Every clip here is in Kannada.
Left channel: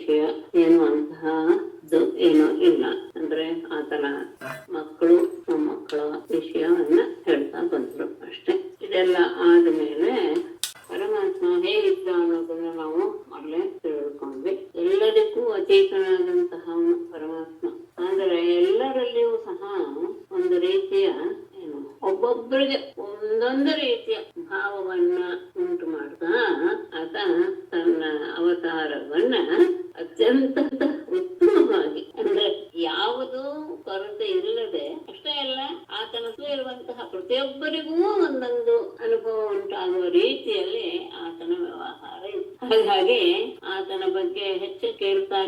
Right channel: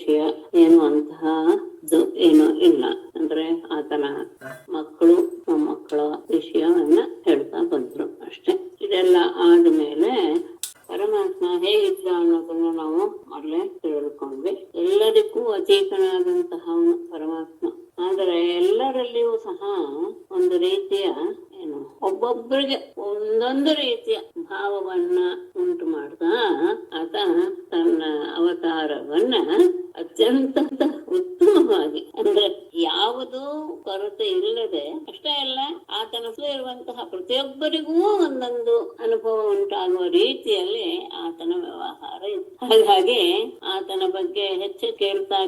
ವಿಷಯ ಎನ್ನುವಂತಹ ಏನೋ ಇಲ್ಲ. ಅಂದ್ರೆ ಆತನ ಮಕ್ಕಳು ಮೊಮ್ಮಕ್ಕಳ ವಿಷಯವನ್ನ ಹೇಳ್ತಾ ಬಂದ್ರು ಅಷ್ಟೆ. ಇದೆಲ್ಲ ಆದ್ಮೇಲೆ ಪರಮಾತ್ಮ ಹೇಗಿದ್ದ ಅನ್ನೋದನ್ನ ನಾವು ಮೊದಲೇ ತಿಳಿದುಕೊಂಡ್ವಿ. ಎಲ್ಲದಕ್ಕೂ ಅಚೇತನಾದಂತಹ ಪರಮಾತ್ಮ. ಆದರೆ ಎಲ್ಲರಲ್ಲಿಯೂ ಸಹ ಒಂದು ರೀತಿಯ ಏನು ಒಬ್ಬೊಬ್ಬರಿಗೆ ಒಂದೊಂದು ರೀತಿಯ ಭಾವವನ್ನ ಉಂಟು ಮಾಡ್ತಾ ಆತ ತನ್ನ ಅವತಾರವನ್ನ ಅತ್ಯಂತ ಉತ್ತಮವಾಗಿ, ಅಂದ್ರೆ ಯಾವುದೂ ಕೊರತೆ ಇಲ್ಲದೆ, ಅಷ್ಟೇ ಅಲ್ಲ ಆತನ ಇರುವಂತಹ ಪ್ರತಿಯೊಬ್ಬರಿಗೂ ಒಂದೊಂದು ಅನುಭವ ಉಂಟಾಗುವ ರೀತಿಯಲ್ಲಿ ಆತನ ವ್ಯವಹಾರ ಇದೆ. ಹಾಗಾಗಿ ಆತನ ಬಗ್ಗೆ ಹೆಚ್ಚು ಕೇಳ್ತಾ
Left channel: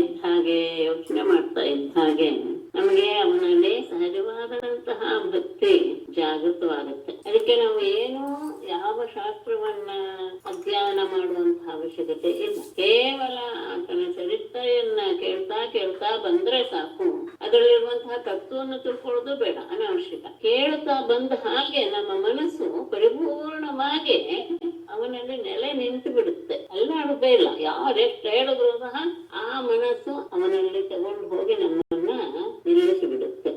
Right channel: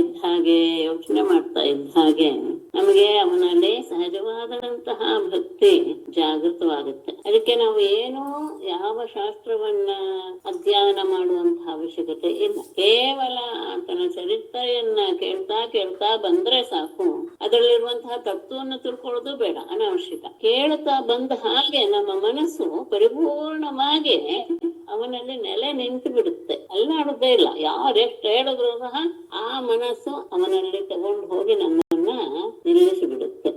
ಇದ್ದ ಹಾಗೆ, ಯೋಚನೆ ಮಾಡ್ತಾ ಇದ್ದ ಹಾಗೆ ನಮಗೆ ಅವನಲ್ಲಿ ಸಹಜವಾದಂತಹ ಭಕ್ತಿ ಜಾಗೃತವಾಗುತ್ತೆ. ಅದಕ್ಕೆ ನಾವು ಏನೋ ಯಾವ ಶಾಸ್ತ್ರವನ್ನ ಅಧ್ಯಯನ ಮಾಡುವಂತಹ ಅವಶ್ಯಕತೆ ಇಲ್ಲ. ಕೇವಲ ಆತನ ಚರಿತ್ರೆಯನ್ನ ಕೇಳ್ತಾ ಬಂದ್ರೆ ಸಾಕು. ಅದರಲ್ಲಿರುವಂತಹ ತತ್ವವನ್ನು ತಿಳ್ಕೊಳ್ಳೋದು ಬೇಡ, ಅನಾವಶ್ಯಕ. ಕೇಳ್ತಾ ಬಂದ ಹಾಗೆ ನಮ್ಮ ಮನಸ್ಸು ಪರಿಪೂರ್ಣವಾಗಿ ಅವನಲ್ಲಿ ನೆಲೆ ನಿಂತು ಬಿಡುತ್ತೆ, ಅಲ್ಲಾಡೋದೇ ಇಲ್ಲ. ಯಾರೆಷ್ಟು ಹೇಳಿದ್ರು ಸಹ ಆ ಮನಸ್ಸು ಅವನಲ್ಲಿ ತಗೊಂಡು ಹೋಗಿ ನಮ್ಮನ್ನ ನಿಲ್ಲಿಸಿ ಬಿಡುತ್ತೆ.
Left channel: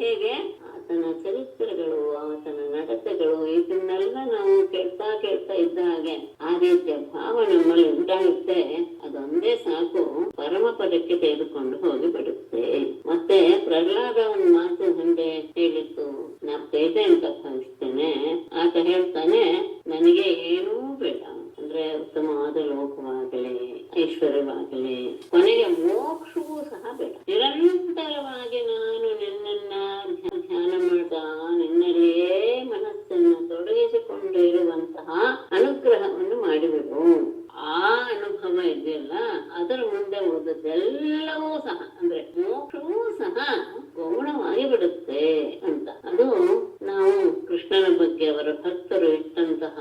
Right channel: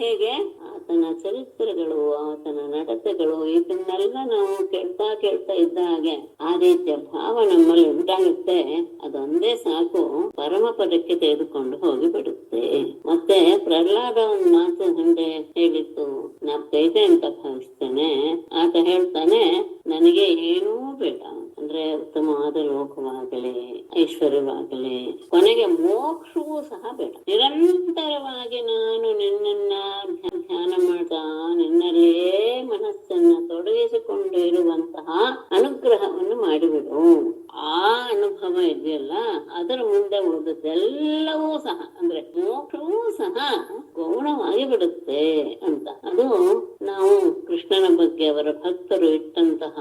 ಹೇಗೆ? ಆತನ ಚರಿತ್ರೆಗಳು, ಆತನ ನಡತೆಗಳು, ಇದನ್ನೆಲ್ಲ ನಾವು ಕೇಳ್ತಾ ಇದ್ದ ಹಾಗೆ ಆ ರೀತಿಯ ಭಾವ ನಮ್ಮಲ್ಲಿ ಉಂಟಾಗುತ್ತೆ. ಅದೊಂದೇ ಸಾಕು, ಪರಮ ಪದಕ್ಕೆ ತೆಗೆದುಕೊಂಡು ಹೋಗಿ ಬಿಡುತ್ತೆ. ಮತ್ತೆ ಪ್ರಹ್ಲಾದ ಒಂದು ಮಾತು ಹಿಂದೆ ಹೇಳಿತ್ತು, ನಾಪ್ತೈತೆ ಅಂತ ಭಾವಿಸ್ತೇನೆ. ಆತ ಹೇಳ್ತಾನೆ, ನನಗೆ ಏನೂ ಬೇಡ, ಅಂದ್ರೆ ಉತ್ತಮವಾದ ಲೋಕವಾಗಲಿ, ಐಶ್ವರ್ಯವಾಗಲಿ, ಕೊನೆಗೆ ಮೋಕ್ಷವೂ ಸಹ ಬೇಡ. ನಿರಂತರವಾಗಿ ನಾನು ನಿನ್ನನ್ನ ಧ್ಯಾನ ಮಾಡ್ತಾ ನಿನ್ನಲ್ಲೇ ಮನಸ್ಸನ್ನು ತೊಡಗಿಸಿಕೊಂಡು ಇರುವಂತಹ ಅನುಗ್ರಹವನ್ನು ಮಾಡಿಬಿಡು. ಆ ಅನುಭವ ಇದೆಯಲ್ಲ, ಅದರ ಮುಂದೆ ಉಳಿದದ್ದೆಲ್ಲವೂ ಸಹ, ಅಂದ್ರೆ ಮೋಕ್ಷವೂ ಸಹ ಗೌಣವಾಗಿ ಬಿಡುತ್ತೆ ಅಂತ. ಅದು ನಾವು ಕೃಷ್ಣನ ಬಗ್ಗೆ ಅವರ ಭಕ್ತರು ಇಟ್ಟಂತಹ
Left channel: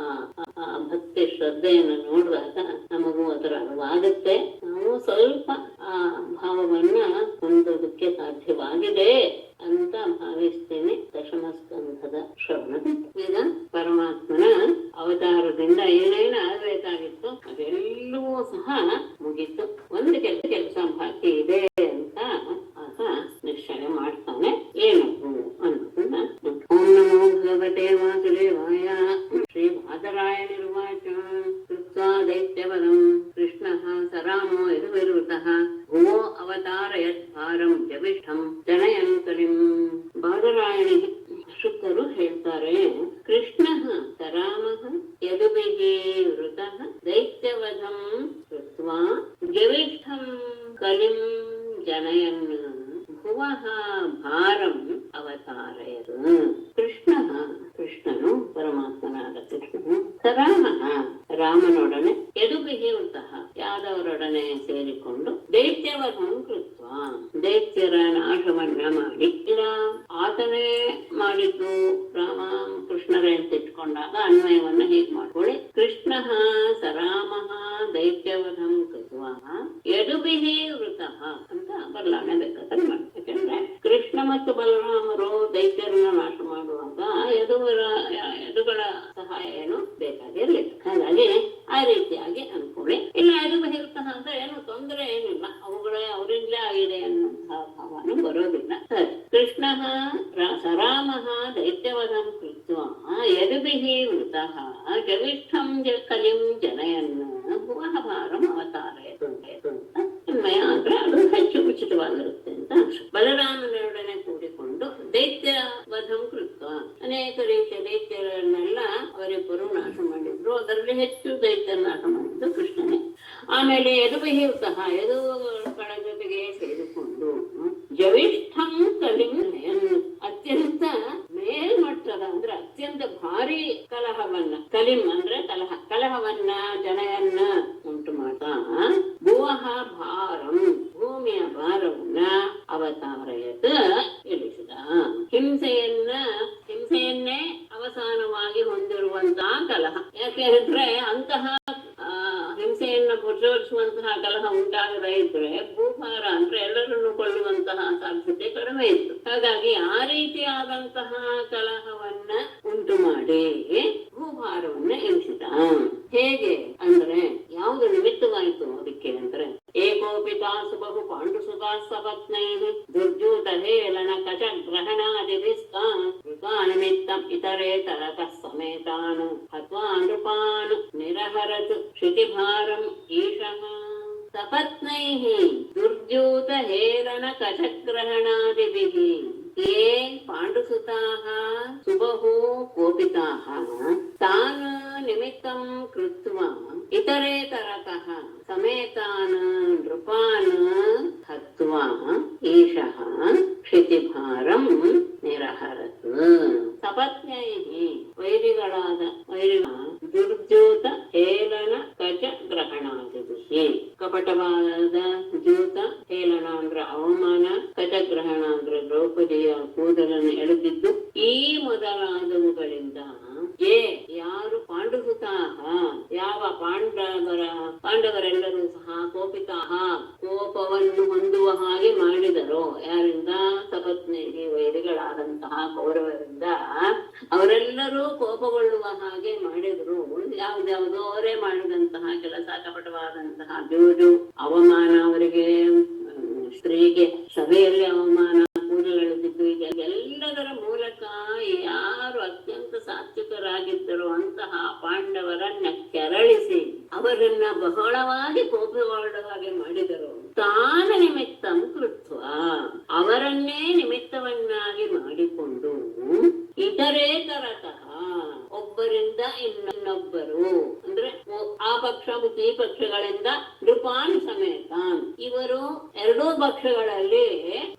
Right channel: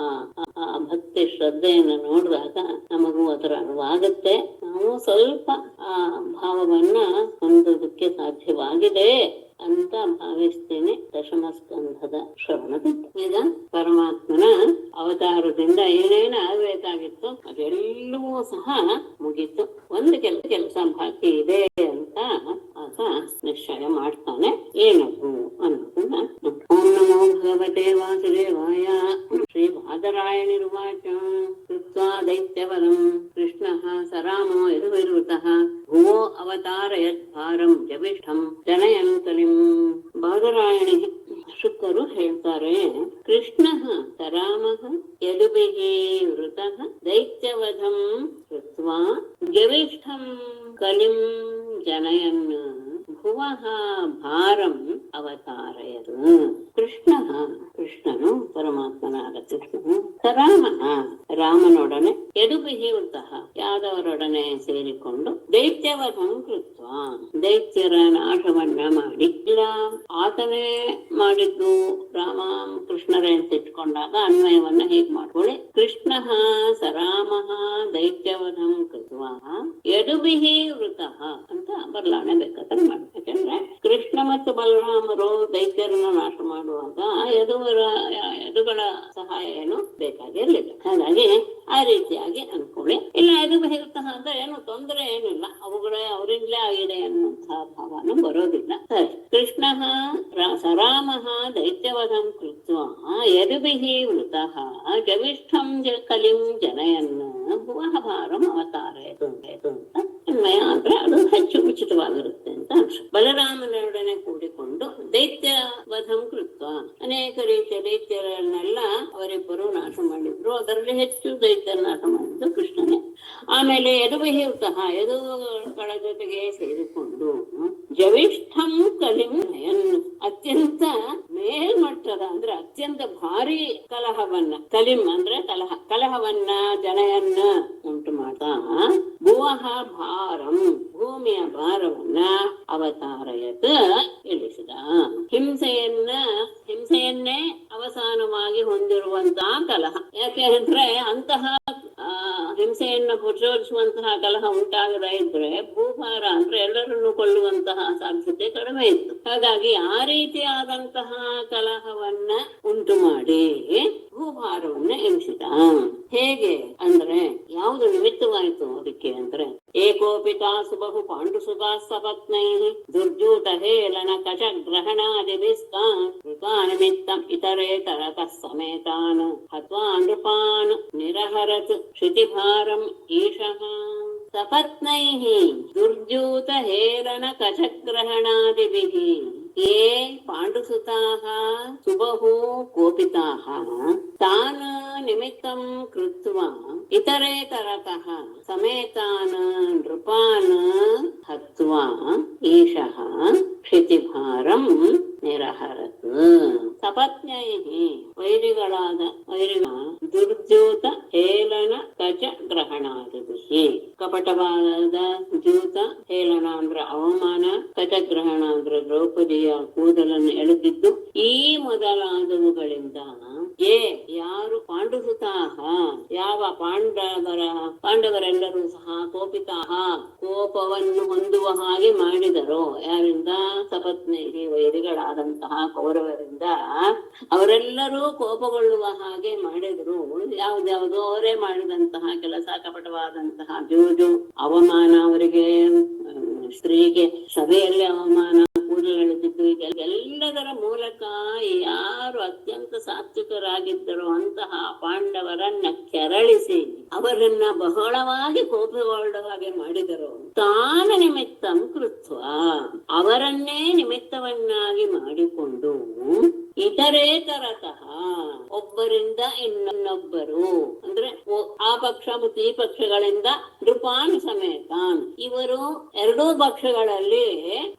ಆ ಭಕ್ತಿ ಶ್ರದ್ಧೆಯನ್ನು ನೋಡಿದಾಗ ನಮಗೂ ಅದರ ಅನುವಾಗುತ್ತೆ. ನಾವು ಸ್ವಲ್ಪ ಆ ಭಾವವನ್ನ ಹೊಂದೋದಕ್ಕೆ ಸಾಧ್ಯವಾಗಿದೆ ಅಂತ ಭಾವಿಸ್ತೀನಿ. ದಶಮ ಸ್ಕಂಧದ ಶ್ರವಣದಿಂದ ಈಗ ಪರಮಾತ್ಮನ ಅವತಾರದಿಂದ ಏನೇನು ಆಗ್ಬೇಕಾಗಿತ್ತು ಅದೆಲ್ಲವೂ ಸಹ ಮುಗಿತು. ಒಂದು ಕೆಲಸ ಬಾಕಿ ಇದೆ ಅಂತ ಆತ ನಿಶ್ಚಯ ಮಾಡ್ತಾನೆ. ಏನದು ಅನ್ನೋದನ್ನ ಓಂ ನಮೋ ಭಗವತೆ ವಾಸುದೇವಾಯ. ಶ್ರೀ ಬಾದರಾಯಣಿರ್ವಾಚ ಕೃತ್ವಾ ದೈತ್ಯವರಂ ಕೃಷ್ಣಃ ಸರಾಮೋ ಯದುರ್ವೃತಃ ಭುವೋ ಅವತಾರಯದ್ಭಾರಂ ಜವಿಷ್ಠಂ ಜನಯನ್ ಕಲಿಂ. ಬಾದರಾಯಣಿ ಶುಕರು ಹೇಳ್ತಾರೆ, ಕೃಷ್ಣ ಸರಾಮಃ ಯದುಭಿಃ ವೃತಃ ದೈತ್ಯವಧಂ ಕೃತ್ವಾ ಜವಿಷ್ಠಂ ಕಲಿಂ ಜನಯನ್ ಭುವಃ ಭಾರಂ ಅವತಾರಯದು. ಕೃಷ್ಣನು ಪರಮಾತ್ಮನಾದ ಕೃಷ್ಣನು ಸರಾಮಃ ರಾಮನೊಡನೆ ಯದುಭಿಃ ವೃತಃ ಯಾದವರೊಡನೆ ಸೇರಿಕೊಂಡು ದೈತ್ಯವಧಂ ಕೃತ್ವ ದೈತ್ಯರ ನಾಶವನ್ನ ಮಾಡಿ, ಇಲ್ಲ ಆತನೇ ಮಾಡಿದ್ದು ರಾಮ ಕೃಷ್ಣರೇ ಅಂತ ಇಟ್ಕೊಂಡಾಗ ಅನ್ವಯವನ್ನ ಹೇಗ್ ಮಾಡ್ಕೊಳ್ಳಿ. ಕೃಷ್ಣ ಸರಾಮಃ ದೈತ್ಯವಧಂ ಕೃತ್ವ ಯದುಭಿಃ ವೃತಃ ಅಂತ ಬದಲಾವಣೆ ಬೇಕಾದ್ರೆ ಮಾಡಿ. ಯಾಕಂದ್ರೆ ಕೃಷ್ಣ ಮತ್ತು ಬಲರಾಮರು ದೈತ್ಯರನ್ನ ನಾಶ ಮಾಡುವಾಗ ಯದುಗಳ ಸಹಾಯ ಏನು ಬೇಕಾಗಿರ್ಲಿಲ್ಲ. ಹಾಗಾಗಿ ಆ ರೀತಿಯಾಗಿ ಅನ್ಕೊಳ್ಳಿ. ಇಲ್ಲ ಯದುಭಿಃ ವೃತಃ ಅಂದ್ರೆ ಏನು ತೊಂದರೆ ಏನಿಲ್ಲ, ಅವರಿಂದಲೇ ಆಗಿದೆ ಅನ್ನುವಂತಹ ಭಾವನೂ ಬರೋದಿಲ್ಲ. ಸರಿ, ಕೃಷ್ಣ ಸರಾಮಃ ದೈತ್ಯವಧಂ ಕೃತ್ವ ಯದುಭಿಃ ವೃತಃ ಜವಿಷ್ಠಂ ಕಲಿಂ ಜನಯನ್ ಭುವಃ ಭಾರಂ ಅವತಾರಯತು ಅಂತ ಅನ್ವಯ ಆದ್ರೆ ಅದು ಹೆಚ್ಚು ಉಚಿತವಾಗಿರುತ್ತೆ ಅಂತ ಅನ್ಸ. ಬಲರಾಮನೊಡನೆ ಕೂಡಿಕೊಂಡು ದೈತ್ಯ ವಧಂ ಕೃತ್ವ ಅನೇಕ ರೀತಿಯ ದೈತ್ಯರನ್ನೆಲ್ಲ ಅವರಿಬ್ಬರು ನಾಶ ಮಾಡಿದ್ರು. ಅದರಲ್ಲಿ ಹೆಚ್ಚು ದೈತ್ಯರ ನಾಶ ಮಾಡಿದ್ದು ಕೃಷ್ಣನೇ. ಆಮೇಲೆ ಯದುಭಿಃ ವೃತಃ ಯದುಗಳ ಜೊತೆಗೆ ಸೇರಿಕೊಂಡು ಜವಿಷ್ಠಂ ಕಲಿಂ ಅತ್ಯಂತ ಮೇಲ್ಮಟ್ಟದ ಅಂದ್ರೆ ಅತ್ಯಂತ ಭಾರಿ ಕಲಹವನ್ನ, ಕಲಿಂ ಅಂದ್ರೆ ಕಲಹವನ್ನ ಜನಯನ್ನ ಉಂಟು ಮಾಡ್ತಾ ಭುವಃ ಭಾರಂ ಭೂಮಿಯ ಭಾರವನ್ನ ಅವತಾರಯತ ಇಳಿಸಿದ. ಹಿಂಸೆಯನ್ನೇ ಅವಸಾನವಾಗಿ ಹೊಂದಿರುವಂತಹ ಕಲಹ. ಯಾಕೆಂದ್ರೆ ಅಂತಹ ಹಿಂಸೆಯನ್ನ ಪ್ರಚೋದಿಸುವಂತಹ ಕಲಹ ಉಂಟಾಗದೇ ಇದ್ರೆ ಭೂಭಾರ ಅಂದ್ರೆ ಎಲ್ಲರನ್ನು ಕೊಳ್ಳುವಂತಹ ಸಾಧ್ಯತೆ ಕಡಿಮೆ ಇತ್ತು. ಹಾಗಾಗಿ ಆ ರೀತಿಯಾದಂತಹ ಕಲಹವನ್ನ ಉಂಟು ಮಾಡಿ ಭೂಭಾರವನ್ನ ಇಳಿಸಿದ. ಹೇಗೆ ಅಂದ್ರೆ ಯಾವುದು ನಿಮಿತ್ತವಾಯಿತು ಅದಕ್ಕೆ ಅಂದ್ರೆ गोपिकासु बहु पाण्डुसुताः सपत्नैः दुर्जूतहेलन कचग्रहणादिभिस्तान् इतरेतरतः समेतान् हत्वा नृपान् निरहरत् क्षितिभारम् ईशः सपत्नैः दुर्जूतहेलन कचग्रहणादिभिः ये पाण्डुसुताः सुबहु कोपिताः तान् निमित्तं कृत्वा इतरेतरतः समेतान् नृपान् हत्वा एषः क्षितिभारं निरहरत् सपत्नैः ವೈರಿಗಳಾದ ದುರ್ಜೂತ ಹೇಳನ ಕಚ ಗ್ರಹಣಾದಿಭಿಃ ಕಪಟವಾದ ಜೂತ ಹೇಳನ ಅಂದ್ರ ಅವಮಾನ ಕಚಗ್ರಹಣ ಅಂದ್ರ ದ್ರೌಪದಿಯ ಕೂದಲನ್ನು ಎಳೆದಿದ್ದು ಈ ಮೊದಲಾದವುಗಳಿಂದ ಯಾರು ಪಾಂಡುಸುತಾಹ ಯಾವ ಪಾಂಡವರೆಲ್ಲರೂ ಸಹ ಕೋಪಿತಾಹ ಕೋಪವನ್ನು ಹೊಂದುವ ಹಾಗೆ ಮಾಡಿದರೋ ಯಾರಿಂದ ಸಪತ್ನಿಗೆ ವೈರಿಗಳಾದಂತಹ ಕೌರವರಿಂದ ಅವರೆಲ್ಲರೂ ಕೋಪಗೊಳ್ಳುವ ಹಾಗೆ ಮಾಡಿದ್ರು ಯಾವ್ದ್ಯಾವುದೋ ಅವರೇ ಮಾಡಿದಂತಹ ಕೆಲಸ ಕಪಟವಾದಂತಹ ಜೂಜು ಅವಮಾನ ಅವರಿಗೆ ಸ್ತ್ರೀಗೆ ಸಭೆಯಲ್ಲಿ ಅವಮಾನ ಕೂದಲೆಳೆದಿದ್ದು ಎಲ್ಲದರ ಮೂಲಕ ಯಾರು ಅತ್ಯಂತ ಸಾತ್ವಿಕರಾಗಿದ್ದರು ಅಂತಹ ಪಾಂಡವರನ್ನ ಕೆರಳಿಸಿ ಅವರನ್ನ ಬಹಳವಾಗಿ ಕೋಪಗೊಳ್ಳುವ ಹಾಗೆ ಮಾಡಿದರು ತಾನ ನಿಮಿತ್ತಂ ಕೃತ್ವ ಅವರನ್ನೇ ನಿಮಿತ್ತವನ್ನಾಗಿ ಮಾಡಿಕೊಂಡು ಇತರೇತರತಃ ಒಬ್ಬರಿಂದ ಇನ್ನೊಬ್ಬರು ಅಂದ್ರೆ ಆ ಪಕ್ಷ ಮತ್ತು ಈ ಪಕ್ಷಗಳಿಂದ ನೃಪಾನ್ ಸಮೇತಾನ್ ಇವರು ಎರಡೂ ಪಕ್ಷಗಳಲ್ಲಿ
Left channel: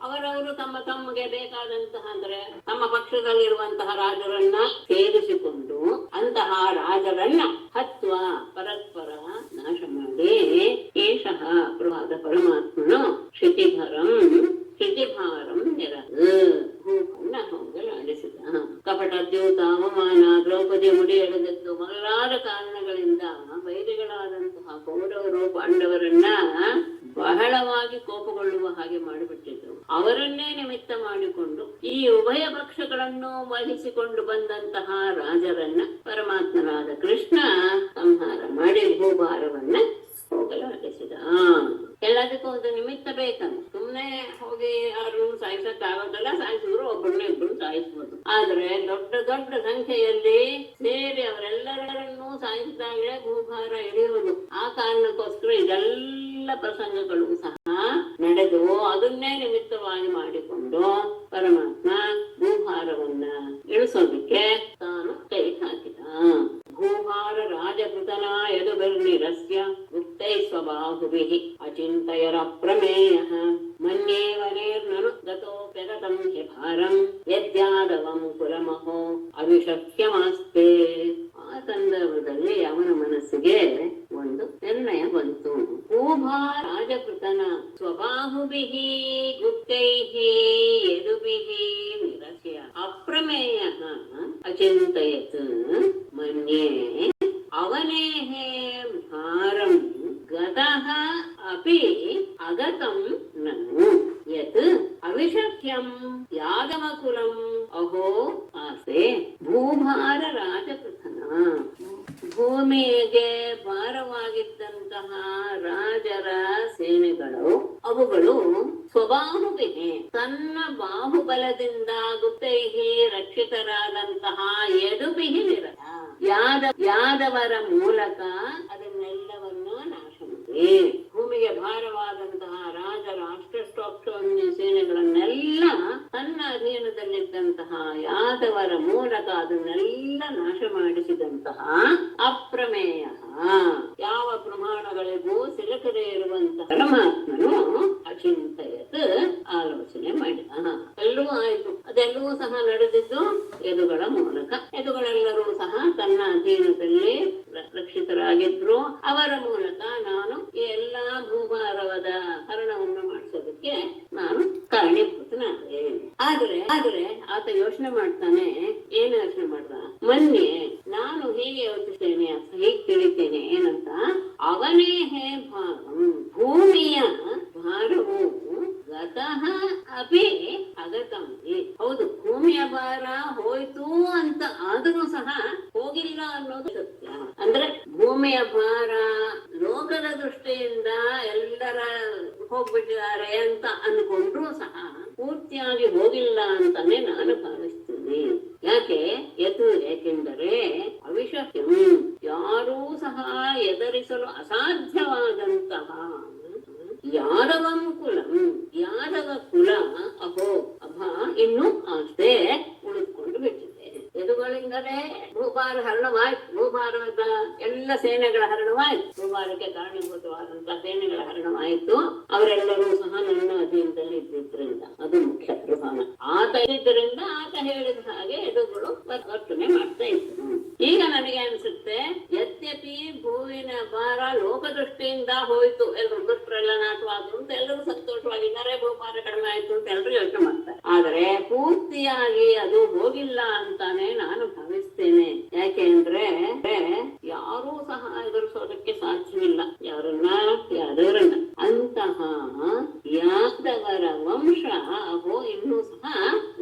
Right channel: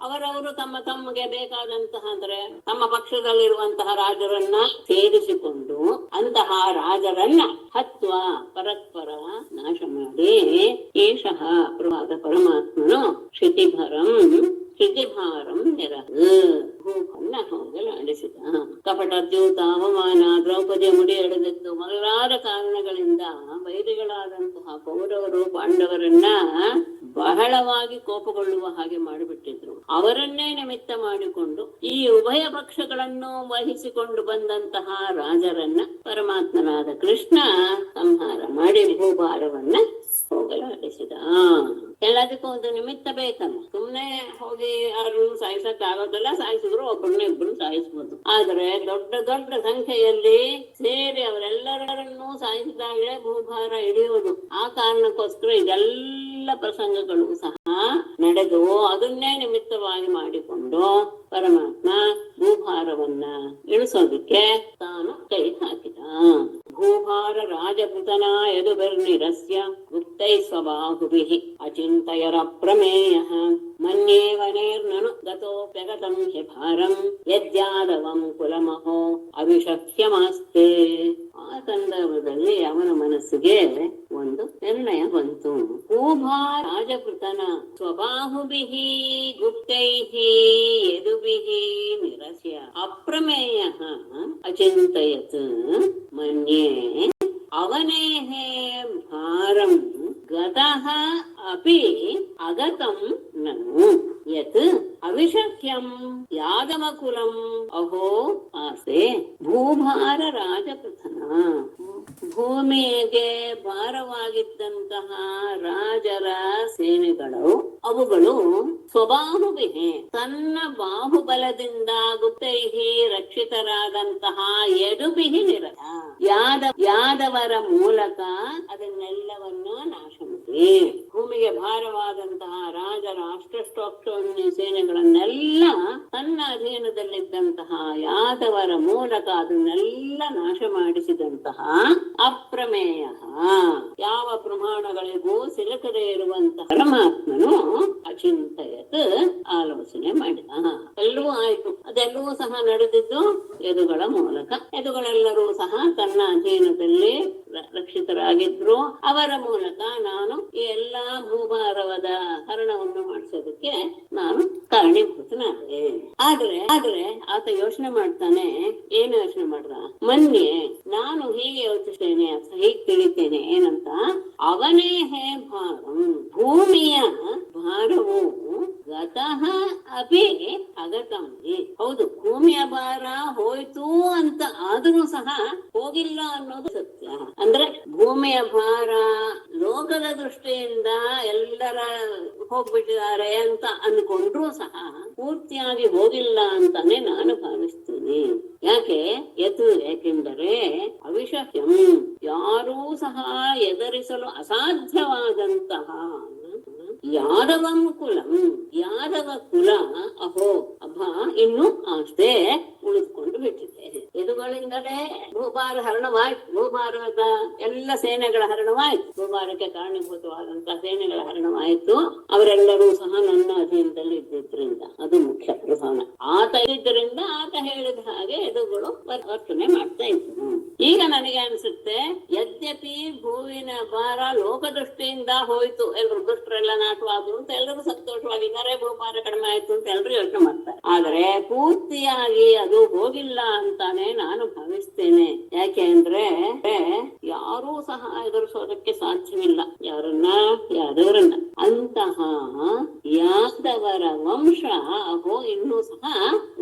ಅವರವರು ತಮಗೆ ಬೇಕಾದಂತಹ ಅಂದ್ರೆ ತಮ್ಮ ಪಕ್ಷದಲ್ಲಿರುವಂತಹ ರಾಜರನ್ನ ಸೇರಿಸಿಕೊಂಡು ಅಂತಹ ರಾಜರನ್ನ ಹತ್ವ ಪರಸ್ಪರ ನಾಶ ಮಾಡಿ ಏಷಃ ಪ್ರಭಾದ ಪರಮಾತ್ಮನು ಕ್ಷಿತಿಭಾರಂ ಭೂಮನ್ನ ಹೋಗಲಾಡಿಸಿದ ಕಪಟ ದ್ಯೂತ ಅವಮಾನ ದ್ರೌಪದಿ ಮುಡಿ ಎಳೆದದ್ದು ಮೊದಲಾದ ಕಾರಣಗಳಿಂದ ವೈರಿಗಳಾದಂತಹ ಕೌರವರು ಪಾಂಡವರನ್ನ ಬಹಳವಾಗಿ ಕೋಪಗೊಳ್ಳುವ ಹಾಗೆ ಮಾಡಿಬಿಟ್ಟಿದ್ರು ಅವರನ್ನೇ ನಿಮಿತ್ತ ಮಾಡಿಕೊಂಡು ಈ ಉಭಯ ಪಕ್ಷಗಳನ್ನು ವಹಿಸಿಕೊಂಡು ಬಂದಂತಹ ರಾಜರನ್ನ ಪರಮಾತ್ಮನಾದ ಕೃಷ್ಣ ಸಂಹಾರ ಮಾಡಿ ಭೂಭಾರವನ್ನ ಹೋಗಲಾಡಿಸಿದ ಎಲ್ಲದಕ್ಕೂ ಒಂದು ನಿಮಿತ್ತ ಬೇಕಲ್ಲ ಸುಮ್ನೆ ಹೋಗಿ ಯಾರನ್ನು ಸಾಯಿಸಕ್ ಆಗೋದಿಲ್ಲ ಸಾಯಿಸಿದ್ರು ಒಬ್ಬರನ್ನ ಇಬ್ಬರು ಸಾಯಿಸ್ಬೋದು ಆದ್ರೆ ದೊಡ್ಡ ದೊಡ್ಡ ಸಂಖ್ಯೆಯಲ್ಲಿ ಸೇರಿ ಅವರೆಲ್ಲರನ್ನೂ ಸಾಯಿಸಿದಾಗಲೇ ಭೂಭಾರ ಇಳಿಯುವುದು ಆ ಕಾರಣಕ್ಕೋಸ್ಕರ ಇದೆಲ್ಲ ಪ್ರಸಂಗಗಳು ಸಹ ನಡೆದು ಅದನ್ನೇ ನಿಮಿತ್ತವಾಗಿ ಮಾಡಿಕೊಂಡು ಪರಮಾತ್ಮ ಭೂಭಾರವನ್ನ ಇಳಿಸೋದಿಕ್ಕೆ ತಾನು ಕೈ ಹಾಕಿದ ಭೂಭಾರ ರಾಜಪುತನ ಯದುಬರ್ನಿರಸ್ಯ ಗುಪ್ತೈ ಸ್ವಬಾಹುಭಿಃ ಅಚಿಂತಯರ ಪ್ರಮೇಯಃ ಮನ್ಯೇವನೇರ್ನನು ಗತೋಪ್ಯಗತಂ ಹಿ ಭಾರಂ ಯಜ್ಜಾದವಂ ಕುಲಮಹೋ ಅವಿಷಹ್ಯಮಾಸ್ತೆ ಆ ಸಂದರ್ಭದಲ್ಲಿ ಅವನ ಮನಸ್ಸಿಗೆ ಒಂದು ನಿರ್ಣಯ ಬಂತು ಭೂಭಾರ ರಾಜಪುತನ ಸ್ವಬಾಹುಭಿಃ ಗುಪ್ತೈಃ ಯದುಭಿಃ ನಿರಸ್ಯ ಅಪ್ರಮೇಯಃ ಅಚಿಂತಯತ್ ಮನ್ಯೇ ಅವನೇಃ ಭಾರಂ ಗತಃ ಅಪಿ ಅಗತಂ ನನು ಯತ್ ಅವಿಷಖ್ಯಂ ಯಾದವಕುಲಂ ಅಹೋ ಆಸೆ ಭೂಭಾರ ರಾಜಪೃಥನ ಭೂಮಿಗೆ ಭಾರವಾಗಿದ್ದಂತಹ ರಾಜರ ಸೇನೆಗಳು ಅವುಗಳು ಸ್ವಬಾಹುವಿಗೆ ತನ್ನ ಬಾಹುಬಲದಿಂದ ಗುಪ್ತೈಹಿ ರಕ್ಷಿತರಾದಂತಹ ಯದುಭಿಹಿ ನಿರತ ಯಾದವರ ಮೂಲಕ ಅದನ್ನೆಲ್ಲವನ್ನು ನಾಶ ಮಾಡಿ ಭೂಮಿಗೆ ಭಾರವಾದಂತಹ ರಾಜರ ಅಷ್ಟಷ್ಟೋಕ್ಷೋಹಿಣಿ ಸೇನೆಗಳನ್ನೆಲ್ಲ ತನ್ನ ಅಧೀನದಲ್ಲಿದ್ದಂತಹ ಯಾದವರ ಮೂಲಕ ಅದನ್ನೆಲ್ಲ ನಾಶ ಮಾಡಿಸಿದಂತಹ ಅಪ್ರಮೇಯ ಯಾವ ಪ್ರಮಾಣಗಳಿಗೂ ಸಿಲುಕದೇ ಇರುವಂತಹ ಪರಮಾತ್ಮನು ಅಚಿಂತಯತ್ ಆಲೋಚನೆ ಮಾಡಿದ ಎಲ್ಲವೂ ಆಯ್ತು ಅದೆಲ್ಲವೂ ಸಹ ನಡೆದಿದ್ದು ಯದುಗಳ ಮೂಲಕ ಯದುಗಳೆಲ್ಲರೂ ಸಹ ತನ್ನ ಅಧೀನದಲ್ಲಿ ರಕ್ಷಿತರಾಗಿದ್ರು ಅವರ ಮೂಲಕ ನಾನು ಈ ಎಲ್ಲಾ ಭೂಭಾರವಾದ ಹರಣವನ್ನು ಮಾಡಿಸೋದಕ್ಕೆ ನಾನು ಕಾರಣೀಭೂತನಾದೆ ಆದ್ರೆ ಆತ ಯೋಚನೆ ಮಾಡ್ತಾನೆ ಏನು ಯೋಚನೆ ಮಾಡ್ದ ಮೊನ್ನೆ ನಾನು ಹೀಗೆ ಯೋಚಿಸ್ತೇನೆ ಹೀಗೆ ತಿಳಿತೇನೆ ಏನಂತ ಅವನೇ ಹೇ ಭಾರಂ ಭೂಮಿಯ ಭಾರವು ಗತಃ ಅಪಿ ಅಗತಂ ಹೌದು ಭೂಮಿಯ ಭಾರ ಹೋಯ್ತು ಅಂತ ಆದರೂ ಸಹ ಹೋಗಿಲ್ಲ ಅನ್ನೋದು ಸತ್ಯ ಅಂದ್ರೆ ಭೂಮಿಯ ಭಾರ ಲೋಕ ಲೋಕದ ದೃಷ್ಟಿಯಿಂದ ಎಲ್ಲರ ಹೋಗ್ಬಿಟ್ಟಿದ್ದಾರೆ ಅಂತ ಅನ್ಕೊಂಡ್ರೂ ಸಹ ಪೂರ್ತಿಯಾಗಿ ಹೋಗಿಲ್ಲ ಅಂತಾನೆ ನಾನು ಭಾವಿಸ್ತೀನಿ. ಏಕೆಂದರೆ ಅವಿಷಹ್ಯಂ, ಯಾರೂ ಸಹ ಎದುರಿಸಲು ಅಸಾಧ್ಯವಾದಂತಹ ಯಾದವಂ ಕುಲಂ, ಯಾದವ ಕುಲ ಅಹೋ ಅಭ ಇನ್ನು ಅಷ್ಟೇ ಉಳಿದುಕೊಂಡು ಬಿಟ್ಟಿದೆ. ಎದುಗಳಿಂದಲೇ ಭೂಭಾರ ಹರಣವಾಯ್ತು. ಭೂಭಾರದ ಎಲ್ಲ ಸೇನೆಗಳ ಹರಣವಾಯ್ತು. ಭೂಭಾರಕ್ಕೆ ಕಾರಣೀಭೂತವಾದಂತಹ ಸೇನೆಗಳ ಹರಣವಾಯಿತು. ಅವರೆಲ್ಲರೂ ಸಹ ನನ್ನ ಅಧೀನದಲ್ಲಿ ಇದ್ದಿದ್ರಿಂದ ಅದು ಮುಖ್ಯ ಪ್ರಧಾನ. ಆತ ಇದ್ದರಿಂದ ಆತ ಹೇಳಿದ ಹಾಗೆ ಎದುಗಳು ವರ್ತನೆ ಮಾಡ್ತಾ ಇತ್ತು. ಈಗ ನನಗೆ ಅನ್ಸುತ್ತೆ, ಯದ್ಯಪಿ ಭೂವಿನ ಭಾರ ಲೋಕದೃಷ್ಟಿಯಿಂದ ಹೋಯ್ತು, ಎಲ್ಲರೂ ದುಷ್ಟರೆಲ್ಲ ನಾಟವಾದ್ರು ಅಂತ ಎಲ್ಲರೂ ಸಂತೋಷವಾಗಿದ್ದಾರೆ, ಭೂಭಾರ ಕಡಿಮೆ ಆಯ್ತು ಅಂತ ಎಲ್ಲರೂ ಯೋಚನೆ ಮಾಡ್ತಾರೆ. ಆದರೆ ಪೂರ್ತಿಯಾಗಿ ಅದು ಹೋಗಿಲ್ಲ ಅಂತಾನೆ ನಾನು ಭಾವಿಸ್ತೇನೆ. ಯಾಕೆ ಅಂದ್ರೆ ಯಾರೂ ಸಹ ಎದುರಿಸೋದಕ್ಕೆ ಸಾಧ್ಯವಿಲ್ಲ. ಯಾದವರನ್ನ ಅಂತಹ ಯಾದವರ ವಂಶ ಅಹೋ ಇನ್ನೂ ಸಹ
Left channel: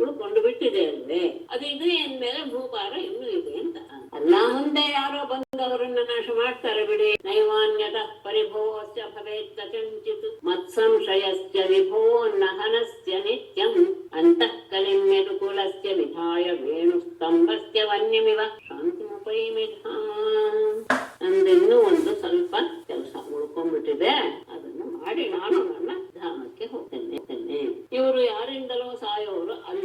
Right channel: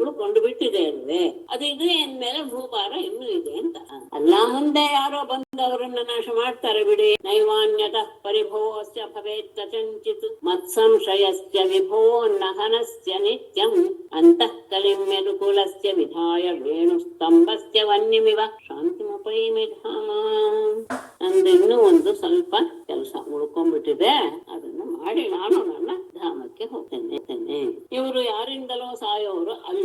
ಉಳ್ಕೊಂಡು ಬಿಟ್ಟಿದೆ ಅಲ್ವೇ. ಅದು ಇದೆ ಅಂದ್ಮೇಲೆ ಭೂಭಾರ ಇನ್ನೂ ಇದೆ ಅಂತ ಅಲ್ಲ. ಮುಂದೆ ಯಾರೋ ಬಂದು ಅವರನ್ನ ನಾಶ ಮಾಡ್ತಾರೆ ಬಿಡಿ. ನೈವಾನ್ಯತ ಪರಿಭೋಸ್ಯ ಭವೇತ್ ಕಥಂಚಿತ್ ಮತ್ಸಂಶಯಸ್ಯ ವಿಭೋ ನಹನಸ್ಯ ನಿತ್ಯಂ ಅಂತಃ ಕಲಿಮ್ಯನುಕೂಲಸ್ಯ ವಿಧಾಯ ವೇಣುಸ್ತಂಭಸ್ಯ ವನ್ಯಮಿವ ಶಾಂತಿಮುಪೈಮಿ ಧಾಮ. ನಂದು ಇನ್ನೂ ಒಂದು ಸ್ವಲ್ಪ ಕೆಲಸ ಉಳ್ಕೊಂಡ್ಬಿಟ್ಟಿದೆ, ಅದನ್ನು ಮಾಡಿ ನಾನು ನನ್ನ ಧಾಮಕ್ಕೆ ಹೋಗ್ತೇನೆ. ಇವರು ಯಾರಿಂದಲೋ ಸಾಯೋರು ಅಲ್ಲ.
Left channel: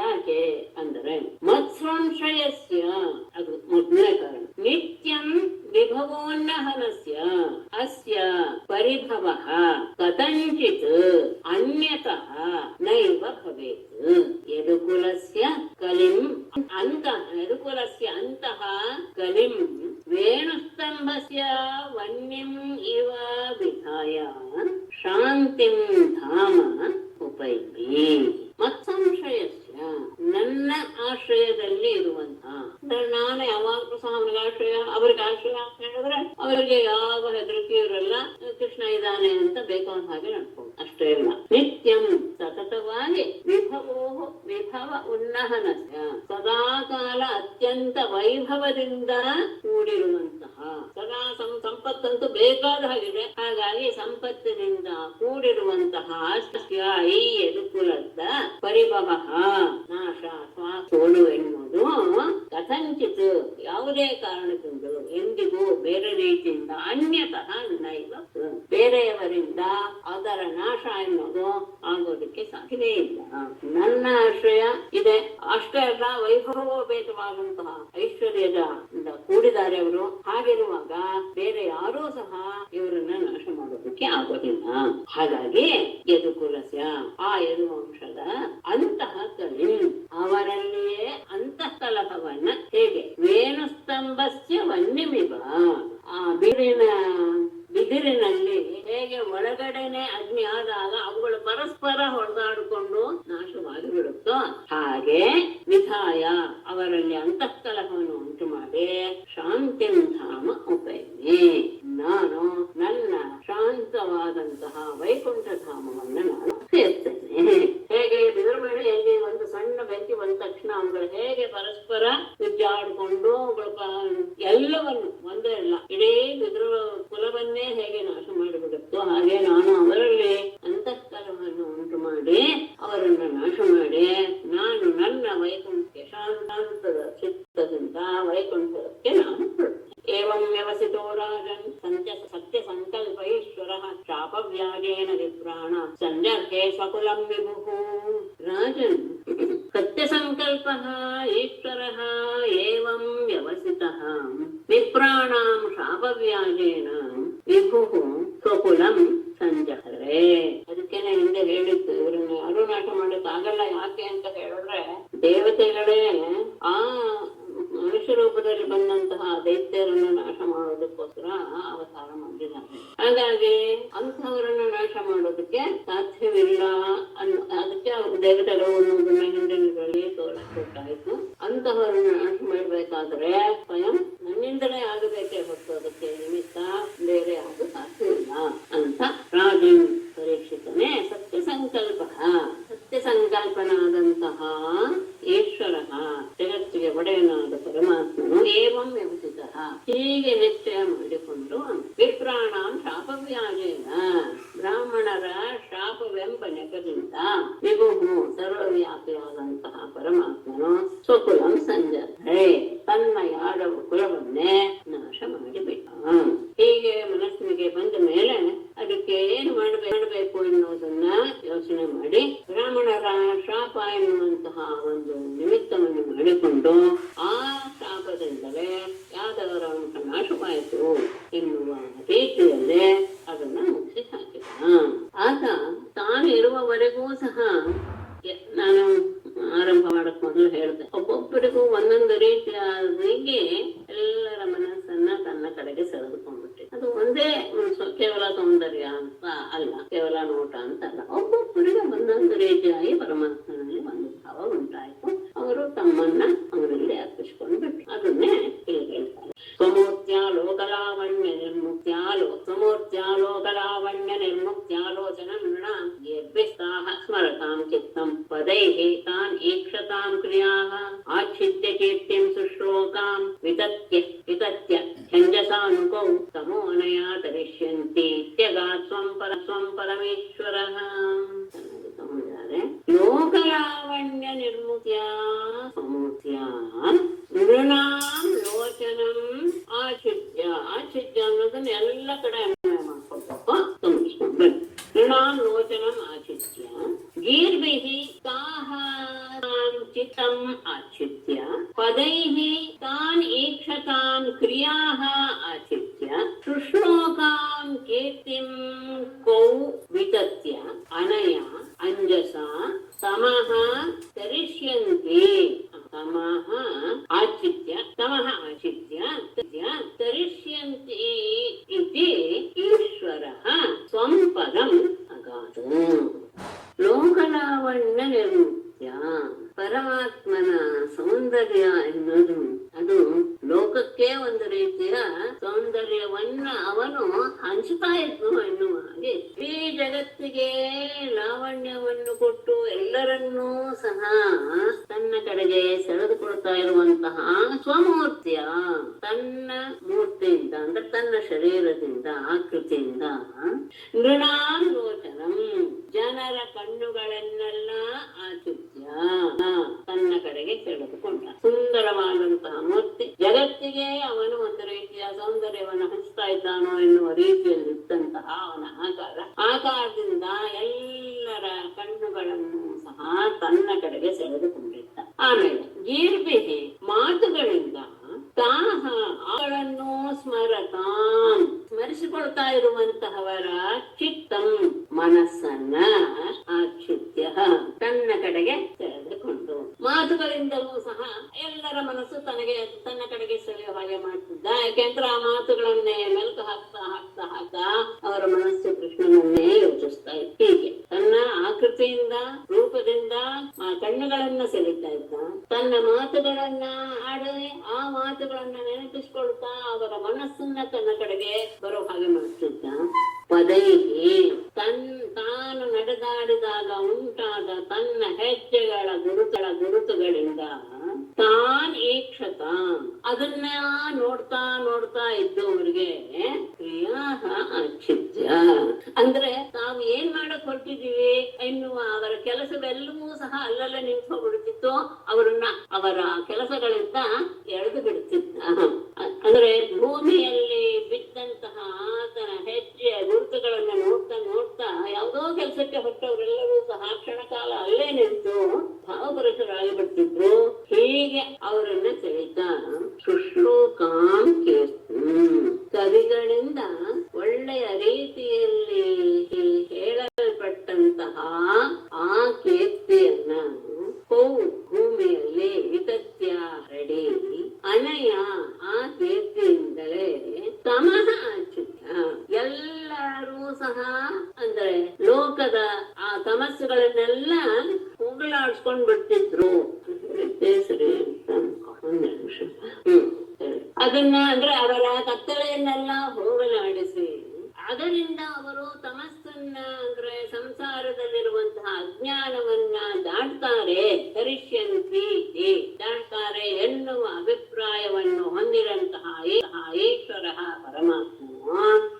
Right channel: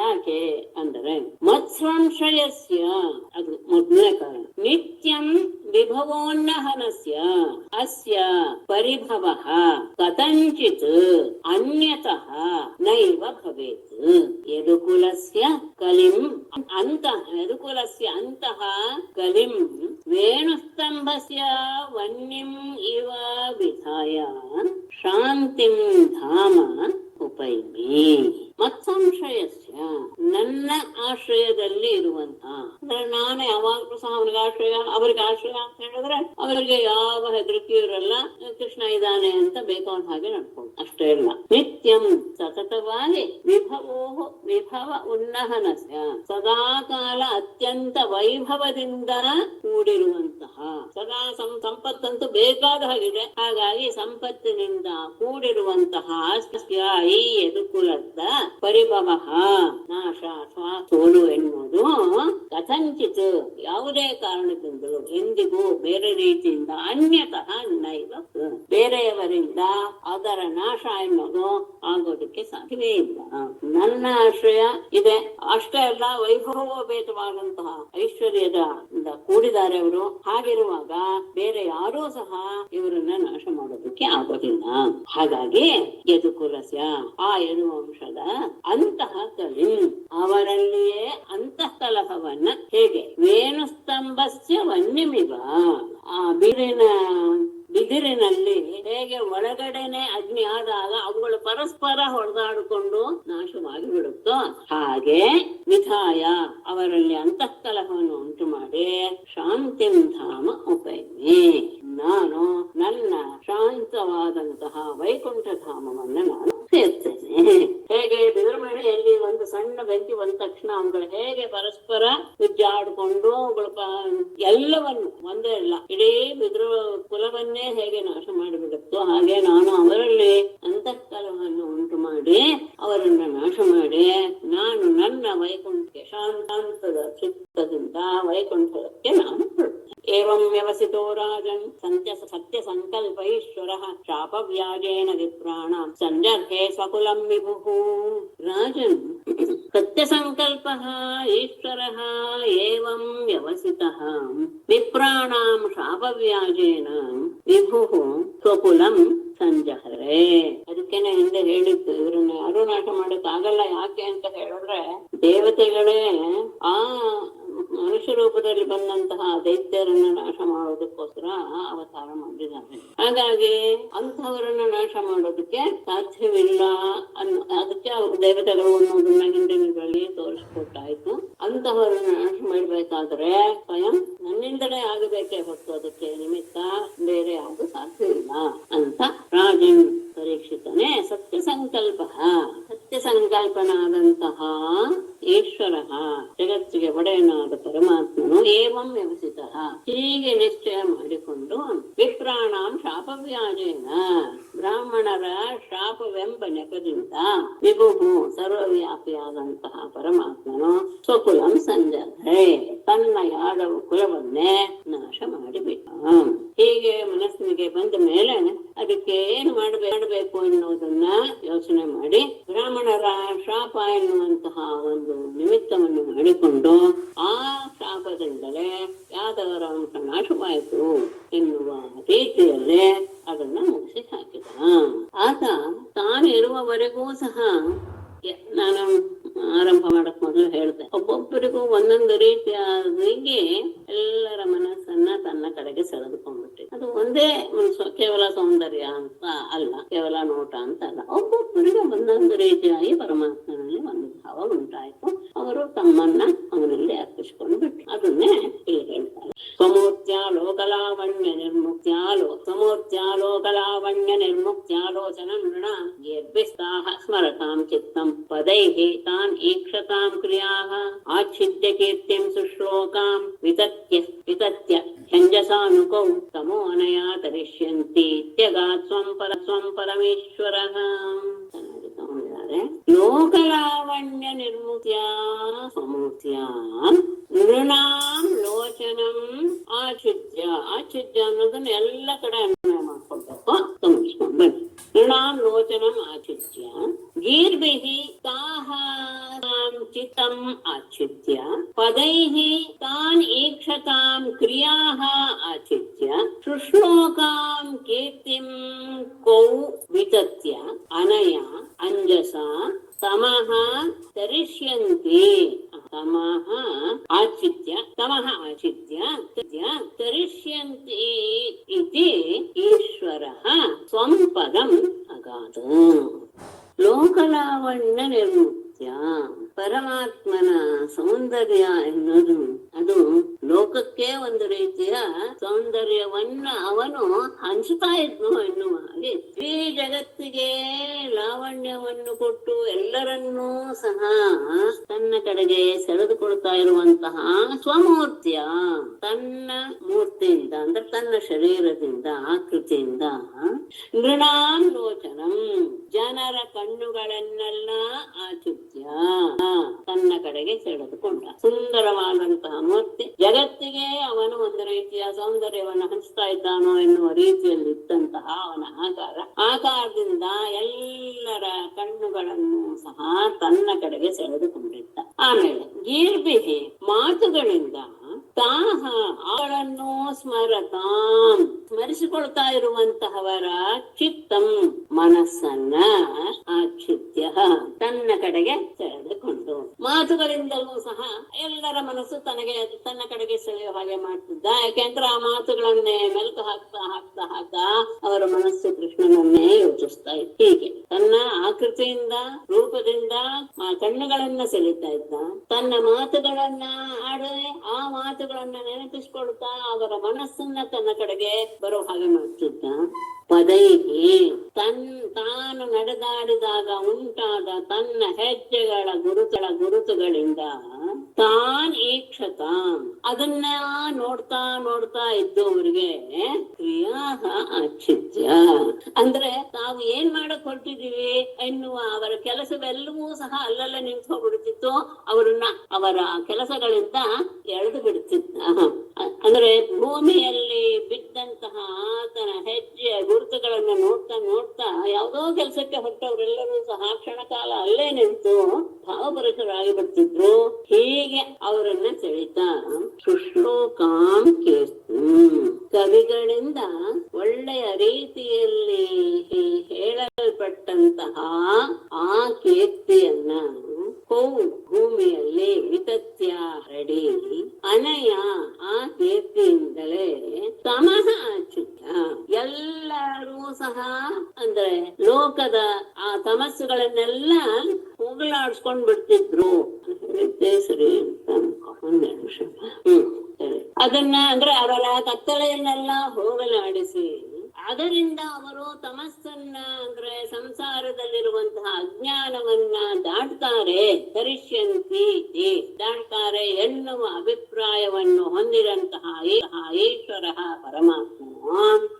ಯಾಕೆ ಅಂದರೆ ಮತ್ಸಂಶಯಸ್ಯ, ಅದು ಮೊದಲನೇ ಕಾರಣ. ನಿತ್ಯಂ ವಿಭವೋನ್ನಹನಸ್ಯ ಅಸ್ಯ ಪರಿಭವಃ ಕಥಂಚಿತ್ ಅನ್ಯತಃ ನೈವ ಭವೇತ್. ಯದುಕುಲಸ್ಯ ಕಲಿಂ ಅಂತಃ ಯದುಕುಲಸ್ಯ ಅಂತಃ ಕಲಿಂ ವೇಣುಸ್ತಂಭಸ್ಯ ವನ್ಯಂ ಇವ ವಿಧಾಯ ಶಾಂತಿಂ ಧಾಮ ಉಪೈಮಿ. ಮತ್ಸಂಶಯಸ್ಯ, ನನ್ನ ಆಶ್ರಯದಲ್ಲಿ ಇರುವಂತಹ, ನಾನು ಯಾವಾಗಲೂ ಸಹ ಅವನಿಗೆ ಆಶ್ರಯ, ಅವರಿಗೆ ಆಶ್ರಯ ಅಂತ ಹೇಳಿದ್ರೆ ಅವರಿಗೆ ಯಾವ ಹೆದರಿಕೆ ಇರಲ್ಲ. ಕೃಷ್ಣ ಇದ್ದಾನೆ ಅಂತ ಬೇಕಾದ ಹಾಗೆ ನಡ್ಕೊಂಡು ಅಷ್ಟೇ ಅಲ್ಲ. ನಿತ್ಯಂ ಸತತವಾಗಿ ವಿಭವ ಉನ್ನಹನಸ್ಯ, ಸದಾಕಾಲ ಅತ್ಯಂತ ವೈಭವದಿಂದ ಕೂಡಿರುವಂತಹ, ಸದಾ ಸಂಪತ್ತಂತೂ ಬೇಕಾದ ಹಾಗಿದೆ. ಹಾಗಾಗಿ ಸಂಪತ್ತಿನಿಂದ ಕೂಡಿರುವಂತಹ ಈ ಯದುಕುಲದ ಪರಿಭವ ನಾಶ ಅಥವಾ ಸೋಲು ಎನ್ನುವುದು ಕಥಂಚಿತ್ ಯಾವುದೇ ಕಾರಣದಿಂದಲೂ ಎಂದಿಗೂ ಬೇರೆ ರೀತಿಯಿಂದ ಅನ್ಯತಃ ನೈವ, ಬೇರೆಯವರಿಂದ ಅದರ ನಾಶ ಎನ್ನುವುದು ಆಗೋದಕ್ಕೆ ಸಾಧ್ಯವೇ ಇಲ್ಲ. ನನ್ನ ಆಶ್ರಯ ಇದೆ ಅಷ್ಟೇ ಅಲ್ಲ, ವೈಭವೋಪೇತವಾದಂತಹ ಐಶ್ವರ್ಯದ ಕೂಡಿದ್ದಾರೆ ಅವರು. ಹಾಗಿರುವಾಗ ಬೇರೆ ಯಾರೂ ಸಹ ಇವರನ್ನ ನಾಶ ಮಾಡೋದಕ್ಕೆ ಆಗೋದಿಲ್ಲ. ಹಾಗಾಗಿ ಯದುಕುಲಸ್ಯ, ಆ ಯದುವಂಶದ ಅಂತಹ ಕಲಿ, ಅವರಲ್ಲಿಯೇ ಅಂತಃ ಕಲಹವನ್ನ ಹೇಗೆ ವೇಣುಸ್ತಂಭಸ್ಯ ವನ್ಯಮಿವ, ಆ ಬಿದಿರಿನಲ್ಲಿ ಹೇಗೆ ಒಳಗಡೆನೆ ಅಗ್ನಿ ಆದಾಗ ಅವುಗಳು ಪರಸ್ಪರ ಹೊಡೆದಾಡಿಕೊಂಡು ನಾಶವಾಗಿ ಬಿಡುತ್ತೋ ಹಾಗೆ ವಿಧಾಯ ಅವರಲ್ಲಿ ಅಂತಃಕಲಹವನ್ನು ಉಂಟು ಮಾಡಿ ಶಾಂತಿಂ ಧಾಮ ಉಪೈಮಿ, ನಾನು ನನ್ನ ಶಾಂತವಾದಂತಹ ವೈಕುಂಠ ಧಾಮವನ್ನು ನಾನು ಸೇರ್ತೇನೆ. ಹೇಗೆ ಬಿದಿರು ಮಳೆಯಲ್ಲಿ ಒಂದು ಸಣ್ಣ ಬೆಂಕಿ ಬಂದ ತಕ್ಷಣ ಅವುಗಳು ಹೇಗೆ ಪರಸ್ಪರ ಉಜ್ಜಾಡಿಕೊಂಡು ಅವುಗಳ ಎಲ್ಲವನ್ನು ಒಂದೇ ಇಲ್ಲ ಇಡೀ ಬಿದಿರು ಕುಲವನ್ನೇ ಹೇಗೆ ನಾಶ ಮಾಡಿಬಿಡುತ್ತೋ ಹಾಗೆ ನಾನು ಅವರಲ್ಲಿ ಅಂತಃಕಲವನ್ನು ಉಂಟು ಮಾಡಿ ಅವರನ್ನು ನಾಶ ಮಾಡಿ ನಾನು ನನ್ನ ವೈಕುಂಠಕ್ಕೆ ಶಾಂತಾಂತದ ಚಿತ್ತದಿಂದ ವೈಕುಂಠಕ್ಕೆ ನಾನು ಹೊರಡ್ತೇನೆ. ಏವಂ ವ್ಯವಸಿತೋ ರಾಜನ್ ಸತ್ಯ ಸಂಕಲ್ಪ ಈಶ್ವರಃ ಶಾಪವ್ಯಾಜೇನ ವಿಪ್ರಾಣ ಸಂಜರ್ಹೇ ಸ್ವಕುಲಂ ವಿಭುಃ. ರಾಜನ್ ಸತ್ಯ ಸಂಕಲ್ಪಃ ಈಶ್ವರಃ ಏವಂ ವ್ಯವಸಿತಃ ವಿಪ್ರಾಣಾಂ ಶಾಪವ್ಯಾಜೇನ ವಿಭುಃ ಸ್ವಕುಲಂ ಸಂಜಹರೆ. ಅದಕ್ಕೇನೆ ಹಿಂದೆ ಹೇಳಿತ್ತು, ಇವರನ್ನ ಯಾರು ನಾಶ ಮಾಡಕ್ ಆಗಲ್ಲ. ಯಾಕೆ ಅಂತ ಹೇಳಿದ್ರೆ ದೇವತೆಗಳೇ ಆ ಮನುಷ್ಯ ರೂಪದಲ್ಲಿ ಬಂದಂತಹ ದೈತ್ಯರನ್ನ ನಾಶ ಮಾಡೋದಕ್ಕೋಸ್ಕರ ಅವತಾರ ಮಾಡಿದ್ದಾರೆ. ಹಾಗಾಗಿ ಅಂತಹವರನ್ನ ನಾಶ ಮಾಡೋದಕ್ಕೆ ಸಾಧ್ಯವಿಲ್ಲ ಅದಕ್ಕೆ ಅವರು ದೇವತೆಗಳು ಅನ್ನೋದನ್ನ ಹಿಂದಿನಗಳಲ್ಲಿ ತೋರಿಸ್ಕೊಟ್ಟಾಯ್ತು. ಅಂತಹವರನ್ನ ನಾಶ ಮಾಡ್ಬೇಕಾದ್ರೆ ಸ್ವಯಂ ನನ್ನಿಂದಲೇ ಆಗಬೇಕೇ ಹೊತ್ತು ಅದಕ್ಕೆ ನಿಮಿತ್ತ ಬೇರೆ ಯಾವುದು ಸಾಧ್ಯವಿಲ್ಲ ಅಂತ ರಾಜನ್ ಪರೀಕ್ಷಿತನೇ ಸತ್ಯ ಸಂಕಲ್ಪನಾದಂತಹ ಈಶ್ವರ ಜಗತ್ತಿಗೆ ಒಡೆಯನಾದ ಪರಮಾತ್ಮನು ಏವಂ ವ್ಯವಸಿತ ಹೀಗೆ ನಿಶ್ಚಯ ಮಾಡಿಕೊಂಡು ವಿಪ್ರಾಣಾಂ ಶಾಪವ್ಯಾಜೇನ ಬ್ರಾಹ್ಮಣರ ಶಾಪವೆಂಬ ನೆಪದಿಂದ ವಿಭುಹು ಸರ್ವವ್ಯಾಪಿಯಾದಂತಹ ಪರಮಾತ್ಮನು ಸ್ವಕುಲಂ ಸಂಜರ್ಧೆ ತನ್ನ ಯಾದವ ಕುಲವನ್ನೇ ನಾಶ ಮಾಡಿಬಿಟ್ಟ. ಹೀಗೆ ಮನಸ್ಸಿಗೆ ಬಂದ ಮೇಲೆ ಅದಕ್ಕೆ ಏನು ಮಾಡಬೇಕು ಎನ್ನುವುದನ್ನ ಯೋಚನೆ ಮಾಡಿ ಬ್ರಾಹ್ಮಣರ ಶಾಪ ಎನ್ನುವಂತಹ ಒಂದು ನಿಮಿತ್ತವನ್ನು ಮಾಡಿಕೊಂಡು ಆ ಶಾಪದಿಂದಲೇ ಯಾದವರ ವಂಶ ನಾಶವಾಯಿತು ಎನ್ನುವ ರೀತಿಯಲ್ಲಿ ಅದನ್ನ ಮುಗಿಸಿ ಹಾಕಿದ. ಆತ ತಾನು ಇರುವವರೆಗೂ ಸಹ ನಾನು ಆರಂಭ ಮಾಡಕ್ ಮೊದಲು ಹೇಳ್ದೆ, ಒಬ್ಬೊಬ್ಬರಿಗೂ ಒಂದೊಂದು ರೀತಿಯಾಗಿ ಎಲ್ಲರ ಮನಸ್ಸನ್ನ ತನ್ನ ಕಡೆಗೆ ಸೆಳೆದುಕೊಂಡ್ಬಿಟ್ಟೆ. ಅದು ಒಂದೇ ಕೇವಲ ಸೌಂದರ್ಯ ಅಂತ ಅಲ್ಲ, ಕೇವಲ ನೋಟ ಅಂತ ಅಲ್ಲ, ಒಬ್ಬೊಬ್ಬರಿಗೆ ಒಂದೊಂದು ರೀತಿಯಾಗಿ ಪರಮಾತ್ಮನಲ್ಲಿ ಒಂದು ಭಾವ ಉಂಟಾಯ್ತು. ಅವರು ತಮ್ಮನ್ನ ಅವನಲ್ಲಿ ಅರ್ಪಿಸ್ಕೊಂಡು ಬಿಟ್ರು. ಅದನ್ನೇ ಇಲ್ಲಿ ಹೇಳ್ತಾರೆ. ಸ್ವಮೂರ್ತ್ಯ ಲೋಕಲಾವಣ್ಯ ನಿರ್ಮುಕ್ತ್ಯಾಲೋಚನ ನೃಣ ಯದ್ವಿಸ್ತಾಹ ಸ್ಮರತಾಂ ಚಿತ್ತಂ ಪದೈಃ ತಾನ್ ಈಕ್ಷತಾಂ ಕ್ರಿಯಾಃ ಆಚ್ಛಿದ್ಯ ಕೀರ್ತಿಂ ಸುಶ್ಲೋಕಾಂ ವಿತತ್ಯ ಛಂದಸಾನುಕೌ ತಮೋನಯಾ ತರಿಷ್ಯಂತಿ ಇತ್ಯಗಾತ್ ಸ್ವಂ ಪರಮೇಶ್ವರಃ. ಲೋಕಲಾವಣ್ಯ ನಿರ್ಮುಕ್ತ್ಯ ಸಮೂರ್ತ್ಯ ನೃಣಾಂ ಲೋಚನಂ ಆಚ್ಛಿದ್ಯ ಅನ್ನೋದನ್ನ ಎಲ್ಲ ಕಡೆ ಅನ್ವಯ ಮಾಡ್ಕೊಳ್ಬೇಕು, ಗಮನಿಸ್ಕೊಂಡು ಬನ್ನಿ. ನೃಣಾಂ ಲೋಚನಂ ಆಚ್ಛಿದ್ಯ ಗೀರ್ಭಿಃ ತಾಃ ಚಿತ್ತಂ ಆಚ್ಛಿದ್ಯ ಪದೈಃ ತಾನ್ ಈಕ್ಷತಾಂ ಕ್ರಿಯಾಃ ಆಚ್ಛಿದ್ಯ ಶುಶ್ಲೋಕಾಂ ಕೀರ್ತಿಂ ಕೌ ವಿತತ್ಯ ಅನಯ ಅಂಜಸ ತಮಃ ತರಿಷ್ಯಂತಿ ತಮಃ ಆಚ್ಛಿದ್ಯ ತರಿಷ್ಯಂತಿ ಇತಿ ಈಶ್ವರಃ ಸ್ವಂ ಪದಂ ಅಗಾತ್. ಲೋಕಲಾವಣ್ಯ ನಿರ್ಮುಕ್ತ್ಯ ಪರಮಾತ್ಮನ ಸೌಂದರ್ಯ ಎನ್ನುವುದು ಅದು ಲೋಕಕ್ಕೆ ಒಂದು ರೀತಿಯ ಸೌಂದರ್ಯವನ್ನ ಅವನು ಹಂಚುತ್ತಾ ಇದ್ನು ಎನ್ನುವ ಹಾಗೆ ಈ ಜಗತ್ತಿಗೆ ಲಾವಣ್ಯವನ್ನು ಕೊಟ್ಟು ಎಲ್ಲರನ್ನೂ ಸಹ ತನ್ನ ಕಡೆಗೆ ಸೆಳೆದುಕೊಳ್ತಾ ಇರುವಂತಹ ಸ್ವಮೂರ್ತಿಯ ತನ್ನ ಮೂರ್ತಿಯಿಂದ ಅಂದ್ರೆ ತನ್ನ ಶರೀರದಿಂದ ಆಕೃತಿಯಿಂದ ನೃಣಾಂ ಲೋಚನಂ ಜನರ ಕಣ್ಣುಗಳನ್ನೆಲ್ಲ ಆಚುತ್ಯ ತನ್ನ ಕಡೆಗೆ ಸೆಳೆದುಕೊಂಡ ಸುಂದರವಾದಂತಹ ಮೂರ್ತಿ. ಜಗತ್ತಿಗೆ ಅವನು ಒಂದು ರೀತಿಯ ಸೌಂದರ್ಯವನ್ನು ಹಂಚ್ತಾ ಇದ್ದಾನೋ ಎನ್ನುವ ರೀತಿಯಲ್ಲಿ ಇದ್ದಂತಹ ಅವನ ಆಕಾರದಿಂದ ಎಲ್ಲರ ಕಣ್ಣುಗಳನ್ನು ಸಹ ತನ್ನ ಕಡೆಗೆ ಸೆಳೆದುಕೊಂಡಿದ್ದ. ಆಮೇಲೆ ಗೀರ್ಭಿಹಿ ಮಾತುಗಳಿಂದ ತಾಹ ಅವಳನ್ನು ಸ್ಮರಿಸಿಕೊಳ್ತಾ ಇರುವಂತಹವರ ಚಿತ್ತಂ ಮನಸ್ಸನ್ನ ಆಚ್ಛಿದ್ಯ ತನ್ನ ಕಡೆಗೆ ಸೆಳೆದುಕೊಂಡು ಮಾತುಗಳಿಂದಲೂ ಸಹ ಎಲ್ಲರ ಮನಸ್ಸು ತನ್ನ ಕಡೆಗೆ ಸೆಳೆಯುವ ಹಾಗೆ ಮಾಡ್ತಿದ್ದ. ಯಾಕೆಂದ್ರೆ ಆ ಮಾತುಗಳನ್ನೇ ಮೆಲುಕು ಹಾಕ್ತಾ ಅವರ ಮನಸ್ಸು ಕೃಷ್ಣನನ್ನೇ ಯೋಚಿಸ್ತಾ ಇತ್ತು. ಹೀಗೆ ತನ್ನ ಆಕೃತಿಯಿಂದ ರೂಪದಿಂದ ಕಣ್ಣುಗಳನ್ನ ಸೆಳೀತಾ ಇದ್ದ. ತನ್ನ ಮಾತುಗಳನ್ನ ಆಡದೆ ಆ ಮಾತುಗಳನ್ನ ನೆನಪಿಸ್ಕೊಳ್ತಾ ಅವರ ಮನಸ್ಸನ್ನ ತನ್ನ ಕಡೆಗೆ ಬರೋ ಹಾಗೆ ಮಾಡ್ತಿದ್ದ. ಪದೈಹಿ ತಾನು ನಡೆದಾಡಿದಾಗ ಉಂಟಾದ ತನ್ನ ಹೆಜ್ಜೆಗಳ ಗುರುತುಗಳಿಂದ ತಾನ್ ಈಕ್ಷತ ಅದನ್ನ ನೋಡ್ತಾ ಇದ್ದವರಿಗೆ ಕ್ರಿಯಾಹ ಆಚ್ಛಿದ್ಯ ಅಂದ್ರೆ ತಾವು ಏನ್ ಮಾಡಕ್ ಹೊರಟಿದೀವಿ ಎನ್ನುವ ಅವರ ಕೆಲಸವೆಲ್ಲವೂ ಸಹ ಅಲ್ಲಲ್ಲೇ ನಿಂತು ಹೋಗ್ಬಿಡ್ತಿತ್ತು. ಅವರ ಕೆಲಸಗಳಿಂದ ಎಳೆದು ಬಿಡ್ತಿದ್ದ. ಅಂದ್ರೆ ಭೂಮಿಯಲ್ಲಿ ಬಿದ್ದಂತಹ ಆತನ ಹೆಜ್ಜೆಯ ಗುರುತುಗಳನ್ನ ನೋಡ್ತಾ ಯಾವುದೋ ಕೆಲಸಕ್ಕೆ ಹೊರಟವರೆಲ್ಲರೂ ಸಹ ಕ್ಷಣಕಾಲ ಅಲ್ಲೇ ನಿಂತು ಭಾವಪರಶರಾಗಿ ಬಿಡ್ತಿದ್ರು. ಹೀಗೆ ಅವರನ್ನ ಸೆಳೀತಾ ಶುಶ್ರೂಕಾಂ ಕೀರ್ತಿ ಕವಿಗಳಿಂದ ಒಳ್ಳೆಯ ರೀತಿಯಲ್ಲಿ ಹೇಳಲ್ಪಟ್ಟಂತಹ ಆ ಕೀರ್ತಿಯನ್ನ ಭೂಮಿಯಲ್ಲಿ ವಿತತ್ಯ ಹರಡಿ ಅನಯ ಆ ಕೀರ್ತಿಯಿಂದಲೇ ತಮಃ ಆಚ್ಛಿದ್ಯ ಎಲ್ಲರೂ ಸಹ ಅಂದ್ರೆ ಲೋಕದ ಆ ತಮಸ್ಸುಗಳನ್ನೆಲ್ಲ ಹೋಗಲಾಡ್ಸ್ಕೊಂಡ್ ಬಿಡ್ತಿದ್ರು. ಸರಿ ಒಂದ್ ನಿಮಿಷ. ಅದನ್ನ ಅಂದ್ರೆ ಅವರ ಕತ್ತಲೆಯನ್ನೆಲ್ಲ ಹೋಗಲಾಡಿಸಿ ಅದರಿಂದ ಅವರು ತಮಸ್ಸನ್ನ ಅಂದ್ರೆ ಸಂಸಾರದಲ್ಲಿರುವಂತಹ ಅಜ್ಞಾನವನ್ನ ದಾಟ್ತಾರೆ, ತರಿಷ್ಯಂತಿ ದಾಟ್ತಾರೆ ಎನ್ನುವ ಅಭಿಪ್ರಾಯವನ್ನು ಹೊಂದಿರಂತಹ ಈಶ್ವರ ಪರಮಾತ್ಮ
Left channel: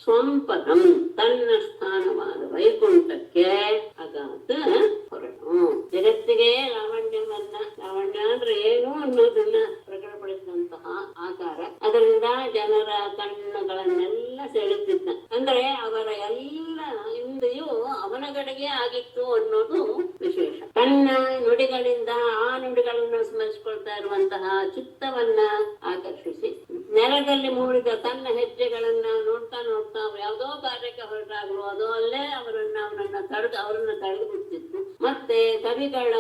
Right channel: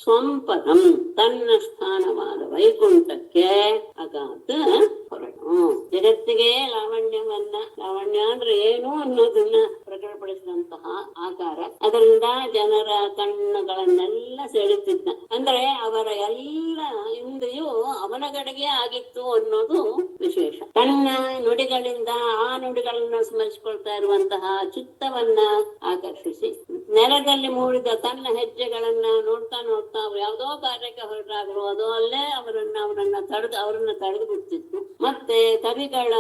ಸ್ವಪದಂ ತನ್ನ ಸ್ಥಾನವಾದ ವೈಕುಂಠಕ್ಕೆ ಅಗಾತ ಹೊರಟು. ಜಗತ್ತಿಗೆ ಲಾವಣ್ಯ ಅಂದ್ರೆ ಏನು ಅನ್ನೋದನ್ನ ಪ್ರಕಟಪಡಿಸಿದಂತಹ ಆಕಾರ, ಅದರಿಂದ ಜನರ ಕಣ್ಣುಗಳನ್ನೆಲ್ಲ ಸೆಳೆತಿದ್ದ. ಅಂದ್ರೆ ಅವರ ಎಲ್ಲ ಇಂದ್ರಿಯು ಅವನ ಕಡೆಗೆ ಆಗಿತ್ತು ಅನ್ನೋದು ವಿಶೇಷ. ಕಣ್ಣ ನುಡಿಗಳಿಂದ ಆ ನುಡಿಗಳನ್ನು ಸ್ಮರಿಸಿಕೊಳ್ತಾ ಇರುವಂತಹ ಚಿತ್ತವನ್ನ ಆಕರ್ಷಿಸಿ, ನೆಲದಲ್ಲಿ ಮೂಡಿದ ತನ್ನ ಹೆಜ್ಜೆಗಳನ್ನ ನೋಡ್ತಾ ನೋಡ್ತಾ ಯಾವುದೋ ಕಾರ್ಯಕ್ಕೆ ಹೊರಟಾಗಲು ಅದು ಅಲ್ಲೇ ಅವರನ್ನ ತಡೆದು ಬಿಡ್ತಿತ್ತು. ಮತ್ತೆ ಕವಿಗಳ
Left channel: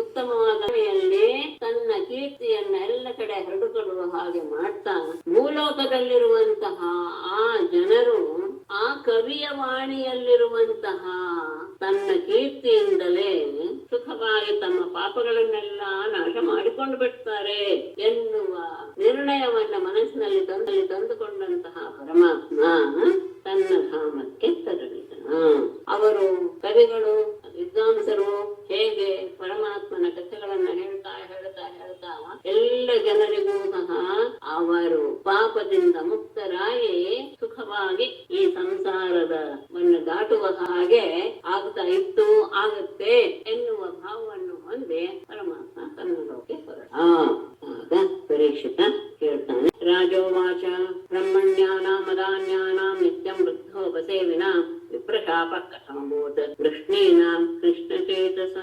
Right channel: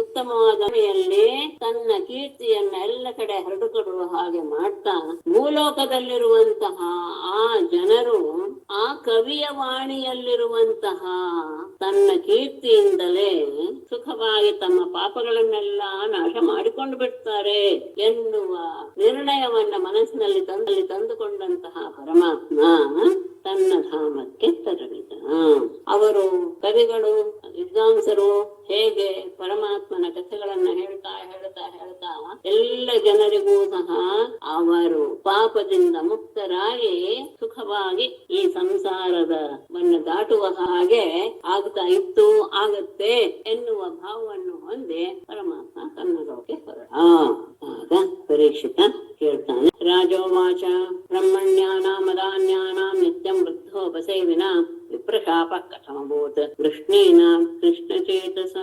ಉತ್ತಮವಾದ ಮನೆಯಲ್ಲಿ ತನ್ನ ಕೀರ್ತಿಯನ್ನ ಎಲ್ಲ ಕಡೆ ಹರಡಿಕೊಳ್ಳುವ ಹಾಗೆ ಮಾಡ್ತಾ, ಭೂಲೋಕದಲ್ಲಿರುವಂತಹ ಆ ಜನರು ಆ ಕವಿಯ ವಾಣಿಯಲ್ಲಿರುವಂತಹ ತನ್ನ ಕೀರ್ತಿಯಿಂದಲೇ ಸುಖವಾಗಿ ತಮ್ಮ ಪಾಪಗಳನ್ನೆಲ್ಲ ನಾಶ ಮಾಡಿಕೊಂಡು ಬಿಡ್ತಾರೆ ಎನ್ನುವ ನಿರ್ಣಯವನ್ನ ಮನಸ್ಸಿನಲ್ಲಿ ತಂದುಕೊಂಡಂತಹ ಪರಮಾತ್ಮ ತನ್ನ ಧಾಮಕ್ಕೆ ತೆರಳಿದ. ಅವರು ಕವಿಗಳು ವಿದ್ವಾಂಸರು ಹೇಗೆ ಪರಮಾತ್ಮನ ಕಥೆಗಳನ್ನ ಹೇಳ್ತಾ ಎಲ್ಲ ಜನರಿಗೂ ಸಹ ಅವರು ಪಾಪದಿಂದ ಮುಕ್ತರಾಗಿ ಸುಖವಾಗಿ ಈ ಸಂಸಾರವನ್ನು ದಾಟುವ ಹಾಗೆ ಆಗ್ತಾ ಇತ್ತು, ಆಗುತ್ತೆ ಎನ್ನುವ ಭಾವವನ್ನು ಹೊಂದಿ ಪರಮಾತ್ಮ ಕನ್ನಡಕ್ಕೆ ಹೊರಟ. ಆಗ ಪರೀಕ್ಷಿತ ಹೇಳ್ತಾನೆ, ರಾಜೋವಾಚ ಬ್ರಹ್ಮಣ್ಯಾನಾಂ ಮದಾನ್ಯಾನಾಂ ನಿತ್ಯಂ ವೃದ್ಧೋಪಸೇವಿನ ವಿಪ್ರಶಾಪ ಕಥಮಭೂತ್ ಕೃಷ್ಣೇನ ಕೃಷ್ಣಚೇತಸ.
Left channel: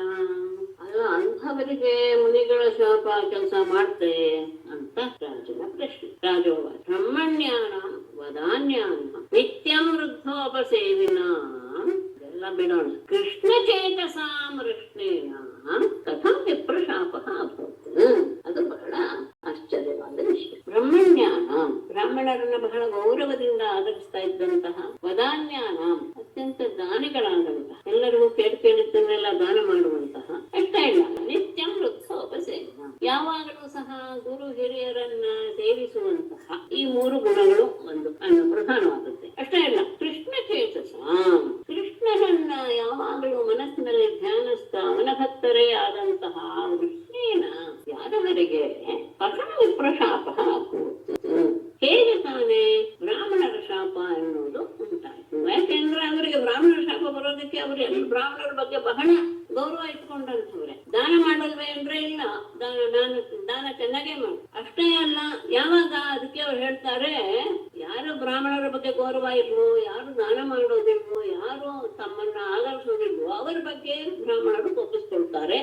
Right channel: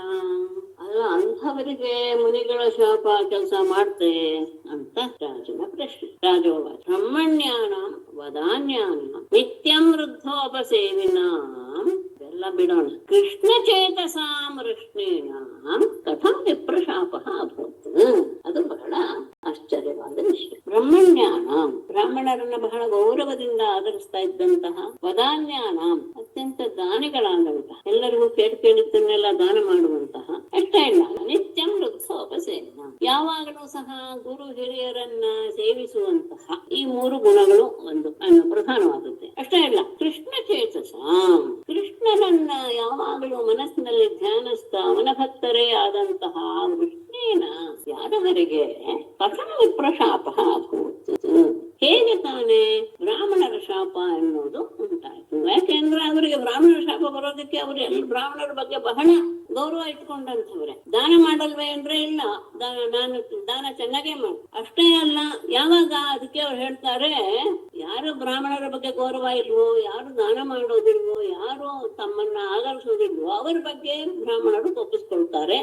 ಅಲ್ಲ, ಅಂಥವರಿಗೆ ಮುನಿಗಳ ಶಾಪ ಕೆಲಸ ಮಾಡ್ತೆ ಅಂತ ರಾಜನ ಪ್ರಶ್ನೆ. ರಾಜೋವಾಚ ಬ್ರಹ್ಮಣ್ಯಾನಾಂ ವದಾನ್ಯಾನಾಂ ನಿತ್ಯಂ ವೃದ್ಧೋಪಸೇವಿನಾಂ ಎಲ್ಲ ಬಿಡೋಣ, ಕೃಷ್ಣ ಚೇತಸಾಂ ಕೃಷ್ಣೇನ ಕಥಂ ವಿಪ್ರಶಾಪ ಅಭೂತ್. ಅದು ಬಹಳ ಆಶ್ಚರ್ಯವಾದ ವಿಷಯ. ಬ್ರಾಹ್ಮಣರನ್ನ ಬಹಳ ಗೌರವದಿಂದ ಆಧರಿಸ್ತಾ ಇದ್ದಂತಹ, ವದಾನ್ಯಾನಾಂ ಅತ್ಯಂತ ದಾನಿಗಳಾದಂತಹ, ಎಲ್ಲರಿಗೂ ಕೇಳಿದ್ದನ್ನೆಲ್ಲ ದಾನ ಮಾಡುವಂತಹ, ಅಷ್ಟೇ ಇಲ್ಲ ನಿತ್ಯಂ ವೃದ್ಧೋಪಸೇವನ, ಯಾವಾಗಲೂ ಸಹ ಗುರು ಹಿರಿಯರನ್ನ ಸೇವಿಸುವಂತಹ ಈ ಮೂರು ಗುಣಗಳು ಒಂದು ಪ್ರಧಾನವಾದದ್ದು. ಅಷ್ಟೇ ಇಲ್ಲ, ಕೃಷ್ಣ ಚೇತಸ, ಕೃಷ್ಣನನ್ನ ಯಾವಾಗಲೂ ಮನಸ್ಸಿನಲ್ಲಿ ಧ್ಯಾನಿಸ್ತಾ ಅವನ ಭಕ್ತರೇ ಆದಂತಹ ಕೃಷ್ಣೇನ ಯಾದವರಿಗೆ ಕಥಂ ವಿಪ್ರಶಾಪ ಹೇಗೆ ತಾನೇ ಬ್ರಾಹ್ಮಣರ ಶಾಪ ಎನ್ನುವುದು ಉಂಟಾಯ್ತು. ಯಾಕೆಂದ್ರೆ ಅವರಿಗೆ ಬ್ರಾಹ್ಮಣರ ಶಾಪ ಬರೋದಕ್ಕೆ ಅವರು ಎಲ್ಲ ಬ್ರಾಹ್ಮಣರ ಬಗ್ಗೆ ಬಹಳ ಗೌರವ ಇಟ್ಕೊಂಡಂಥವ್ರೆ. ದಾನ ಮಾಡಲ್ವೇ ಅಂದ್ರೆ ಇಲ್ಲ, ನಾನು ದಾನ ಚೆನ್ನಾಗೇ ಮಾಡಿ. ಅಷ್ಟೇ ಅಲ್ಲ, ಯಾವಾಗ ಅದಕ್ಕೆ ಅವ್ರು ಹೇಳ್ತಾರೆ, ಯಾರು ಬ್ರಾಹ್ಮಣರ ಬಗ್ಗೆ ಗೌರವ ಇಲ್ವೋ, ಯಾರು ದಾನ ಮಾಡೋದಿಲ್ವೋ, ಯಾರು ತಮ್ಮನ್ನ ಆಧರಿಸೋದಿಲ್ವೋ ಅವರ ಬಗ್ಗೆ ಬ್ರಾಹ್ಮಣರು ತಪ್ಪಿಸ್ಕೊಳ್ತಾರೆ.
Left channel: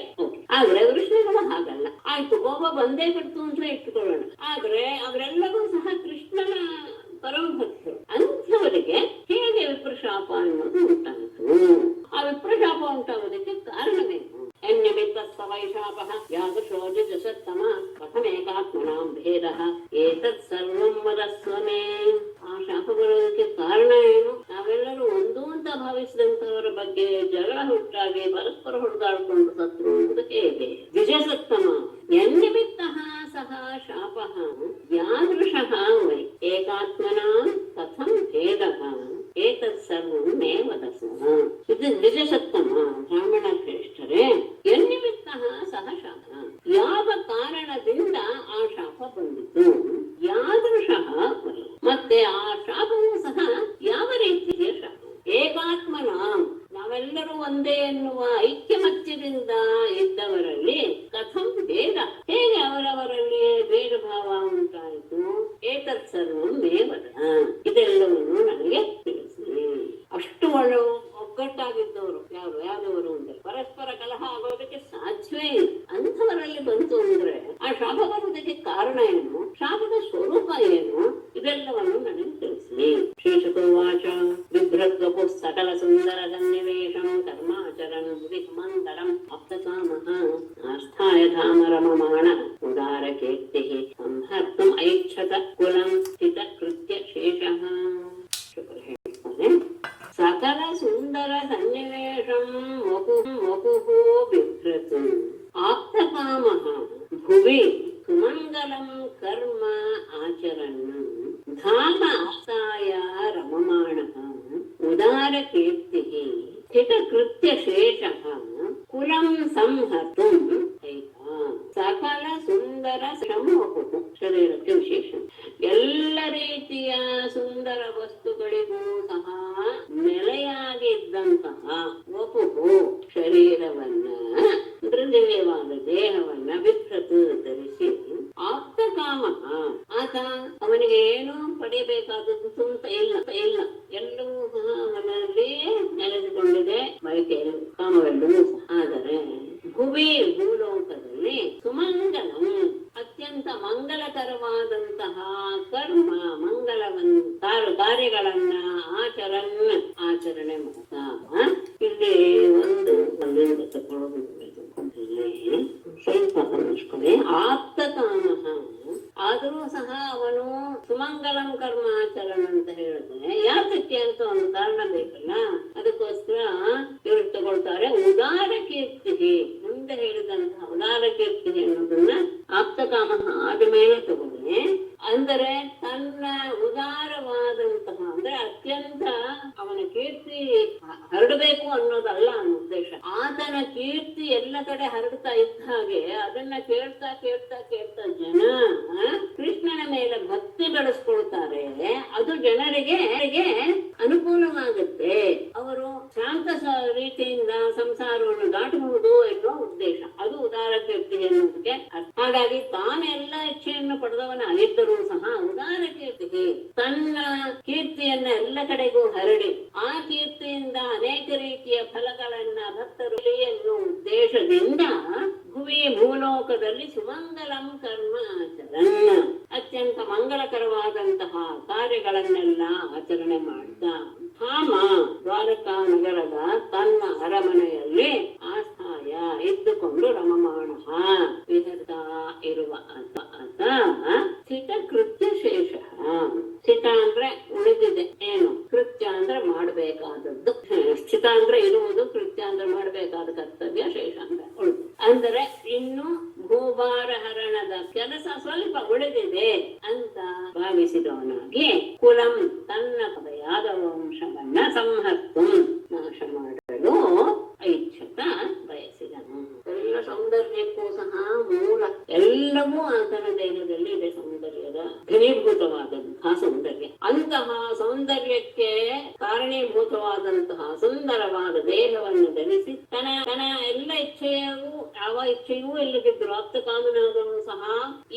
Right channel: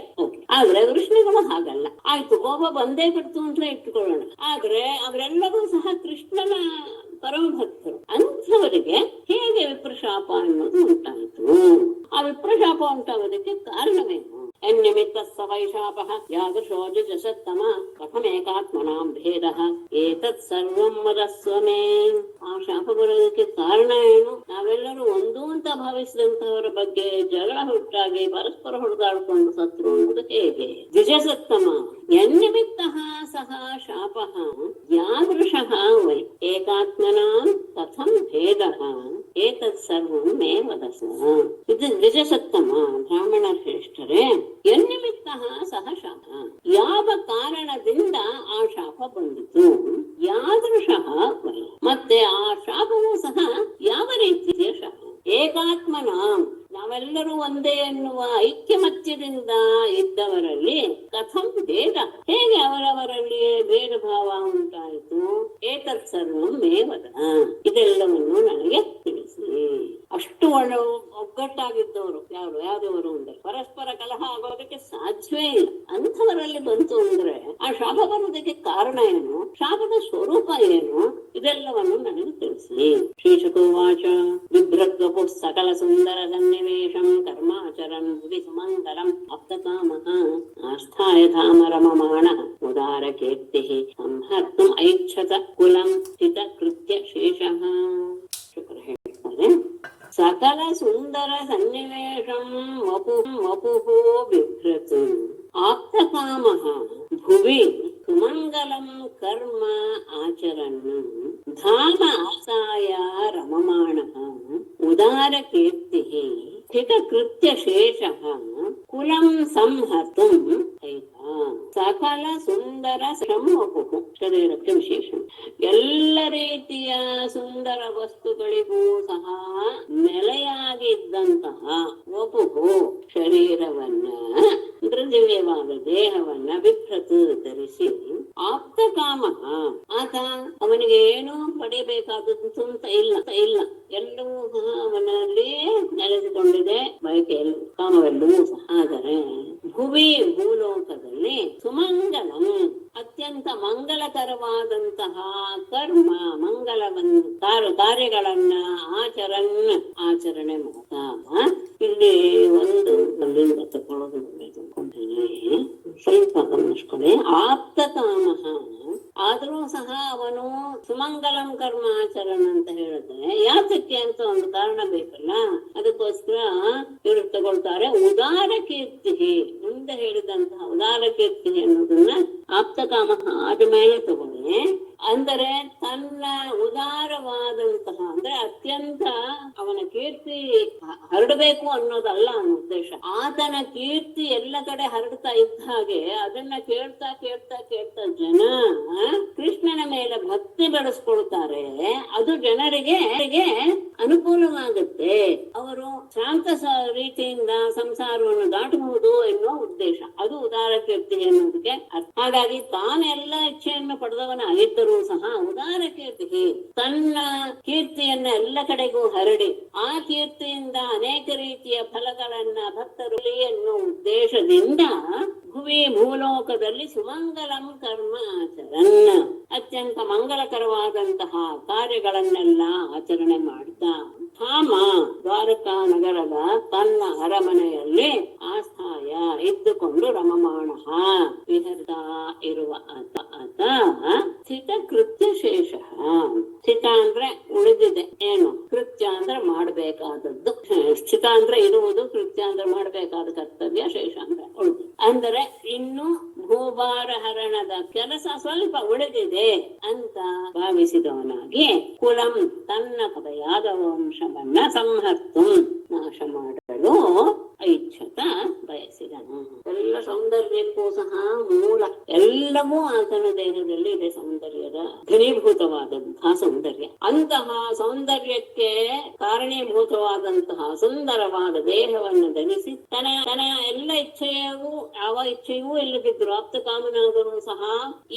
ಆದ್ರೆ ಕೃಷ್ಣಗಳು ಹಾಗಲ್ಲ. ಆಯ್ತು, ಕೋಪ ಬಂದೇ ಬಿಡ್ತು ಅಂತ ಇಟ್ಟುಕೊಳ್ಳೋಣ, ಆದ್ರೆ ಅವರೆಲ್ಲರೂ ಸಹ ಕೃಷ್ಣನ ಪರಮ ಭಕ್ತರು. ಅಂಥವರಿಗೆ ಹೇಗೆ ವಿಪ್ರಶಾಪ ಅನ್ನೋದು ಉಂಟಾಯಿತು. ಆ ವಿಪ್ರಶಾಪ ಉಂಟಾಗೋದಕ್ಕೆ ಕಾರಣವೇನು? ಎನ್ನಿಮಿತ್ತ ವೈಶಾಪಃ ಯಾದೃಶೋ ಜಸತ್ತಮ ಕಥಮೇಕಾತ್ಮನಾಂ ಭೇದಃ ಏತತ್ ಸರ್ವಂ ವದಸ್ವಮೇ. ಆ ಶಾಪ ಬರೋದಕ್ಕೆ ಕಾರಣ ಏನು? ನಾವೆಲ್ಲರೂ ಒಂದು ಅಂತ ಭಾವಿಸಿದಂತಹವರ ಬಗ್ಗೆ ಜಗಳ ಹುಟ್ಟಾಗಿ ಪರಸ್ಪರ ಹೊಡೆದಾಡಿಕೊಂಡು ಸತ್ರು ಅನ್ನೋದು ಹೇಗೆ? ದ್ವಿಜಸತ್ತಮ ಎನ್ನಿಮಿತ್ತ ಸಹ ಶಾಪಃ ಯಾದೃಶಃ ವೈ ಏಕಾತ್ಮನಾಂ ಕಥಂ ಭೇದಃ ಏತತ್ ಸರ್ವಂ ಮೇ ವದಸ್ವ. ಇದು ದ್ವಿಜಸತ್ತಮ ಬ್ರಾಹ್ಮಣ ಶ್ರೇಷ್ಠರೇ, ಎನ್ನಿಮಿತ್ತ ಸಹ ಶಾಪ, ಯಾವ ಕಾರಣದಿಂದ ಆ ಶಾಪ ಬಂದಿತು, ಯಾದೃಶಃ ವೈ, ಮತ್ತೆ ಆ ಶಾಪವೂ ಸಹ ಯಾವ ರೀತಿಯ ಶಾಪ. ಏಕಾತ್ಮನ ನಾವೆಲ್ಲರೂ ಒಂದೇ ಎನ್ನುವ ಐಕ್ಯಮತ್ಯದಿಂದ ಇದ್ದವರಲ್ಲಿ ಕಥಂ ಭೇದ, ಹೇಗೆ ಅವರವರಲ್ಲಿ ಭೇದ ಭಾವ ಉಂಟಾಯಿತು. ಏತತ್ ಸರ್ವಂ ಮೇ ವದ, ಇದೆಲ್ಲವನ್ನು ನನಗೆ ತಿಳಿಸಿ. ಅಷ್ಟು ಒಗ್ಗಟ್ಟಾಗಿದ್ದವರು ಯಾವ್ದವರು ಅಂದ್ರೆ ಪರಸ್ಪರ ಕಲಹ ಆಗೋದಕ್ಕೆ ಸಾಧ್ಯವೇ ಇಲ್ಲ. ಅಂಥವರಲ್ಲಿ ಬಂತು ಅಂದ್ರೆ ಆ ಶಾಪ ಬರೋದಕ್ಕೆ ಕಾರಣ ಏನು, ಶಾಪದ ಸ್ವರೂಪ ಏನು, ಇದೆಲ್ಲವನ್ನು ನನಗೆ ತಿಳಿಸಿ. ಶ್ರೀಶುಕೋವಾಚ ಬಿಭ್ರದ್ವಪು ಸಕಲ ಸುಂದರ ಸನ್ನಿವೇಶಂ ಕರ್ಮಾಚರನ್ ಸುಮಂದರಂ ಅಪ್ತಕಾಮಃ ಆಸ್ಥಾಯ ಧಾಮರಮಮಾಣ ಉದಾರ ಕೀರ್ತಿ ಸಂಹರ್ತುಂ ಐಚ್ಛತ ಕುಲಂ ಸ್ಥಿತ ಕೃತ್ಯ ಶೇಷಃ. ಹೇಳ್ತಾರೆ, ಸಕಲ ಸುಂದರ ಸನ್ನಿವೇಶಂ ವಪುಃ ಬಿಭ್ರತು ಆಪ್ತಕಾಮಃ ಭುವಿ ಸುಮಂಗಲಂ ಕರ್ಮ ಆಚರನ್ ಧಾಮ ಆಸ್ಥಾಯ ರಮಮಾಣಃ ಉದಾರ ಕೀರ್ತಿ ಹಿತಕೃತ್ಯ ಶೇಷಃ ಕುಲಂ ಸಂಹರ್ತುಂ ಸಕಲ ಸುಂದರ ಶ್ರಮವಪು ಶರೀರಕ್ಕೆ ವಿಶೇಷ. ಎಲ್ಲ ರೀತಿಯ ಸುಂದರ ವಸ್ತುಗಳಿಗೂ ಸಹ ನೆಲೆಯಾಗಿದ್ದಂತಹ ವಪುಹು ಶರೀರವನ್ನ, ಮೃದುವ್ಯವಾದ ದೇಹವನ್ನ ಬಿಭ್ರತು ಧರಿಸಿ ಆಪ್ತ ಕಾಮ ಆತ ಅವನಿಗೆ ಏನು ಪಡೆಯಬೇಕಾದದ್ದು ಅಂತ ಇಲ್ಲ ಎಲ್ಲವೂ ಸಹ ಅವನಲ್ಲಿ ನೆಲೆಸಿಕೊಂಡಿದೆ, ಬಯಕೆಯಲ್ಲೂ ಕಾಮವೆಲ್ಲವೂ ಸಹ. ಆದರೆ ಭುವಿ ಭೂಲೋಕದಲ್ಲಿ ಸುಮಂಗಲಂ ಅತ್ಯಂತ ಮಂಗಲಕರವಾದಂತಹ ಕರ್ಮ ಕಾರ್ಯಗಳನ್ನ ಆಚರಣೆ ಮಾಡ್ತಾ ಇಲ್ಲಿ ಒಂದು ಅಲ್ಲಿಂದ ತಗೊಳ್ಳೋದು ಸ್ವಲ್ಪ ಗಮನಿಸ್ಕೊಳ್ಳಿ. ಆಪ್ತ ಕಾಮ ಆದರೂ ಸಹ ಅವನು ಸುಮಂಗಲಂ ಕರ್ಮ ಆಚರಣ ಅಂತ ಹೇಳಿದ್ರೆ ಯಾತಕ್ಕೆ ಅಂತ ಒಂದು ಕಾರಣ ಬೇಕಲ್ಲ. ಅದಕ್ಕೋಸ್ಕರ ಇವರು ತಗೊಳ್ತಾರೆ ಉದಾರ ಕೀರ್ತಿ. ಮುಂದೆ ಹೇಳಿದಂತಹ ಉದಾರ ಕೀರ್ತಿ ಅನ್ನೋದನ್ನ ಆಪ್ತ ಕಾಮ ಆದ ಮೇಲೆ ತಗೊಳ್ಳಿ. ಅಂದರೆ ತನ್ನ ಉದಾರವಾದಂತಹ ಅಂದ್ರೆ ಅತ್ಯಂತ ಅವನ ಕೀರ್ತಿ ಹರಡಬೇಕು ಅನ್ನೋದಲ್ಲ ಅವನ ಉದ್ದೇಶ. ಆತನ ಕೀರ್ತಿ ಎಲ್ಲ ಕಡೆ ಹರಡ್ತಾ ಇದ್ದ ಹಾಗೆ ಅದನ್ನ ಕೇಳ್ತಾ ಕೇಳ್ತಾ ಕೇಳ್ತಾ ಜನ ಕೃಷ್ಣನ ಮೇಲೆ ಭಕ್ತಿ ಬೆಳೆಸ್ಕೊಳ್ತಾರೆ. ಅದು ಜನರಿಗೆ ಅನುಕೂಲವಾಗುತ್ತೆ. ಅವರು ಶಾಂತ ರೀತಿಯಿಂದ ಸಂಸಾರವನ್ನು ದಾಟಬಹುದು ಎನ್ನುವ ಉದ್ದೇಶ. ಅದು ಉದಾರ ಕೀರ್ತಿ ಎನ್ನುವುದಕ್ಕೆ. ಹಾಗಾಗಿ ತಾನೆಲ್ಲ ಇಚ್ಛೆಯನ್ನು ಪಡೆದವನ ಆಗಿದ್ದರೂ ಸಹ ಉದಾರ ಕೀರ್ತಿಗೆ ತನ್ನ ಕೀರ್ತಿಯನ್ನ ಎಲ್ಲ ಕಡೆಗೂ ಹರಡಿ ಆ ಕೀರ್ತಿಯಿಂದ ಅನೇಕ ರೀತಿಯ ಫಲಗಳನ್ನ ಭಕ್ತರು ಎನ್ನುವ ಉದ್ದೇಶದಿಂದ ಭುವಿ ಭೂಲೋಕದಲ್ಲಿ ಸುಮಂಗಲಂ ಕರ್ಮ ಆಚರಣ ಅತ್ಯಂತ ಮಂಗಳಕರವಾದಂತಹ ಕಾರ್ಯಗಳನ್ನೆಲ್ಲ ಆಚರಣೆ ಮಾಡ್ತಾ ಹಾಮ ದ್ವಾರಕಾ ನಗರದ ತನ್ನ ಅರಮನೆಯಲ್ಲಿ ಆಸ್ಥಾಯ ಇದ್ದುಕೊಂಡು ರಮಮಾಣ ವಿಹರ್ತಾ ಇರುವ ಆತ ಸ್ಥಿತ ಕೃತ್ಯ ಶೇಷ. ಸ್ಥಿತ ಅಂದ್ರೆ ಉಳಿದಿದೆ, ಏನು ಕೃತ್ಯ ಅಂದ್ರೆ ಮಾಡಬೇಕಾದದ್ದು. ಸ್ಥಿತ ಅಂದ್ರೆ ಇರುವುದು, ಕೃತ್ಯ ಅಂದ್ರೆ ಮಾಡಬೇಕಾದ ಕರ್ತವ್ಯ, ಶೇಷ ಅಂದ್ರೆ ಉಳಿದು. ಅಂದರೆ ಇನ್ನು ಭೂಭಾರ ಹರಣದ ಕೆಲಸ ಸ್ವಲ್ಪ ಉಳಿದಿದೆ ಅಂತ ಭಾವಿಸಿದವನಾಗಿ ಕುಲಂ ತನ್ನ ಯಾದವ ವಂಶವನ್ನ ಸಂಹರ್ತು ನಾಶ ಮಾಡಲು ಐಚ್ಛತ ಬಯಸಿದನು. ಎಲ್ಲ ಸೌಂದರ್ಯಕ್ಕೂ ಸಹ ಮೂಲ ಎಲ್ಲವೂ ಆತನ ದೇಹದಲ್ಲಿ ಇದೆ. ಸೌಂದರ್ಯದ ಘನೀಭೂತವಾದಂತಹ ಸೌಂದರ್ಯ. ಅಂತಹ ಸೌಂದರ್ಯಕ್ಕೆ ಕಾರಣೀಭೂತವಾದಂತಹ ಸುಂದರವಾದ ದೇಹವನ್ನು ಧರಿಸಿ ತನ್ನ ಎಲ್ಲ ಯಾವ ಇಚ್ಛೆಯೂ ಇಲ್ಲದಿದ್ರು ಆಪ್ತ ಕಾಮನಾದರೂ ಸಹ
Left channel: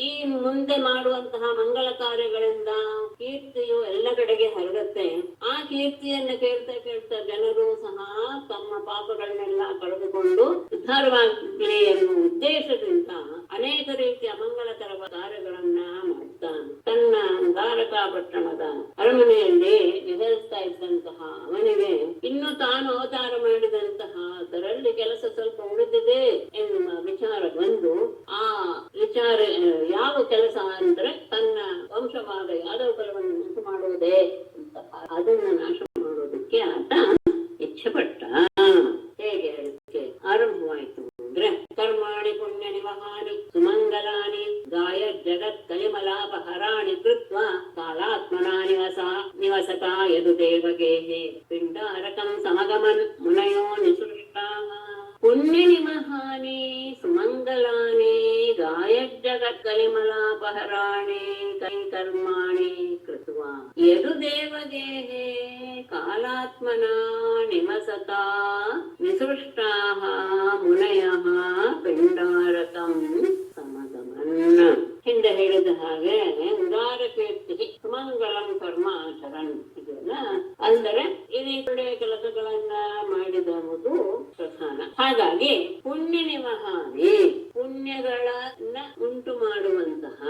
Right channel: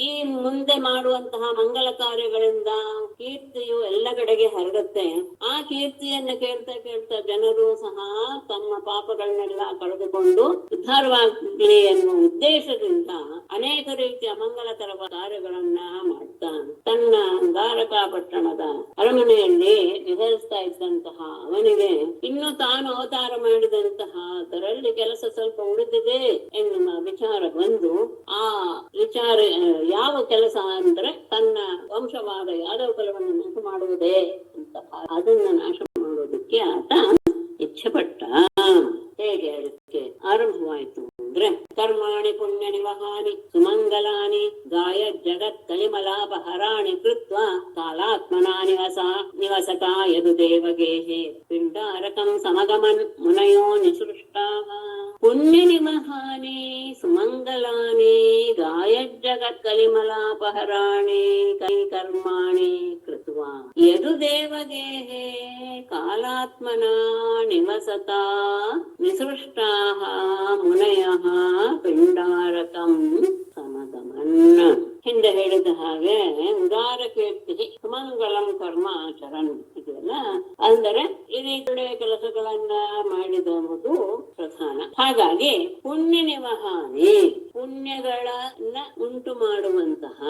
ಈ ಮುಂದೆ ಮಾಡುವಂತಹ ಮಂಗಲ ಕಾರ್ಯಗಳಿಂದ ಕೀರ್ತಿಯು ಎಲ್ಲ ಕಡೆಗೆ ಹರಡುತ್ತೆ. ಆ ಕೀರ್ತಿಯನ್ನ ಕೇಳ್ತಾ ಕೇಳ್ತಾ ಜನರು ಸಹ ತಮ್ಮ ಪಾಪಗಳನ್ನೆಲ್ಲ ಕಳೆದುಕೊಂಡು ಉದ್ಧಾರವಾಗಲಿ ಎನ್ನುವ ಉದ್ದೇಶದಿಂದ ಅನೇಕ ರೀತಿಯ ಮಂಗಳಕರವಾದ ಕಾರ್ಯಗಳನ್ನ ಮಾಡ್ತಾ ತನ್ನ ದ್ವಾರಕಾ ಪಟ್ಟಣದ ಅರಮನೆಯಲ್ಲಿ ವಿಹರಿಸ್ತಾ ಇದ್ದಂತಹ ಅವನಿಗೆ ಇನ್ನು ತಾನು ಅವತಾರ ಮಾಡಿದಂತಹ ಅದರಲ್ಲಿ ಕೆಲಸ ಸ್ವಲ್ಪ ಉಳಿದಿದೆ ಎನ್ನುವ ವಿಚಾರ ಬಂದು ಆ ವಿಚಾರ ಯಾವ ಕೆಲಸ ಅಂದ್ರೆ ತನ್ನ ವಂಶವಾದ ಯಾದವ ಕುಲವನ್ನು ನಾಶ ಮಾಡುವುದೇ ಅಂತ ಅದನ್ನ ನಾಶ ಮಾಡೋದಕ್ಕೆ ಆತ ಇಚ್ಛೆ ಪಟ್ಟ. ಹೇಗೆ ಅದಕ್ಕೆ ಆರಂಭವಾಯಿತು ಅಂದ್ರೆ ಕರ್ಮಾಣಿ ಪುಣ್ಯ ನಿವಹಾನಿ ಸುಮಂಗಲಾನಿ ಗಾಯ ಜಗತ್ ಕಲಿಮಲಾಪಹರಾಣಿ ಕೃತ್ವ ಕಾಲಾತ್ಮನಾ ನಿವಸತಾ ಯದು ದೇವಗೇಹಿ ಪಿಂಡಾರಕಂ ಸಮಗಮನ್ ಮುನಯೋ ನಿಸೃಷ್ಟಾಃ ಪುಣ್ಯ ನಿವಹಾನಿ ಸುಮಂಗಲಾನಿ ಗಾಯ ಜಗತ್ ಕಲಿಮಲಾಪಹರಾಣಿ ಕರ್ಮಾಣಿ ಕೃತ್ವ ಯದು ದೇವಗೇಹೇ ಕಾಲಾತ್ಮನಾ ನಿವಸತಾ ನಿಸೃಷ್ಟಾಃ ಮುನಯಃ ಪಿಂಡಾರಕಂ ಸಮಗಮನ್. ಹಿಂದೆ ಹೇಳಿದ ಹಾಗೆ ಉದಾರ ಕೀರ್ತಿ ಸುಮಂಗಳಂ ಕರ್ಮ ಆಚರನ್ ಇದೆಯಲ್ಲ, ಅಂದರೆ ಈ ರೀತಿಯ ಕೆಲಸಗಳನ್ನ ಮಾಡಿದವುದು ಪ್ರಧಾನ. ಹಾಗಾಗಿ ಪುಣ್ಯ ನಿವಹಾನಿ ಪುಣ್ಯಗಳನ್ನ ಉಂಟು ಮಾಡುವಂತಹ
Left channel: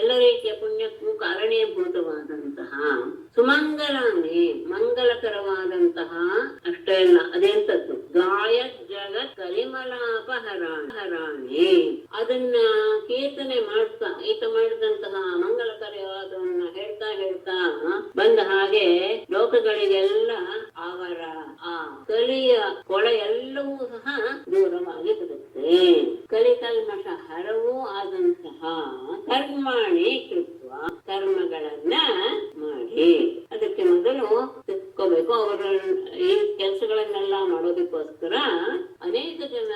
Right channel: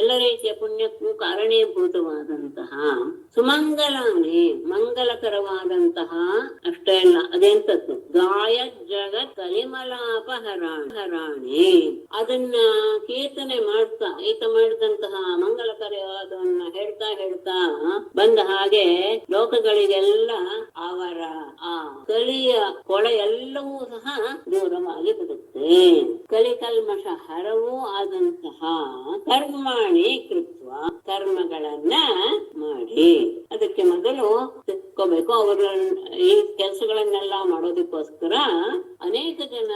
ಎಲ್ಲ ರೀತಿಯ ಪುಣ್ಯಕ್ಕೂ ಕಾರಣೀಭೂತವಾದಂತಹ ಸುಮಂಗಲಾನಿ ಮಂಗಲಕರವಾದಂತಹ ಅಷ್ಟೇ ಅಲ್ಲ, ಅದೆಂತದ್ದು ಗಾಯ ಜಗತ್ ಕಲಿಮಲಾಪಹರಾಣಿ ಅದನ್ನ ಕೀರ್ತನೆ ಮಾಡ್ತಾ ಈತ ಮಾಡಿದಂತಹ ಮಂಗಲಕರವಾದವನ್ನ ಹೇಳ್ತಾ ಹೇಳ್ತಾ ಬಂದ ಹಾಗೆ ಲೋಕಗಳಿಗೆಲ್ಲ ಅವರ ಆ ಕಲಿಯ ಕೊಳ ಎಲ್ಲವೂ ಸಹ ದೂರವಾಗಿ ಬಿಡುತ್ತೆ. ಕಲಿಕಲ್ಮಷ ಹರವೂ ಆದಂತಹ ಕರ್ಮಾಣಿ ಕೃತ್ವ, ಕರ್ಮಗಳನ್ನ ಮಾಡಿ. ಅದಕ್ಕೆ ಮೊದಲು ತಿಳ್ಕೋಬೇಕು, ಅವರು ಈ ಕೆಲಸಗಳನ್ನೆಲ್ಲ ಮಾಡೋದಕ್ಕೋಸ್ಕರ ಅನೇಕ ಜನ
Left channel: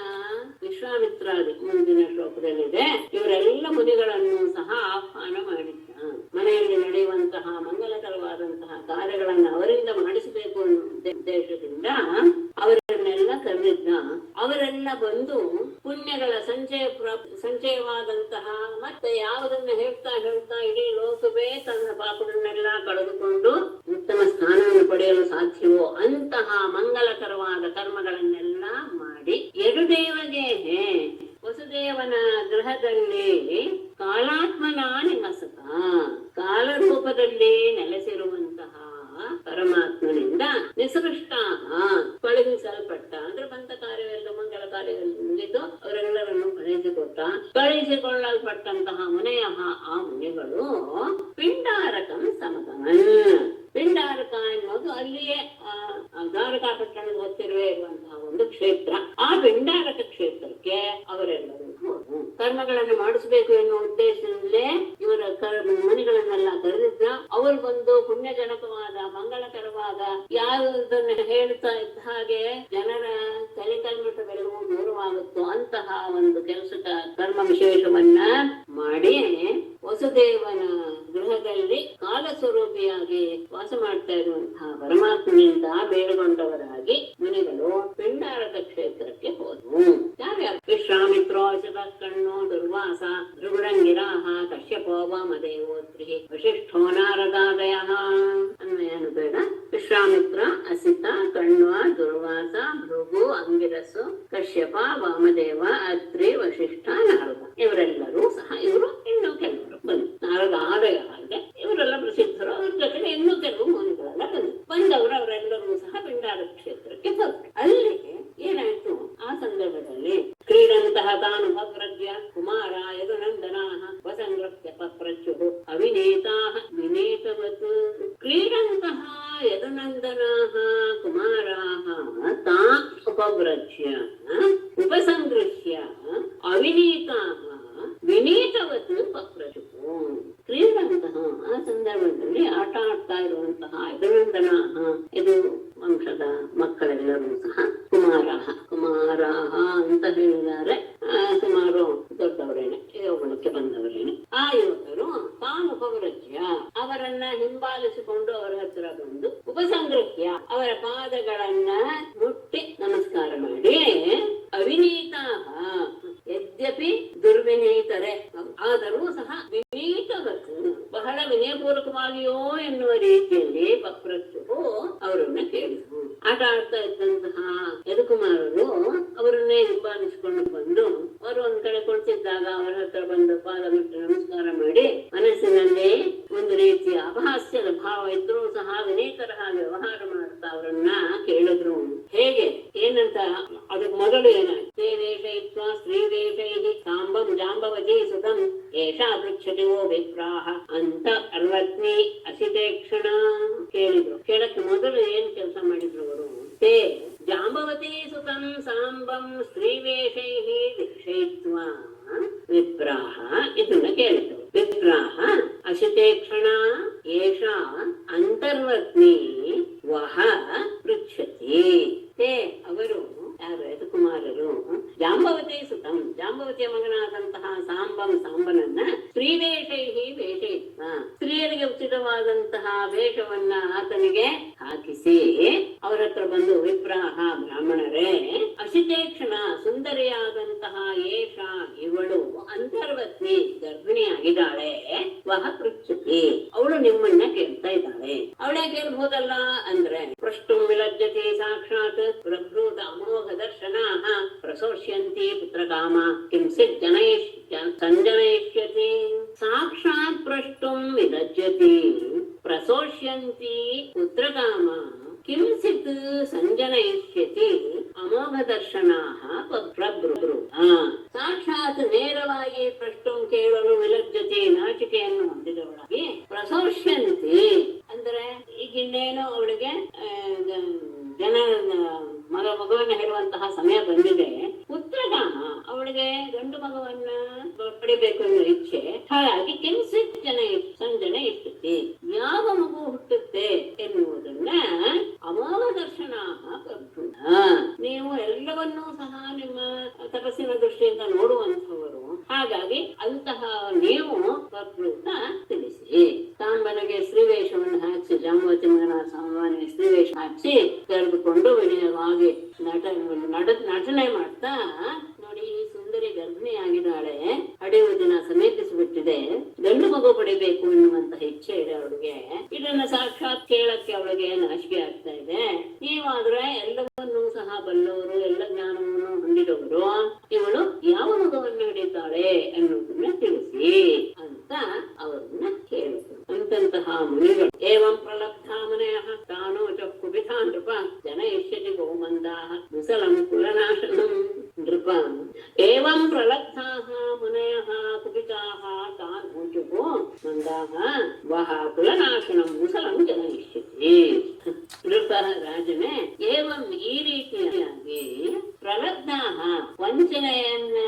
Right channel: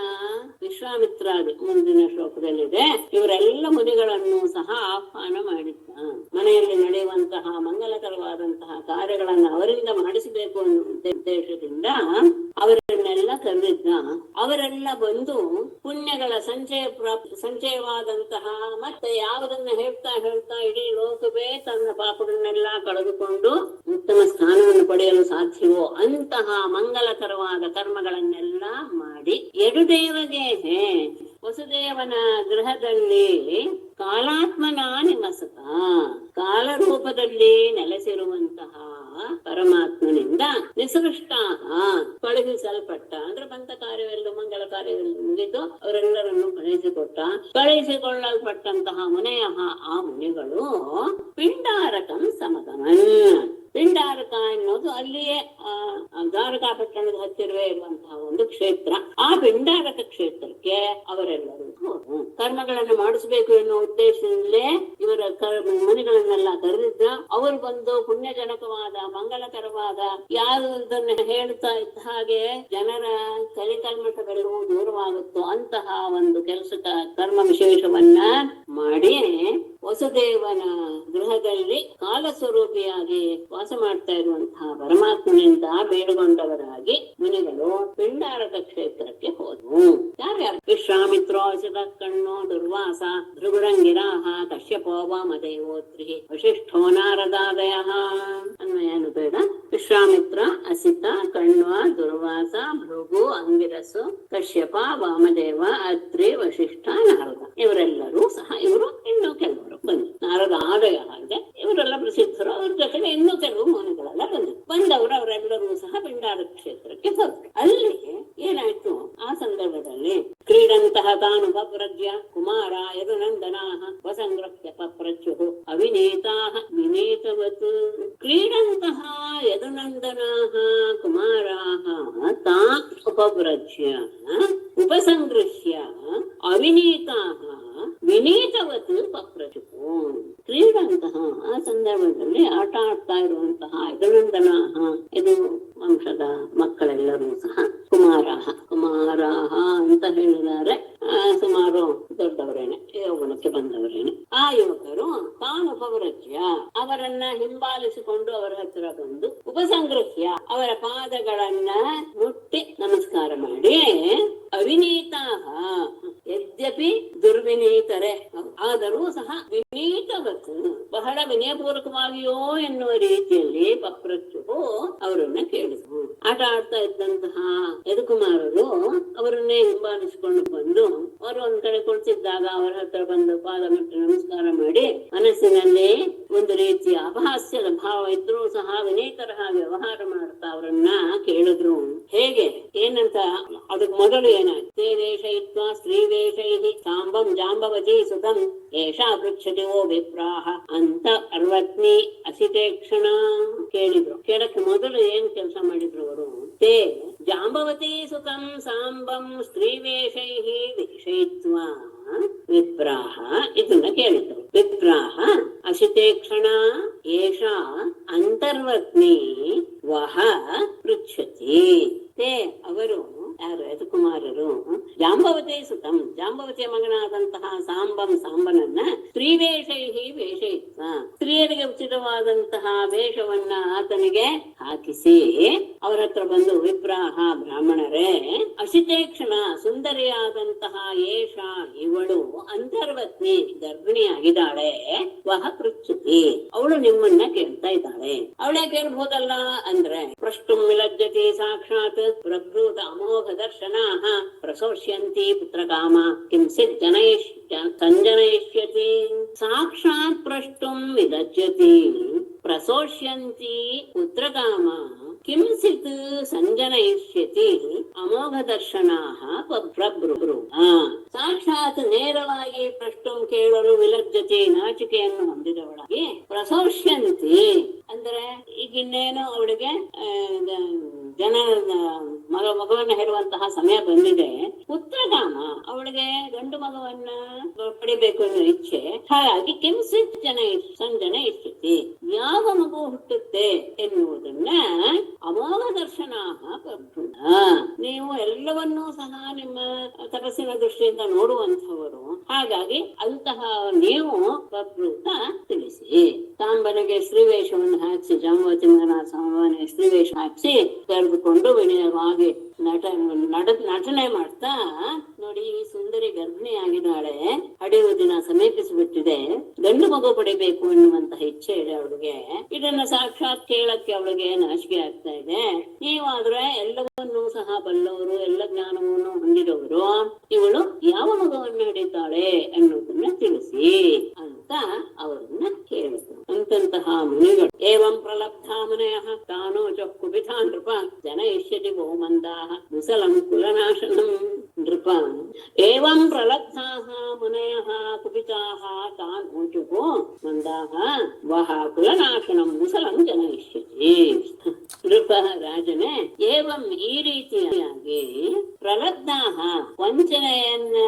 ವಿಶ್ವಾಮಿತ್ರಾದಿ ಮುಂದಿನ ಶ್ಲೋಕದಲ್ಲಿದೆ, ಇವರೆಲ್ಲ ಮುನಿಗಳನ್ನು ಸಹ ಆಹ್ವಾನ ಮಾಡಿದ್ದ. ಮನೆಯಲ್ಲಿ ನಡೆಯುವಂತಹ ಮಂಗಲಕರವಾದಂತಹ ಕಾರ್ಯಗಳನ್ನು ಅವರಿಂದ ಮಾಡಿಸಬೇಕು ಅನ್ನೋ ಉದ್ದೇಶದಿಂದ ಅವರನ್ನೆಲ್ಲ ಕರೆದಿದ್ದ. ಅವರೆಲ್ಲ ಬಂದು ಪುಣ್ಯಗಳ ಸಂಚಯವಾದಂತಹ ಮತ್ತೆ ಯಾವುದನ್ನ ಹೇಳ್ತಾ ಹೇಳ್ತಾ ಇಡೀ ಲೋಕವೇ ತನ್ನ ಪಾಪಗಳನ್ನೆಲ್ಲ ಕಳೆದುಕೊಂಡು ಉತ್ತಮ ಸ್ಥಾನವನ್ನು ಪಡೆಯಲು ಸಾಧ್ಯವೋ ಅಂತಹ ಮಂಗಲಕರವಾದ ಕರ್ಮಗಳನ್ನೆಲ್ಲ ಮಾಡಿ ಯದುದೇವದೇಹೆ ವಸುದೇವನ ಗೃಹದಲ್ಲಿ ಕಾಲಾತ್ಮನ ನಿಮಸಕ, ಕಾಲರೂಪದಲ್ಲಿ ನೆಲೆಸಿರುವಂತಹ ಪರಮಾತ್ಮನಿಂದ ನಿಸೃಷ್ಟ ಕಳುಹಿಸಲ್ಪಟ್ಟ, ಅಂದ್ರೆ ಬಂದ ಕಾರ್ಯವೆಲ್ಲ ಮಂಗಲ ಕಾರ್ಯವೆಲ್ಲ ಮುಗಿದು ಅವರೆಲ್ಲರನ್ನು ಕಳುಹಿಸಿಕೊಳ್ಳಲ್ಪಟ್ಟಂತಹ ಮುನೆಯ ಆ ಮುನಿಗಳು ಪಿಂಡಾರಕಂ ಸಮಗಮನ್. ಪಿಂಡಾರಕ ಎನ್ನುವುದು ಅಲ್ಲಿಯೇ ದ್ವಾರಕಾ ಪಟ್ಟಣದ ಹತ್ತಿರವೇ ಇರುವಂತಹ ಒಂದು ಕ್ಷೇತ್ರ. ಆ ಪಿಂಡಾರಕ ಕ್ಷೇತ್ರಕ್ಕೆ ಅವರೆಲ್ಲರೂ ಕರ್ಮಗಳನ್ನು ಮಾಡಿಸಬೇಕು ಎನ್ನುವ ಉದ್ದೇಶದಿಂದಲೇ ಇವರ ಮುನಿಗಳನ್ನೆಲ್ಲ ಕರೆದಿದ್ದ. ಅವರು ಬಂದು ಪುಣ್ಯಜನಕವಾದ ಮಂಗಳಕರವಾದ ಯಾವುದನ್ನು ಹೇಳ್ತಾ ಇದ್ದ ಹಾಗೆ ಜನರ ಕಲಿಕಲ್ಮಠಗಳೆಲ್ಲವೂ ದೂರವಾಗುತ್ತೋ ಅಂತಹ ಒಂದು ಕೆಲಸದ ಕರ್ಮ ವಿಶೇಷವನ್ನ ಮಾಡಿ ವಸುದೇವನ ಗೃಹದಲ್ಲಿ ಕಾಲಸ್ವರೂಪಿಯಾಗಿ ವಾಸ ಮಾಡ್ತಾ ಇರುವಂತಹ ಪರಮಾತ್ಮನಿಂದ ಬೇಡುಗೊಂಡವರಾಗಿ ಮುನಿಗಳು ಪಿಂಡಾರಕ ಕ್ಷೇತ್ರಕ್ಕೆ ಹೋದವು. ಯಾರ್ಯಾರು? ವಿಶ್ವಾಮಿತ್ರೋ ಕಣ್ಣೋ ದುರ್ವಾಸ ಭೃಗುರಂಗಿರಾಹ ಕಶ್ಯಪೋ ವಾಮದೇವೋತ್ರಿ ವಶಿಷ್ಠೋ ನಾರದಾದಯ. ಅನ್ವಯನು ಬೇಡ. ವಿಶ್ವಾಮಿತ್ರ, ಅಸಿತ, ಕಣ್ವ, ದುರ್ವಾಸ, ಭೃಗು, ಅಂಗಿರಸು, ಕಶ್ಯಪ, ವಾಮದೇವ, ಅತ್ರಿ, ವಶಿಷ್ಠ, ನಾರದ ಇವರೆಲ್ಲರೂ ಸಹ ಇವರು ಇನ್ನೂ ಕೆಲವರು ಬಂದು ನಾರದ ಆದಯ ಇದೆ. ಇವರೆಲ್ಲ ಪ್ರಸಿದ್ಧರು. ಅವ್ರ ಜೊತೆಗೆ ಇನ್ನೂ ಕೆಲವು ಮುನಿಗಳೆಲ್ಲ ಬಂದವರು ಅವರೆಲ್ಲರೂ ಸಹ ಪಿಂಡಾರಕ ಕ್ಷೇತ್ರಕ್ಕೆ ಹೋದ್ರು. ಅಲ್ಲಿ ಏನಾಯ್ತು? ಆ ಸಂದರ್ಭದಲ್ಲಿ ಕ್ರೀಡಂತಹ ತಾನು ಬವ್ರಜ್ಯ ಕುಮಾರ ಯದುನಂದನಾ ವಸಂಗ್ರಪ್ಯ ಪಪ್ರಚ್ಯು ಅವಿನೇತಾ ವಿನೇತವತ್. ಕ್ರೀಡಂತಹ ಯದುನಂದನಾ ಕುಮಾರಾ ತಾನ್ ಉಪವ್ರಜ್ಯ ಉಪಸಂಗೃಹ್ಯ ಅವಿನೀತಾ ವಿನೀತವತ್ ಪಪ್ರಚು. ಕ್ರೀಡಂತಹ ಆ ಸಂದರ್ಭದಲ್ಲಿ ಆಟ ಆಡ್ತಾ ಇರುವಂತಹ ಯದುನಂದನ ಇದು ವಂಶದ ಮಕ್ಕಳೆಲ್ಲರೂ ಸಹ ಕುಮಾರಾಹ ಅಂತ ಹೇಳಿದ್ದಾರೆ. ಸುಮಾರು ದೊಡ್ಡವರೇನೆ, ಯೌವನಕ್ಕೆ ಬಂದವರೇನೆ. ಆ ಯುವಕರು ತಾನು ಉಪವ್ರಜ್ಯ ಅವರನ್ನ ಹಿಂಬಾಲಿಸಿಕೊಂಡು ಅವರ ಹತ್ತಿರ ಬಂದು ಉಪಸಂಗೃಹ್ಯ ಅವರ ಪಾದಗಳನ್ನ ಮುಟ್ಟಿ ನಮಸ್ಕಾರ ಮಾಡಿ ಅವಿನೀತಾ ಯದ್ಯಪಿ ದುರ್ವಿನೀತರೆ ಆದರೂ ಸಹ ವಿನೀತವತ್ತು ಬಹಳ ವಿನಯಪೂರ್ವಕವಾಗಿಯೋ ಎನ್ನುವ ರೀತಿಯಲ್ಲಿ ಪಪ್ರಚ್ಚು ಅವರನ್ನ ಕೇಳಿದ್ರು. ಆಟ ಆಡ್ತಾ ಇದ್ದಂತಹ ಯದುಕುಮಾರರು ಅವರನ್ನೇ ಹಿಂಬಾಲಿಸಿಕೊಂಡು ಬಂದು ಅವರು ಒಂದ್ ಕಡೆ ಕೊಡ್ತಿದ್ದಾಗ ಅವರ ಹತ್ರ ಬಂದು ಪಾದ ಮುಟ್ಟಿ ನಮಸ್ಕಾರ ಮಾಡಿ ಮನಸ್ಸಿನಲ್ಲಿ ಒಂದು ರೀತಿಯ ಅಪಹಾಸ್ಯದ ಭಾವ ಇದ್ರೂ ಸಹ ವಿನೀತರ ಹಾಗೆ ವ್ಯವಹಾರ ಮಾಡ್ತಾ ಅವರನ್ನ ಕೇಳಿದ್ರು. ಹೇಗೆ ಏನಂತ ಅದಕ್ಕೆ ಮೊದಲು ಏನಾಯ್ತು? ದೇಶಯಿತ್ವ ಸ್ತ್ರೀದೇಶೈ ಸಾಂಬಂ ಜಾಂಬವತಿ ಸುತಂ ಏಷಾ ಪೃಚ್ಛತಿ ಓ ವಿಪ್ರಾಹ ಅಂತ ಅರ್ವತ್ನಿ ಅಸಿತೇಕ್ಷಣ ಕೇಳಿದ್ರು. ಕೇಳಕ್ಕೆ ಮೊದಲು ಏನ್ ಕೆಲಸ ಮಾಡಿದ್ರು ಅವರು? ತೇ ಜಾಂಬವತಿ ಸುತಂ ಸಾಂಬಂ ಸ್ತ್ರೀವೇಷೈ ದೀಕ್ಷಯಿತ್ವ ವಿಪ್ರಾಹ ಇದನ್ನ ಕೇಳಿದ್ರು. ವಿಪ್ರಾಹ ಅಸಿತೇಕ್ಷಣ ಏಷಾ ಅಂತರ್ವತ್ನಿ ವಹ ಪೃಚ್ಛತಿ. ತೇ ಅವರು ಯಾರು? ಯದುಕುಮಾರರು ಜಾಂಬವತಿ ಸುತಂ ಜಾಂಬವತಿಯ ಮಗನಾದಂತಹ ಸಾಂಬನನ್ನ ಸ್ತ್ರೀವೇಷೈ ವೇಷಯಿತ್ವ ಸ್ತ್ರೀಯರಿಗೆ ಉಚಿತವಾದಂತಹ ವೇಷವನ್ನ ಆತನಿಗೆ ಹಾಕಿಸಿ ಅವರ ಹತ್ರ ಬಂದು ವಿಪ್ರಾಹ ಬ್ರಾಹ್ಮಣರೇ ಅಸಿತೇಕ್ಷಣ ಸುಂದರಿಯಾದಂತಹ ಏಷ ಇವಳು ಅಂತರ್ವತ್ನಿ ಗರ್ಭಿಣಿಯಾಗಿದ್ದಾಳೆ ವಹ ಪೃಚ್ಛತಿ ಅವಳು ನಿಮ್ಮನ್ನ ಕೇಳ್ತಾ ಇದ್ದಾಳೆ. ಅವಳೇ ಕೇಳ್ಬಹುದಲ್ಲ ಅಂದ್ರೆ ಪ್ರಷ್ಟುಂ ವಿಲಜ್ಜತಿ ಸಾಕ್ಷಾತ್ ಪ್ರಭೃತ ಅಮೋಘ ದರ್ಶನಾಃ ಪ್ರಸೋಷ್ಯಂತಿ ಪುತ್ರಕಾಮ ಕಿಂಚಿತ್ ಸಂಜನಯಿಷ್ಯತಿ. ಸಾಕ್ಷಾತ್ ಪ್ರಷ್ಟುಂ ವಿಲಜ್ಜತಿ ಪ್ರಸೋಷ್ಯಂತಿ ಪುತ್ರಕಾಮ ಕಿಂಚಿತ್ ಸಂಜನಯಿಷ್ಯತಿ ಅಮೋಘ ದರ್ಶನಾಃ ಪ್ರಭೃ. ಸಾಕ್ಷಾತ್ ನೇರವಾಗಿ ಪ್ರಷ್ಟುಂ ಕೇಳಲು ವಿಲಜ್ಜತಿ ನಾಚಿಕೆಯನ್ನು ಹೊಂದಿದವಳಾಗಿ ಪ್ರಸೋಷ್ಯಂತಿ ಅಂದ್ರೆ ಅಂದ್ರೆ ಈಗ ಇನ್ನೇನು ಅವಳಿಗೆ ಜನ ಮಗುವನ್ನ ಹೇಳುವಂತಹ ಸಮಯ ಬಂದಿದೆ. ಪುತ್ರಗಾಮ, ಅವಳಿಗೆ ಗಂಡು ಮಗುವನ್ನ ಪಡಿಬೇಕು ಅನ್ನೋ ಇಚ್ಛೆ. ಹಾಗಾಗಿ ಕಿಂಚಿತ್ ಸಂಜನ ಇಷ್ಟತಿ, ಯಾವ ಮಗು ಹುಟ್ಟುತ್ತೆ ಎನ್ನುವುದನ್ನ ಅಮೋಘ ದರ್ಶನ ಪ್ರಭೃತ. ನೀವು ಎಲ್ಲವನ್ನೂ ಸಹ ನಿಮ್ಮ ತಪಸ್ಸಿನ ದೃಷ್ಟಿಯಿಂದ ನೋಡುವಂಥವರು. ಹಾಗಾಗಿ ಅಂತಹ ನೀವು ಪ್ರಭೃತ ತಿಳಿಸಿ. ತಾಂಬನಿಗೆ ಸ್ತ್ರೀವೇಷವನ್ನು ಹಾಕಿಸಿ, ಜಾಂಬವತಿ ಮಗನ ಸಾಂಬವನಿಗೆ ಸ್ತ್ರೀವೇಷ ಹಾಕಿಸಿ ಕರೆದುಕೊಂಡು ವಿನಯವಾಗಿ ನಟನೆ ಮಾಡ್ತಾ, ನೋಡಿ ಈ ಸುಂದರಿ ಗರ್ಭಿಣಿ ಆಗಿದ್ದಾಳೆ, ಹಡೆಯುವ ದಿನ ಸಮೀಪಿಸಿಬಿಟ್ಟಿದೆ, ಗಂಡು ಮಗು ಪಡಿಬೇಕು ಎನ್ನುವಂತಹ ಇಚ್ಛೆ ಇದೆ ಅವಳಿಗೆ. ಇದನ್ನ ಸಾಕ್ಷಾತ್ ಕೇಳಕ್ಕೆ ಅವಳಿಗೆ ನಾಚಿಕೆ ಆಗ್ತಾ ಇದೆ. ನೀವಾದ್ರೆ ಎಲ್ಲವನ್ನೂ ಸಹ ಬಲ್ಲವರು, ಎಲ್ಲ ಜ್ಞಾನವನ್ನು ಹೊಂದಿದವರು, ಇವಳು ಯಾವ ಮಗುವನ್ನು ಹಿಡಿತಾಳೆ ಅನ್ನೋದನ್ನ ತಿಳಿಸಿ ಅಂತ ಅವರನ್ನ ಕೇಳಿದ್ರು. ಅಂತಹ ಮುನಿಗಳು ಏವಂ ಪ್ರಲಬ್ಧಾ ಮುನಯಃ ತಾನೋ ಚಕ್ಕುಬಿಥಾ ನೃಪ ಜನಯಿಷ್ಯತಿ ಗೋಮಂದಾಃ ಮುಸಲಂ ಕುಲನಾಶನಂ ನೃಪ. ಏವಂ ಪ್ರಲಬ್ಧಾಃ ಮುನಯಃ ಕುಪಿತಾಃ ತಾನೋ ಚಕೋ ಮಂದಾಃ ವಹ ಕುಲನಾಶನಂ ಮುಸಲಂ ಜನಯಿಷ್ಯತಿ. ನೃಪ, ರಾಜನೇ, ಏವಂ ಈ ರೀತಿಯಾಗಿ ಪ್ರಲಬ್ಧಾಃ ವಂಚನೆಯನ್ನ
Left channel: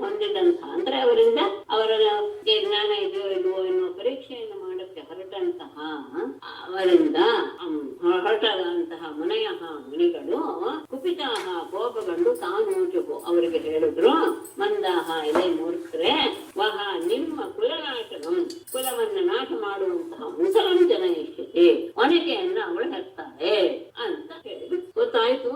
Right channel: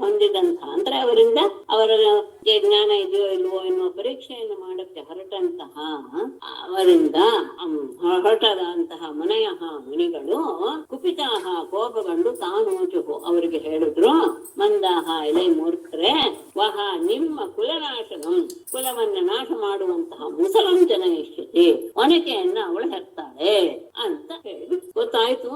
ಹೊಂದಿದಂಥ, ಅಂದ್ರೆ ಅವರಿಂದ ಅವರಿಗೆ ಜ್ಞಾನ ಇದೆಯೋ ಇಲ್ವೋ ಎನ್ನುವ ಪರೀಕ್ಷೆಯನ್ನು ಮಾಡಕ್ಕೆ ಹೊರಟಂತಹ, ಅವರಿಂದ ಹೊರಟದಂತಹ ಮುನಿಗಳು ಕುಪಿತಾಹ ಕೋಪಗೊಂಡು ತಾನೋಚು ಅವರಿಗೆ ಹೇಳಿದ್ರು, ಮಂದಾಹ ಎಲೆ ಮೂರ್ಖರೇ, ವಹ ನಿಮ್ಮ ಕುಲನಾಶನಂ ಕುಲವನ್ನ ನಾಶ ಮಾಡುವಂತಹ ಮುಸಲಂ ಜನಯಿಷ್ಯತಿ ಒನಕೆಯನ್ನ ಅವಳು ಹೆರ್ತಾಳೆ ಅಂತ ಹೇಳಿ ಗೊತ್ತಾಯ್ತು.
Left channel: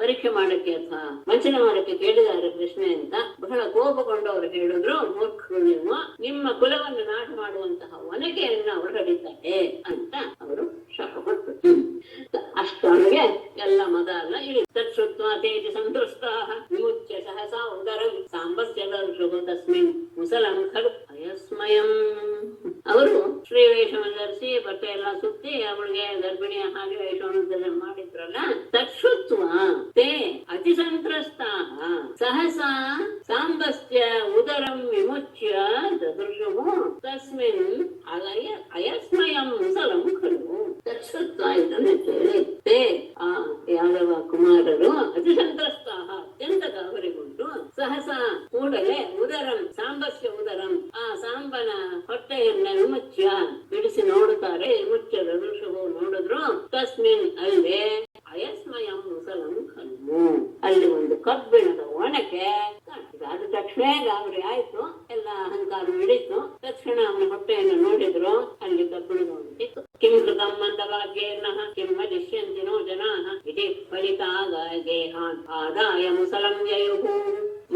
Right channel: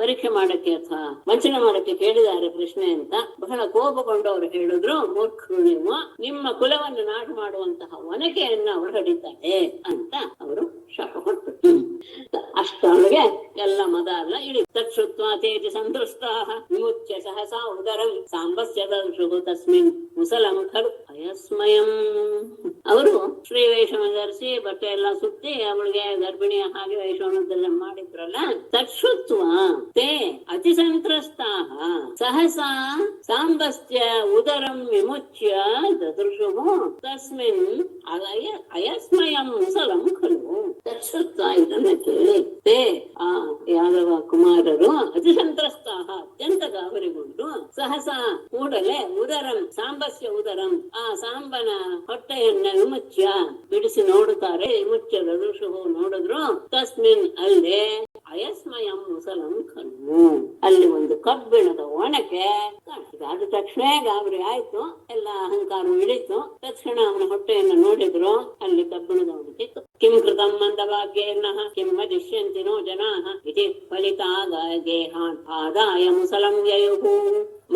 ಪರೀಕ್ಷೆ ಮಾಡಕ್ಕೆ ಅಥವಾ ವಂಚನೆ ಮಾಡಕ್ಕೆ ಕೇಳಿದ್ದಾರೆ ಪ್ರಶ್ನೆ ಅಂತ ಬಹಳ ಕೋಪಗೊಂಡು ಅವರು ಹೇಳಿದ್ರು, ಮೂರ್ಖರು ನೀವು, ನಿಮ್ಮ ಕುಲವನ್ನು ನಾಶ ಮಾಡುವಂತಹ ಒನಕೆಯನ್ನ ಅವಳು ಹಿಡಿತಾಳೆ ಅಂತ ಅವರು ಶಾಪ ಕೊಟ್ಟರು. ಅಷ್ಟೊಳಗೆ ಎಲ್ಲ ಮದ ಅಲ್ಲ ಇಳಿ ತಕ್ಷುತ್ವ ತೇಜ ಸಂತೃಷ್ಟಾಃ ವಿಮುಚ್ಯ ಸಹಸಾ ಉದರಂ ಸಾಂಬಸ್ಯ ದರ್ಶು ತಸ್ಮಿನ್ ಮುಸಲಂ ಖಲು ಅಯಸ್ಮಯಂ. ಅವರು ಶ್ರೀವೇಷವನ್ನು ಧರಿಸಿ ಬಟ್ಟೆ ಎಲ್ಲ ಸುತ್ತಿ ಅವಳಿಗೆ ಗರ್ಭಿಣಿಯ ಹಾಗೆ ವೇಷವನ್ನೆಲ್ಲ ಮಾಡಿದ್ರಲ್ಲ, ತಕ್ಷುತ್ವ ತೇ ಅತಿ ಸಂತ್ರಸ್ತಾಃ ಸಹಸಾ ಸಾಂಬಸ್ಯ ಉದರಂ ವಿಮುಚ್ಯ ದದೃಶು ತಸ್ಮಿನ್ ಅಯಸ್ಮಯಂ ಮುಸಲಂ ಖಲು. ತಕ್ಷುತ್ವ ಇದನ್ನ ಕೇಳಿ ತೇ ಆ ಯಾದವ ಕುಮಾರರು ಅತಿ ಸಂತ್ರಸ್ತಾಹ ಅತ್ಯಂತ ಗಾಬರಿಗೊಂಡು ಸಹಸಾ ಕೂಡಲೇ ಉದರಂ ಸಾಂಬಸ್ಯ ಉದರಂ ಆ ಸಾಂಬನ ಹೊಟ್ಟೆಯನ್ನ ವಿಮುಚ್ಯ ಬಿಡಿಸಿ ನೋಡುತ್ತಾರೆ. ವಿಮುಚ್ಯ ದದೃಶು ನೋಡಿದ್ರು, ತಸ್ಮಿನ್ ಅಲ್ಲೇ ಅಯಸ್ಮಯಂ ಮುಸಲಂ ಖಲು ಅಲ್ಲಿ ಒಂದು ಕಬ್ಬಿಣದ ಒಣಕೆ ಕಾಣಿಸಿದ. ತಕ್ಷಣ ಗಾಬರಿ ಆಯ್ತು, ಎಲ್ಲ ಅಹಂಕಾರ ಹಿಡಿತು. ತಕ್ಷಣ ಅವನ ಹೊಟ್ಟೆಯನ್ನು ನೋಡಿದ್ರು, ಅಲ್ಲಿ ಕಬ್ಬಿಣದ ಒಣಕೆ. ಕಿಂ ಕೃತಂ ಮಂದಭಾಗ್ಯೇನಃ ಕಿಂ ವದಿಷ್ಯಂತಿ ನೋ ಜನಾಃ ಇತಿ ಫಲಿತಾ ಗೇಹಾನ್ ಆದಾಯ ಮುಸಲಂ ಯಯುಃ.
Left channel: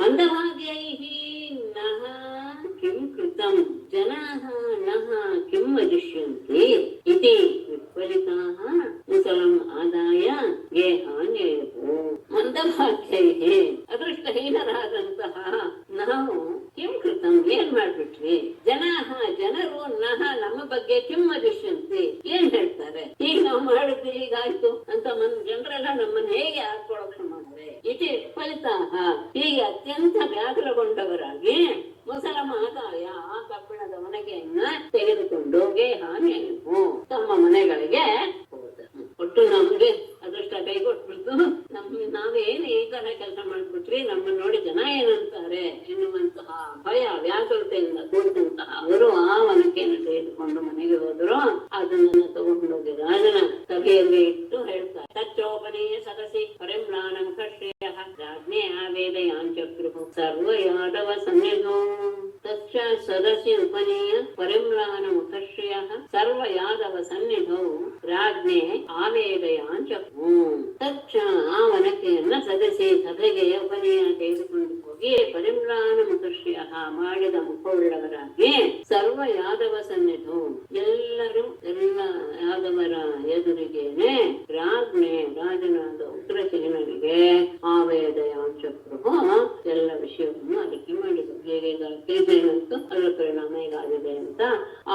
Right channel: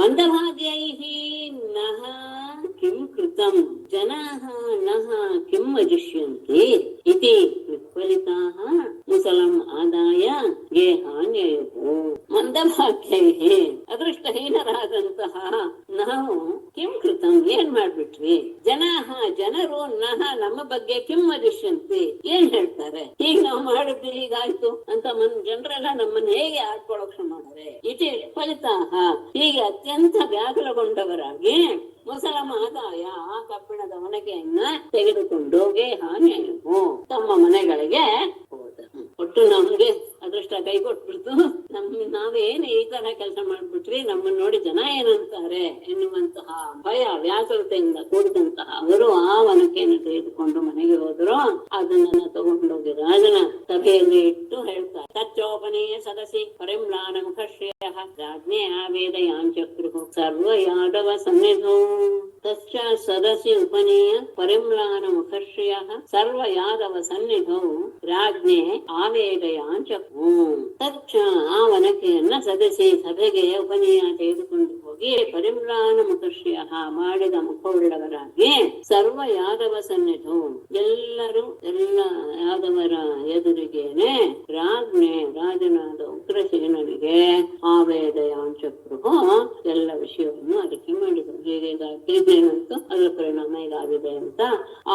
ಮಂದಭಾಗ್ಯೈಃ ನಃ ಕಿಂ ಕೃತಂ ಜನಾಃ ನಃ ಕಿಂ ವದಿಷ್ಯಂತಿ ಇತಿ ವಿಫಲಿತಾಃ ಮುಸಲಂ ಆದಾಯ ಗೇಹಾನ್ ಯಯುಃ. ಮಂದಭಾಗ್ಯೈಃ ಅದೃಷ್ಟಹೀನರಾದಂತಹ ನಾವು ಕಿಂ ಕೃತಂ ಏನ್ ಮಾಡ್ಬಿಟ್ವಿ, ಜನರು ನಹ ನಮ್ಮ ಬಗ್ಗೆ ಕಿಂ ವದಿಷ್ಯಂತಿ ಏನ್ ಹೇಳ್ತಾರೆ, ಈಗ ನಾವು ಮಾಡಿದ್ವಿ ಹೀಗಾಯ್ತು ಅಂತ ಜನರೆಲ್ಲ ನಮ್ಮನ್ನ ಹೇಗೆ ಆಡ್ಕೊಳಕ್ ಮಾಡಿದ್ರೆ ಇತಿ ಫಲಿತಾಹ ಹೀಗೆ ಅತ್ಯಂತ ವ್ಯಾಕುಲಗೊಂಡವರಾಗಿ ಮುಸಲಂ ಆದಾಯ ಆ ಕಬ್ಬಿಣದ ಒಣಗೆಯನ್ನ ತೆಗೆದುಕೊಂಡು ಗೇಹಾನ್ಯಯು ತಮ್ಮ ಮನೆಗಳಿಗೆ ಹೋದ. ಒಟ್ಟು ನಮ್ಗೆ ಅದೃಷ್ಟ ಕೈ ಕೊಟ್ಬಿಡ್ತು, ನಾವೇನು ಈ ತರ ಕೆಲಸ ಮಾಡ್ಬಿಟ್ವಿ, ನಮ್ಮನ್ನ ನೋಡಿ ಜನ ಏನಂತಾರೆ ಎನ್ನುವಂತಹ ಭಯ ವ್ಯಾಕುಲತೆಯಿಂದ ಕೂಡಿದಂತಹ ಅವರು ಆ ಒನಕೆಯನ್ನು ತೆಗೆದುಕೊಂಡು ಮನೆಗೆ ಹೋದ್ರು. ಅದನ್ನ ತಗೊಂಡೋಗಿ ರಾಜನ ಸಭೆಯಲ್ಲಿ ಇಟ್ಟು ಹೇಳ್ತಾರೆ, ತಚ್ಚೋಪನೀಯ ಸದಸಿ ಪರಿಮ್ಲಾನ ಮುಖಶ್ರೇಯ ರಾಜ್ಞೆ ಆವೇದಯಾಂಚಕ್ರು ಸರ್ವ ಯಾದವ ಸನ್ನಿಧೋ. ತಚ್ಚ ಸದಸಿ ಉಪನೀಯ ಪರಿಮ್ಲಾನ ಮುಖಶ್ರೇಯ ಸರ್ವ ಯಾದವ ಸನ್ನಿಧೋ ರಾಜ್ಞೆ ಆವೇದಯಾಂಚಕ್ರು. ತಚ್ಚ ಆ ಒನಕೆಯನ್ನ ಸದಸಿ ಸಭೆಗೆ ಉಪನೀಯ ತೆಗೆದುಕೊಂಡು ಹೋಗಿ ಪರಿಮ್ಲಾನ ಮುಖಶ್ರೇಯ ಮಾಡಿದ ಮುಖವುಳ್ಳವರಾಗಿ ಸರ್ವ ಯಾದವ ಸನ್ನಿಧೋ ಎಲ್ಲರೂ ಎಲ್ಲ ಯಾದವರ ಎದುರಿಗೇನೆ ರಾಜ್ಞೆ ರಾಜನಾದ ಉಗ್ರಸೇನನಿಗೆ ಅವರಿಗೆ ಆ ವೇದಯಾಂಚಕ್ರು ಎಲ್ಲ ವಿಷಯವನ್ನು ಅರಿಕೆ ಮಾಡಿದರು. ಹೇಗೆ ಗಾಯತ್ರಿ ಅದರ ಪರಿಣಾಮ ಹೀಗಾಗಿದೆ ಅಂತ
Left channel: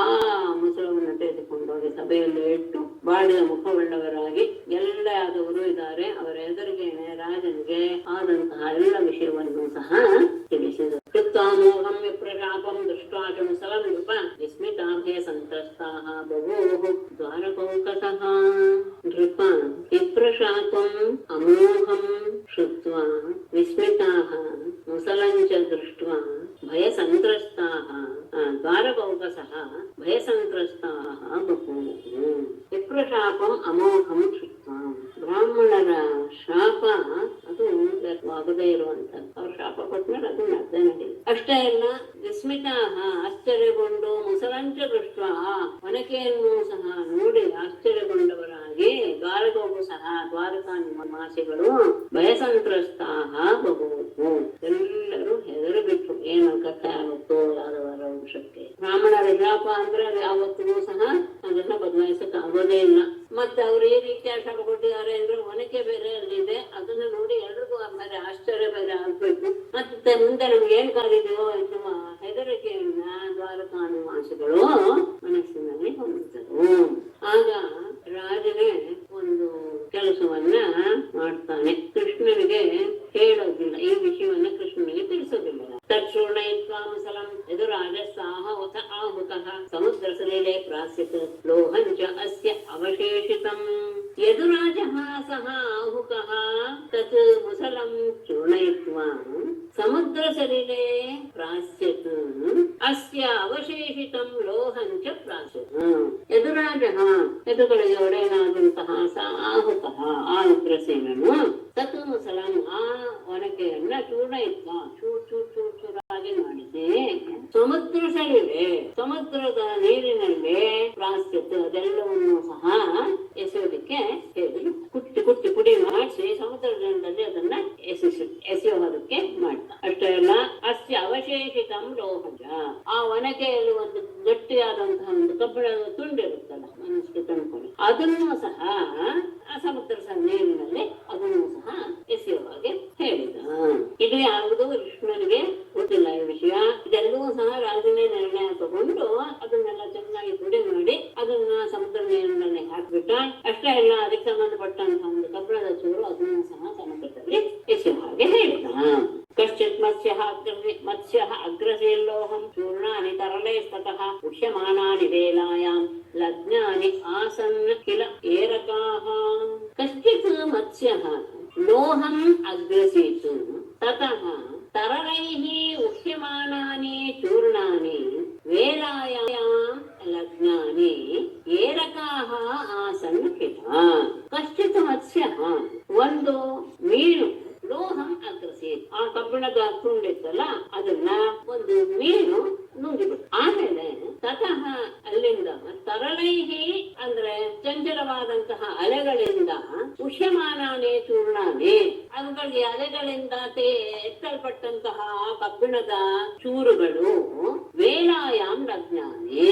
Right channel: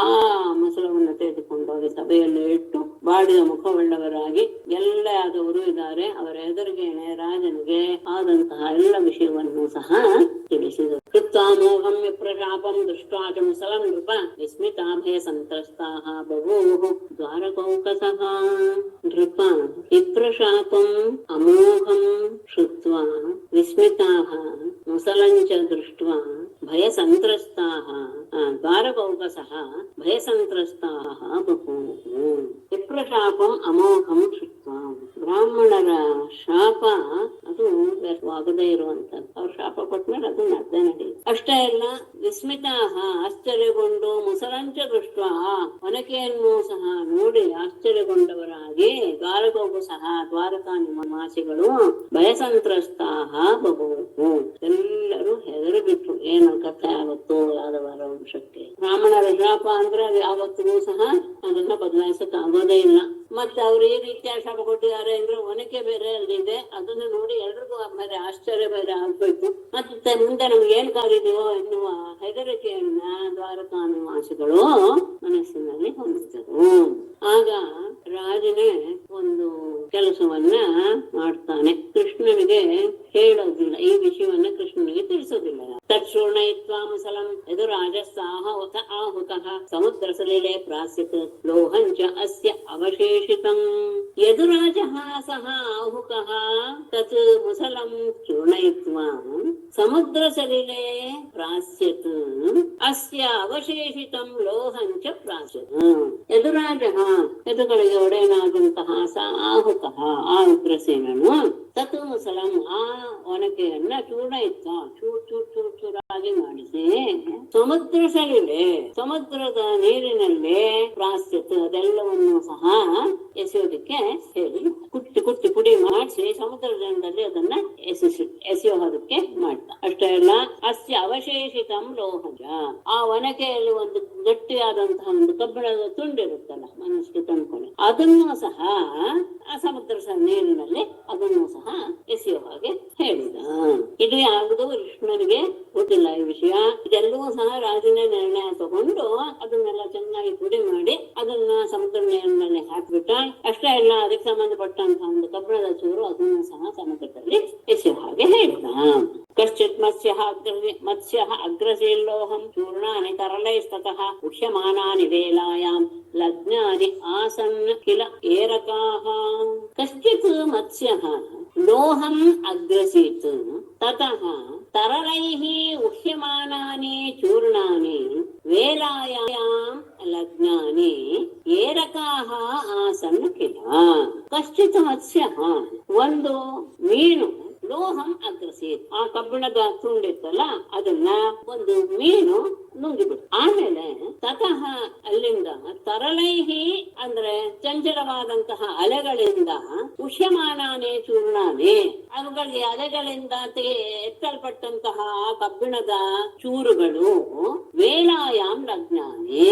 ಆ ಮೊಸಳವನ್ನು ತೆಗೆದುಕೊಂಡೋಗಿ ಸಭೆಯಲ್ಲಿ ಇಟ್ಟು ಬಾಳಿದ ಮುಖವುಳ್ಳವರಾಗಿ ಎಲ್ಲ ಆದವರು ಇದ್ದಾರೆ ಅವರ ಎದುರಿಗೆ ರಾಜನಿಗೆ ಆದಂತಹ ಎಲ್ಲ ವಿಷಯವನ್ನು ಸಹ ತಿಳಿಸಿದರು. ಕೃತ್ವಾಮೋಹಂ ವಿಪ್ರಶಾಪಂ ದೃಷ್ಟ್ವಾ ಮುಸಲಂ ನೃಪ ವಿಸ್ಮಿತಾಭಯ ಸಂತ್ರಸ್ತಾಃ ಬಭೂವು ದ್ವಾರಕೌಕಸಃ. ನೃಪ ವಿಪ್ರಶಾಪಂ ಅಮೋಘಂ ಶ್ರುತ್ವಾ ವಿಸ್ಮಿತಾಃ ಮುಸಲಂ ಚ ದೃಷ್ಟ್ವಾ ಭಯ ಸಂತ್ರಸ್ತಾಃ ದ್ವಾರಕೌಕಸಃ ಭಯ ಸಂತ್ರಸ್ತಾಃ ಬಭೂವು. ವಿಪ್ರಶಾಪಂ ಅಮೋಘಂ ಶ್ರುತ್ವಾ, ಬ್ರಾಹ್ಮಣರ ಶಾಪ ಅದು ವ್ಯರ್ಥವಾಗದೇ ಇರುವಂತದ್ದು. ಅವ್ರ ಶಾಪ ಕೊಟ್ಮೇಲೆ ಅದು ನಡೆದೇ ನಡೆಯುತ್ತೆ. ಅಷ್ಟೇ ಅಲ್ಲ, ವಿಸ್ಮಿತಾಹ ಆಶ್ಚರ್ಯಗೊಂಡು ಮುಸಲಂಚ ದೃಷ್ಟ ಒನಕೆಯನ್ನು ಸಹ ನೋಡಿ ಆಶ್ಚರ್ಯಗೊಂಡವರಾಗಿ ದ್ವಾರಕವು ಸಹ ದ್ವಾರಕಾ ನಿವಾಸಿಗಳು ಭಯಸಂತ್ರಸ್ತಾಹ ಬಹುವು, ಎಲ್ಲರೂ ಹೆದರು ಬಿಟ್ಟು ಏನು ಕಥೆ ಆಗುತ್ತೋ ಯಾದವರ ವಂಶಕ್ಕೆ. ಬ್ರಾಹ್ಮಣರ ಶಾಪ ಅಂದ್ರೆ ಯಾವತ್ತಿಗೂ ಸಹ ಅದನ್ನ ಬದಲಾಯಿಸಕ್ ಆಗೋದೇ ಇಲ್ಲ. ಮತ್ತೆ ಅವ್ರು ಈ ರೀತಿಯ ಶಾಪ ಕೊಟ್ಟಿದ್ದಾರೆ ಅಂದ್ರೆ ಒನಕೆ ಬೇರೆ ಅಲ್ಲಿದೆ, ಅದನ್ನ ನೋಡಿ ಎಲ್ರಿಗೂ ಬೇರೆ ಆಶ್ಚರ್ಯ ಬೇರೆ ಆಗ್ಬೇಕು. ಮತ್ತೆ ಮುಂದೆ ನಮ್ಗೆ ಏನ್ ಕಾಲಿದೆಯೋ ಎನ್ನುವ ಹೆದರಿಕೆಯನ್ನ ದ್ವಾರಕಾ ನಿವಾಸಿಗಳು ಮನಸ್ಸಿನಲ್ಲಿ ಹೊಂದಿದ್ದರು. ಆಗ ರಾಜನೇ ಒಂದು ಕೆಲಸವನ್ನ ಮಾಡ್ತಾನೆ. ಕೃಷ್ಣನಿಗೆ ಹೇಳೋದಿಲ್ಲ, ಈ ವಿಷಯವನ್ನ ಕೃಷ್ಣನಿಗೆ ತಿಳಿಸೋದಿಲ್ಲ. ತತ್ಶೂರ್ಣಯಿತ್ವಾ ಮುಸಲಂ ಯದುರಾಜಸ್ಸಾಹ ಉತ ಆಹುತಃ ಸಮುದ್ರ ಸಲಿಲೆ ಪ್ರಾಸ್ಯತ್ ಲೋಹಂಚ ಅಸ್ಯ ಅವಶೇಷಿತಂ. ಯದುರಾಜಃ ಸಹ ಆಹುಕಃ ತತ್ ಮುಸಲಂ ಚೂರ್ಣಯಿತ್ವಾ ಸಮುದ್ರ ಸಲಿಲೆ ಪ್ರಾಸ್ಯತ್ ಅಸ್ಯ ಅವಶೇಷಿತಂ ಲೋಹಂಚ ಪ್ರಾಸ್ಯತ್. ಯದುರಾಜಃ ಯದುಗಳಿಗೆ ಒಡೆಯನಾದಂತಹ ಆಹುಕಃ ಆ ಉಗ್ರಸೇನನು ತತ್ ಮುಸಲಂ ಆ ಒನಕೆಯನ್ನ ಚೂರ್ಣಯಿತ್ವ ಚೂರಾಗಿ ಮಾಡಿಸಿ ಸಮುದ್ರ ಸಲಿಲೆ ಸಮುದ್ರದ ನೀರಿನಲ್ಲಿ ಪ್ರಾಸ್ಯತ್ ಅದೆಲ್ಲವನ್ನು ಸಹ ಎಸೆಯೋದಕ್ಕೆ ಹೇಳಿ ಕುಟ್ಟಿ ಪುಡಿ ಮಾಡಿಸಿ ಸಮುದ್ರದಲ್ಲಿ ಅದನ್ನ ಎಸೆಯೋದಕ್ಕೆ ಮಾಡ್ತಾ. ಅಷ್ಟೇ ಅಲ್ಲ, ಅಸ್ಯ ಅವಶೇಷಿತಂ ಲೋಹಜ ಆ ಒನಕೆಯಲ್ಲಿ ಒಂದು ಗಟ್ಟಿಯಾದಂತಹ ಒಂದು ಕಬ್ಬಿಣದ ತುಂಡಿರುತ್ತಲ್ಲ ಮನಸ್ಸು ತಂದ್ಕೊಂಡು ಅದನ್ನು ಸಹ ಆ ಸಮುದ್ರ ನೀರಿನಲ್ಲಿ ಅದನ್ನು ಸಹ ಎಸೆಯೋ ಹಾಗೆ ಹೇಳಿದ. ಇದು ಯಾವುದು ಕೃಷ್ಣನಿಗೆ ಗೊತ್ತಿಲ್ಲ ಈ ವಿಷಯ. ಇದೆಲ್ಲವೂ ಸಹ ರಾಜನೇ ನಿರ್ಣಯ ತಗೊಂಡು ಅದನ್ನೆಲ್ಲ ಚೆನ್ನಾಗಿ ಪುಡಿ ಮಾಡಿ ಅದನ್ನ ಸಮುದ್ರ ನೀರಿನಲ್ಲಿ ಹಾಕ್ಬಿಟ್ಟ. ಅಷ್ಟೇ ಅಲ್ಲ, ಅದಕ್ಕೆ ಸಂಬಂಧಪಟ್ಟಂತಹ ಒಂದು ಕಬ್ಬಿಣದ ಚೂರು ಅದನ್ನು ಸಹ ಸಮುದ್ರದಲ್ಲಿ ಎಸೆಯೋ ಹಾಗೆ ಹೇಳಿದ. ಕಶ್ಚಿತ್ ಮತ್ಸ್ಯ ಅಗ್ರಸೇಲ್ಲೋಹಂ ಚೂರ್ಣಾನಿ ತರಲೈಸ್ತತಃ ಉಷ್ಯಮಾನಾನಿ ವೇಲಾಯಾಂ ಲಗ್ನಾನಿ ಆಸನ್ ಕಿಲ ಏರಕಾಃ. ಕಶ್ಚಿತ್ ಮತ್ಸ್ಯಃ ಲೋಹಂ ಅಗ್ರಸೀತ್ ತತಃ ತರಲೈಃ ಉಷ್ಯಮಾನಾನಿ ಚೂರ್ಣಾನಿ ವೇಲಾಯಾಂ ಲಗ್ನಾನಿ ಏರಕಾಃ ಆಸನ್ ಕಿಲ. ಕಶ್ಚಿತ್ ಮತ್ಸ್ಯಃ ಒಂದು ಮೀನು ಲೋಹಂ ಅಗ್ರಸೀತ್ ಆ ಕಬ್ಬಿಣದ ತುಂಡಿತ್ತಲ್ಲ ಅದನ್ನ ಒಂದು ಮೀನು ನುಂಗಿಬಿಟ್ಟು ಆಮೇಲೆ ತತಃ ಅಲ್ಲಿಂದ ತರಲೈಹಿ ಅಂದ್ರೆ ಚಂಚಲವಾದಂತಹ ಅಲೆಗಳಿಂದ ಉಷ್ಯಮಾನಾನೇ ಚೂರ್ಣಾನೆ ಅವುಗಳಿಗೆ ಅಲೆಗಳಿಂದ ಎತ್ತಲ್ಪಟ್ಟಂತಹ ಕಬ್ಬಿಣದ ಚೂರುಗಳು ವೇಲಾಯಾಮ್ ಲಗ್ನಾನೆ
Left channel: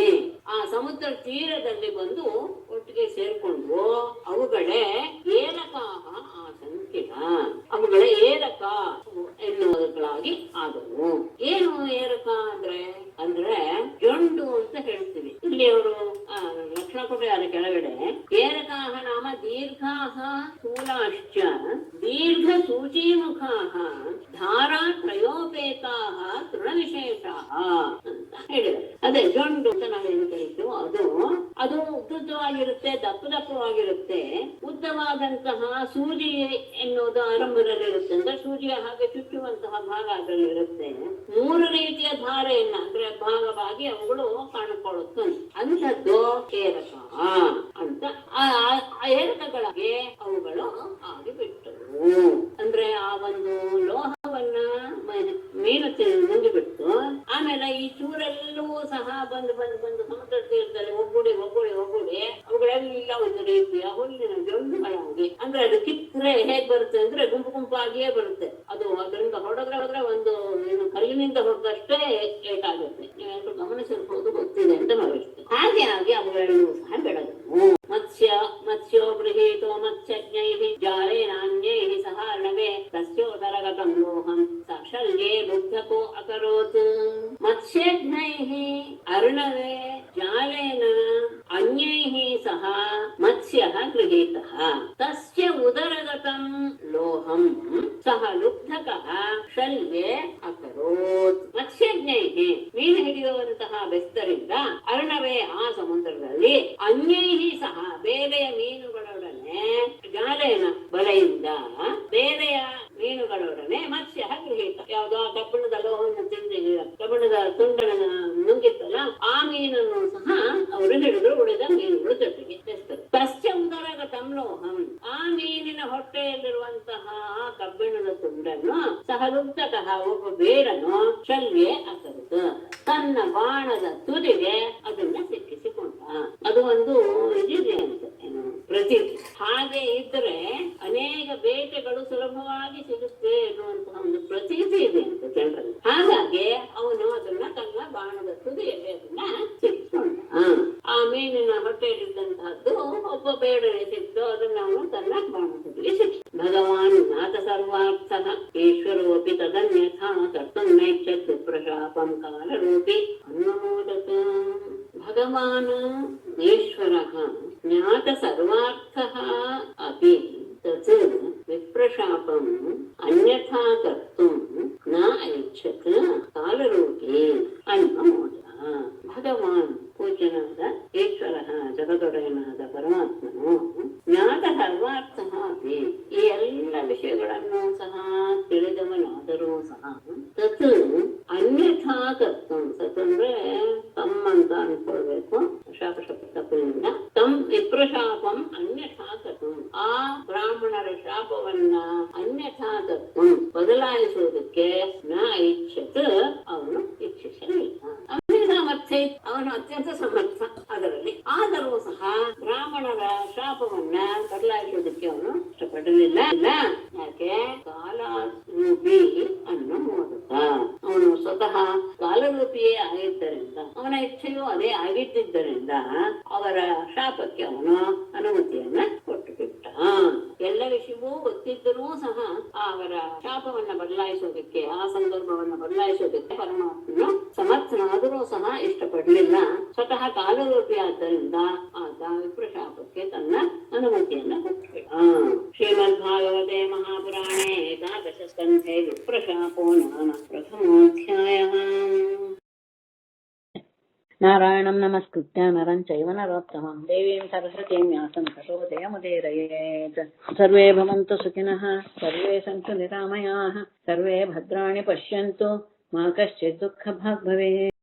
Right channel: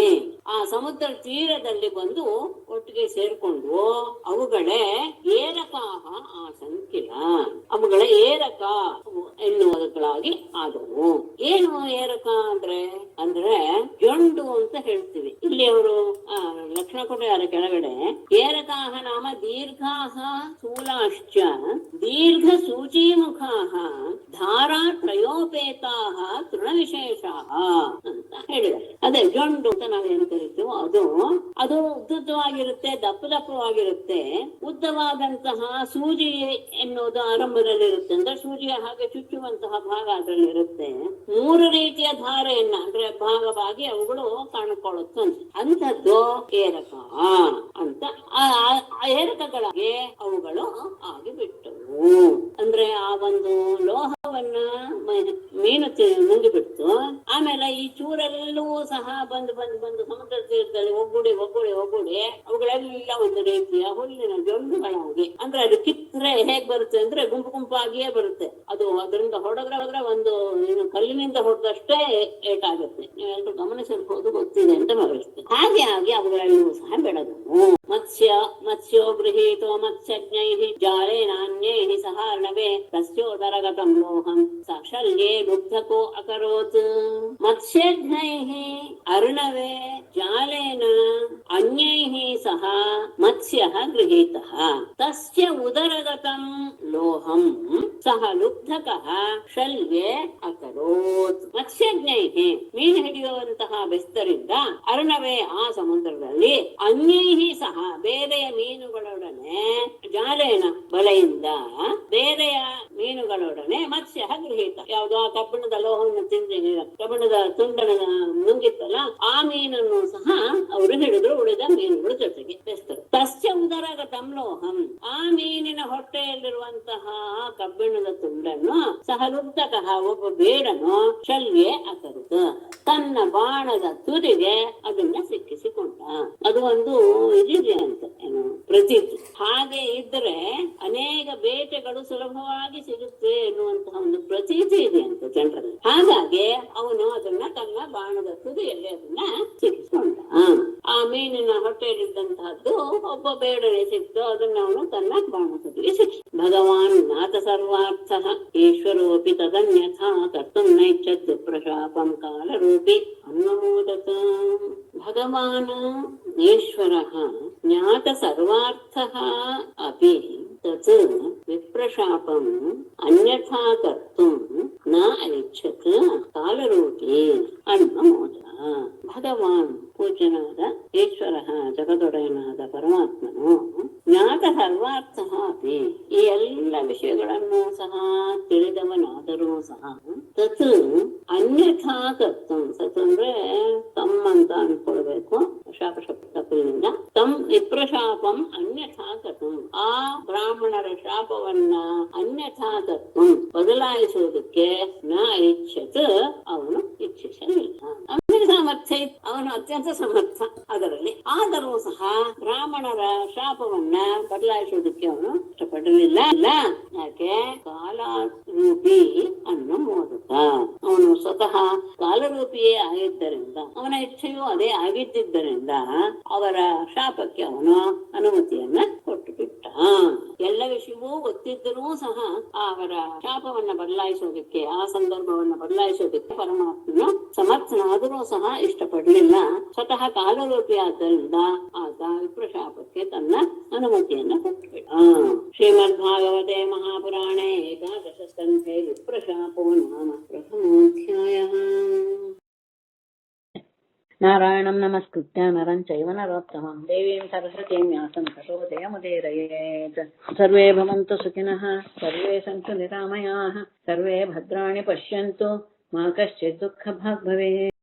ಆ ಸಮುದ್ರ ತೀರದಲ್ಲಿ ಬಂದು ಒಟ್ಟಿಗೆ ಸೇರ್ಕೊಂಡು ಅವುಗಳೇ ಏರಕಾಹ ಆಸಂಕಿಲ ಅವುಗಳ ಏರಕ ಎನ್ನುವುದಕ್ಕಾಗಿ ಆದವು. ಏನು ಏರಕ ಅಂದ್ರೆ ಜೊಂಡು ಅಂತ ಹೇಳ್ತೀವಿ. ಇಲ್ಲಿ ಅವರು ಲಕ್ಷಣ ಕೊಟ್ಟಿದ್ದಾರೆ ಕೆಳಗಡೆ. ಏರಕಾಹ ನಾಮ ದೀರ್ಘಾಹ ಸ್ಥೂಲಾಶ್ಚ ದೀರ್ಘ ಸೂಚೀಮುಖಾಹ ಧಾರಾ ತ್ರಯೋಪೇತಾಹ ತೃಣವಿಶೇಷಾಹ ಅಂತ ಹೇಳಿದ್ದಾರೆ. ಅದೇ ಜೊಂಡು ಅಂತ ನಾವೇನು ಕರಿತೀವೋ ಅದು ಉದ್ದುದ್ದವಾಗಿರುತ್ತೆ, ದಪ್ಪವಾಗಿರುತ್ತೆ. ಉದ್ದವಾದಂತಹ ಸೂಜಿ ಎನ್ನುವುದು ಆರಂಭದಲ್ಲಿರುತ್ತೆ, ಅಂದ್ರೆ ಸೂಜಿಯ ಹಾಗೆ ಚುಚ್ಚುವಂತಹ ಭಾಗ ಅದರಲ್ಲಿ ಇರುತ್ತೆ. 3 ರೀತಿಯ ಧಾರೆಯನ್ನ ಅಂದ್ರೆ ಭಾಗವಾಗಿ ಅವುಗಳು ಕಾಣಿಕೊಳ್ಳುತ್ತೆ. ಅಂಥದ್ದು ಏರಕ ಅಂತ ಆ ಏರಕಗಳಿಗೆ ಅವುಗಳು ಆಗಿಬಿಟ್ಟವು. ಅಂದ್ರೆ ಆ ಒಂದು ಲೋಹವನ್ನ ಮೀನು ನುಂಗಿಬಿಡ್ತು. ಆಮೇಲೆ ಈ ಚೂರೆಲ್ಲೂ ಸಹ ಬಂದು ಸಮುದ್ರ ತೀರದಲ್ಲಿ ಒಗ್ಗೂಡಿ ಅವುಗಳೆಲ್ಲ ಒಂದು ರೀತಿಯ ಹುಲ್ಲಿನ ಜೊಂಡುಗಳಾಗಿ, ಅಂದ್ರೆ ಅದು ಕಿತ್ತರೆ ಹೇಗ್ ಬರುತ್ತೆ ಅಂದ್ರೆ ಗುಂಪಾಗಿಯೇ ಬರುತ್ತೆ. ಅದು ಅದರಿಂದ ಹೊಡೆದ್ರೆ ಒಂದು ಕಲ್ಲಿನಿಂದ ಹೊಡೆದಷ್ಟೇ ಏಟಾಗುತ್ತೆ. ನೀವೆಲ್ಲರೂ ಗಮನಿಸಿರ್ಬೋದು, ಗೊತ್ತಿದೆ ಅಂತ ಭಾವಿಸ್ತೇನೆ. ಹಾಗೆ ಆಗಿ ಅವುಗಳೆಲ್ಲವೂ ಸಹ ಬೆಳೆದವು. ಮತ್ಸ್ಯೋ ಗೃಹೀತೋ ಮತ್ಸ್ಯಜ್ಞೈಃ ಜಾಲೇನಾನ್ಯೈಃ ಸಹ तस्य उदरगतं लोहं साक्षाल्ये लुब्धको अकरोत् मत्स्यघ्नैः अर्णवे जालेन अन्यैः सह मत्स्यः गृहीतः तस्य उदरगतं लोहं सः लुब्धकः शल्ये अकरोत् ಮತ್ಸ್ಯಜ್ಞೈಃ ಮೀನು ಹಿಡಿಯುವಂತಹ ಬೆಸ್ತರಿಂದ ಅರ್ಣವೇ ಆ ಸಮುದ್ರದಲ್ಲಿ ಅನ್ಯೈಃ ಸಹ ಬೇರೆಯ ಮೀನುಗಳೊಡನೆ ಜಾಲೇನ ಬಲೆಯಿಂದ ಬೇರೆಯ ಮೀನುಗಳೊಡನೆ ಮತ್ಸ್ಯ ಗೃಹೀತ ಯಾವುದೋ ಆ ಕಬ್ಬಿಣದ ಲೋಹವನ್ನು ಕಬ್ಬಿಣದ ತುಂಡನ ನುಂಗಿತ್ತಲ್ಲ ಆ ಮೀನನ್ನು ಸಹ ಅವರು ಹಿಡಿದು ಉಳಿದ ಮೀನುಗಳು ಜೊತೆಗೆ ಬೆಸ್ತರು ತಸ್ಯ ಉದರಗತಂ ಲೋಹಂ ಆ ಮೀನಿನ ಹೊಟ್ಟೆಯಲ್ಲಿರುವಂತಹ ಕಬ್ಬಿಣದ ತುಂಡನ್ನು ಸಹ ಲುಬ್ಧಕಃ ಒಬ್ಬ ಬೇಡನು ಶಲ್ಯೆ ಅಕರುತ ತನ್ನ ಬಾಣದ ತುದಿಗೆ ಅದನ್ನ ಸಿಕ್ಕಿಸಿಕೊಂಡ. ಅದು ಒಂದು ಇದಿದೆ ಅಂತ ಏನು ಪ್ರತೀತಿ. ಹಾಗೆ ಇದ್ರೆ ಅನೇಕ ಬೇಟೆಗಳು ಸುಲಭವಾಗಿ ಸಿಗುತ್ತೆ ಎನ್ನುವಂತಹ ಒಂದು ಪ್ರತೀತಿ ಇದೆ ಅಂತ ಜನರಲ್ಲಿ. ಹಾಗಾಗಿ ಅವನು ಅದನ್ನ ತನ್ನ ಬಾಣದ ತುದಿಯಲ್ಲಿ ಅದನ್ನ ಸಿಕ್ಕಿಸಿಕೊಂಡ. ಆ ಮೀನಿನ ಹೊಟ್ಟೆಯಲ್ಲಿದ್ದಂತಹದ್ದು ಒಬ್ಬ ಬೇಡನೆ ಸಿಕ್ತು, ಅದನ್ನ ಅವನು ತನ್ನ ಬಾಣದ ತುದಿಗೆ ಸಿಕ್ಕಿ. ಭಗವಾನ್ ನಾಥ ಸರ್ವಾರ್ಥ ಈಶ್ವರೋಪಿ ತದನ್ಯಥಾ ಕರ್ತುಂ ನೈಚ್ಛತ್ ಪ್ರಶಾಪಂ ಕಾಲರೂಪಿ ಅನ್ನಮೋದತ. ಭಗವಾನ್ ಈಶ್ವರಃ ಜ್ಞಾತ ಸರ್ವಾರ್ಥಃ ಅಪಿ ತತ್ ವಿಪ್ರಶಾಪಂ ಅನ್ಯಥಾ ಕರ್ತುಂ ನ ಐಚ್ಛತ್ ಕಾಲರೂಪಿ ಅನ್ನಮೋದ. ಭಗವಾನ್ ಪೂಜ್ಯನಾದ ಈಶ್ವರ ಜಗದೊಡೆಯನಾದ ಪರಮಾತ್ಮನು ಜ್ಞಾತ ಸರ್ವಾರ್ಥ ಅಪಿ ಈ ಎಲ್ಲ ವಿಷಯಗಳನ್ನು ಸಹ ತಿಳಿದವನಾದರೂ ಸಹ ತತ್ ಅನ್ಯಥಾ ಕರ್ತಂ ಸತ್ ಅಂದ್ರೆ ತಮ್ ಅಂತ ಅನ್ಕೊಳ್ಬೇಕು ಶಾಪ ತಪ್ಪಿನಿಂದ ತಮ್ ವಿಪ್ರಶಾಪಂ ಅನ್ಯಥಾ ಕರ್ತಂ ಆ ಬ್ರಾಹ್ಮಣರ ಶಾಪವನ್ನ ಅನ್ಯಥಾ ಕರ್ತಂ ಬದಲಾಯಿಸುವುದಕ್ಕೆ ನ ಇಚ್ಛತ್ ಅವನು ಇಚ್ಛಿಸಲಿಲ್ಲ. ಸಾಮರ್ಥ್ಯ ಅವನು ಅತ್ಯಂತ ಸಮರ್ಥ ಅದರಲ್ಲಿ. ಆದರೂ ಸಹ ಬ್ರಾಹ್ಮಣರ ಶಾಪವನ್ನ ಬದಲಾಯಿಸುವುದಕ್ಕೆ ಅವನು ಇಷ್ಟಪಡಲಿಲ್ಲ. ಯಾಕೆ? ಕಾಲರೂಪಿ ಅನ್ನೋ ಮೂಲಕ ಅವನು ಸ್ವತಃ ಕಾಲರೂಪಿಯೇ ಆಗಿದ್ದರಿಂದ ಅವನ ಇಚ್ಛೆಯೂ ಅದೇ ಆಗಿದ್ದರಿಂದ ಅವರ ಶಾಪಕ್ಕೆ ಅವನು ಅನುಮತಿಯನ್ನ ಕೊಟ್ಟು ಬಿಟ್ಟ. ಎಲ್ಲ ವಿಷಯವೂ ಗೊತ್ತಿದ್ದರೂ ಸಹ ಅವರ ಶಾಪವನ್ನ ಬದಲಾಯಿಸೋದಕ್ಕೆ ಆ ಸಂದರ್ಭವನ್ನ ಬದಲಾಯಿಸೋದಕ್ಕೆ ಪರಮಾತ್ಮನು ಸಮರ್ಥನಾದರೂ ಸಹ ಇಷ್ಟಪಡಲಿಲ್ಲ. ಸ್ವತಃ ಕಾಲರೂಪಿ ಆದ್ದರಿಂದ ಆತ ವಿಪ್ರಶಾಪಕ್ಕೆ ತನ್ನ ಅನುಮತಿಯನ್ನ ಕೊಟ್ಟಬಿಟ್ಟ. ಶ್ರೀಮದ್ ಭಾಗವತೆ ಮಹಾಪುರಾಣೇ ಏಕಾದಶ ಸ್ಕಂಧೆ ವಿಪ್ರಶಾಪೋ ನಾಮ ಪ್ರಥಮೋಧ್ಯಾಯಃ. ನಾರಾಯಣಂ ನಮಸ್ಕೃತ್ಯ ನರಂ ಚೈವ ನರೋತ್ತಮಂ ದೇವೀಂ ಸರಸ್ವತೀಂ ವ್ಯಾಸಂ ತತೋ ಜಯಮುದೀರಯೇತ್. ಸರ್ವೇ ಭವಂತು ಸುಖಿನಃ, ಸರ್ವೇ ಸಂತು ನಿರಾಮಯಾಃ, ಸರ್ವೇ ಭದ್ರಾಣಿ ಪಶ್ಯಂತು, ಮಾ ಕಶ್ಚಿತ್ ದುಃಖಭಾಗ್ ಭವೇತ್.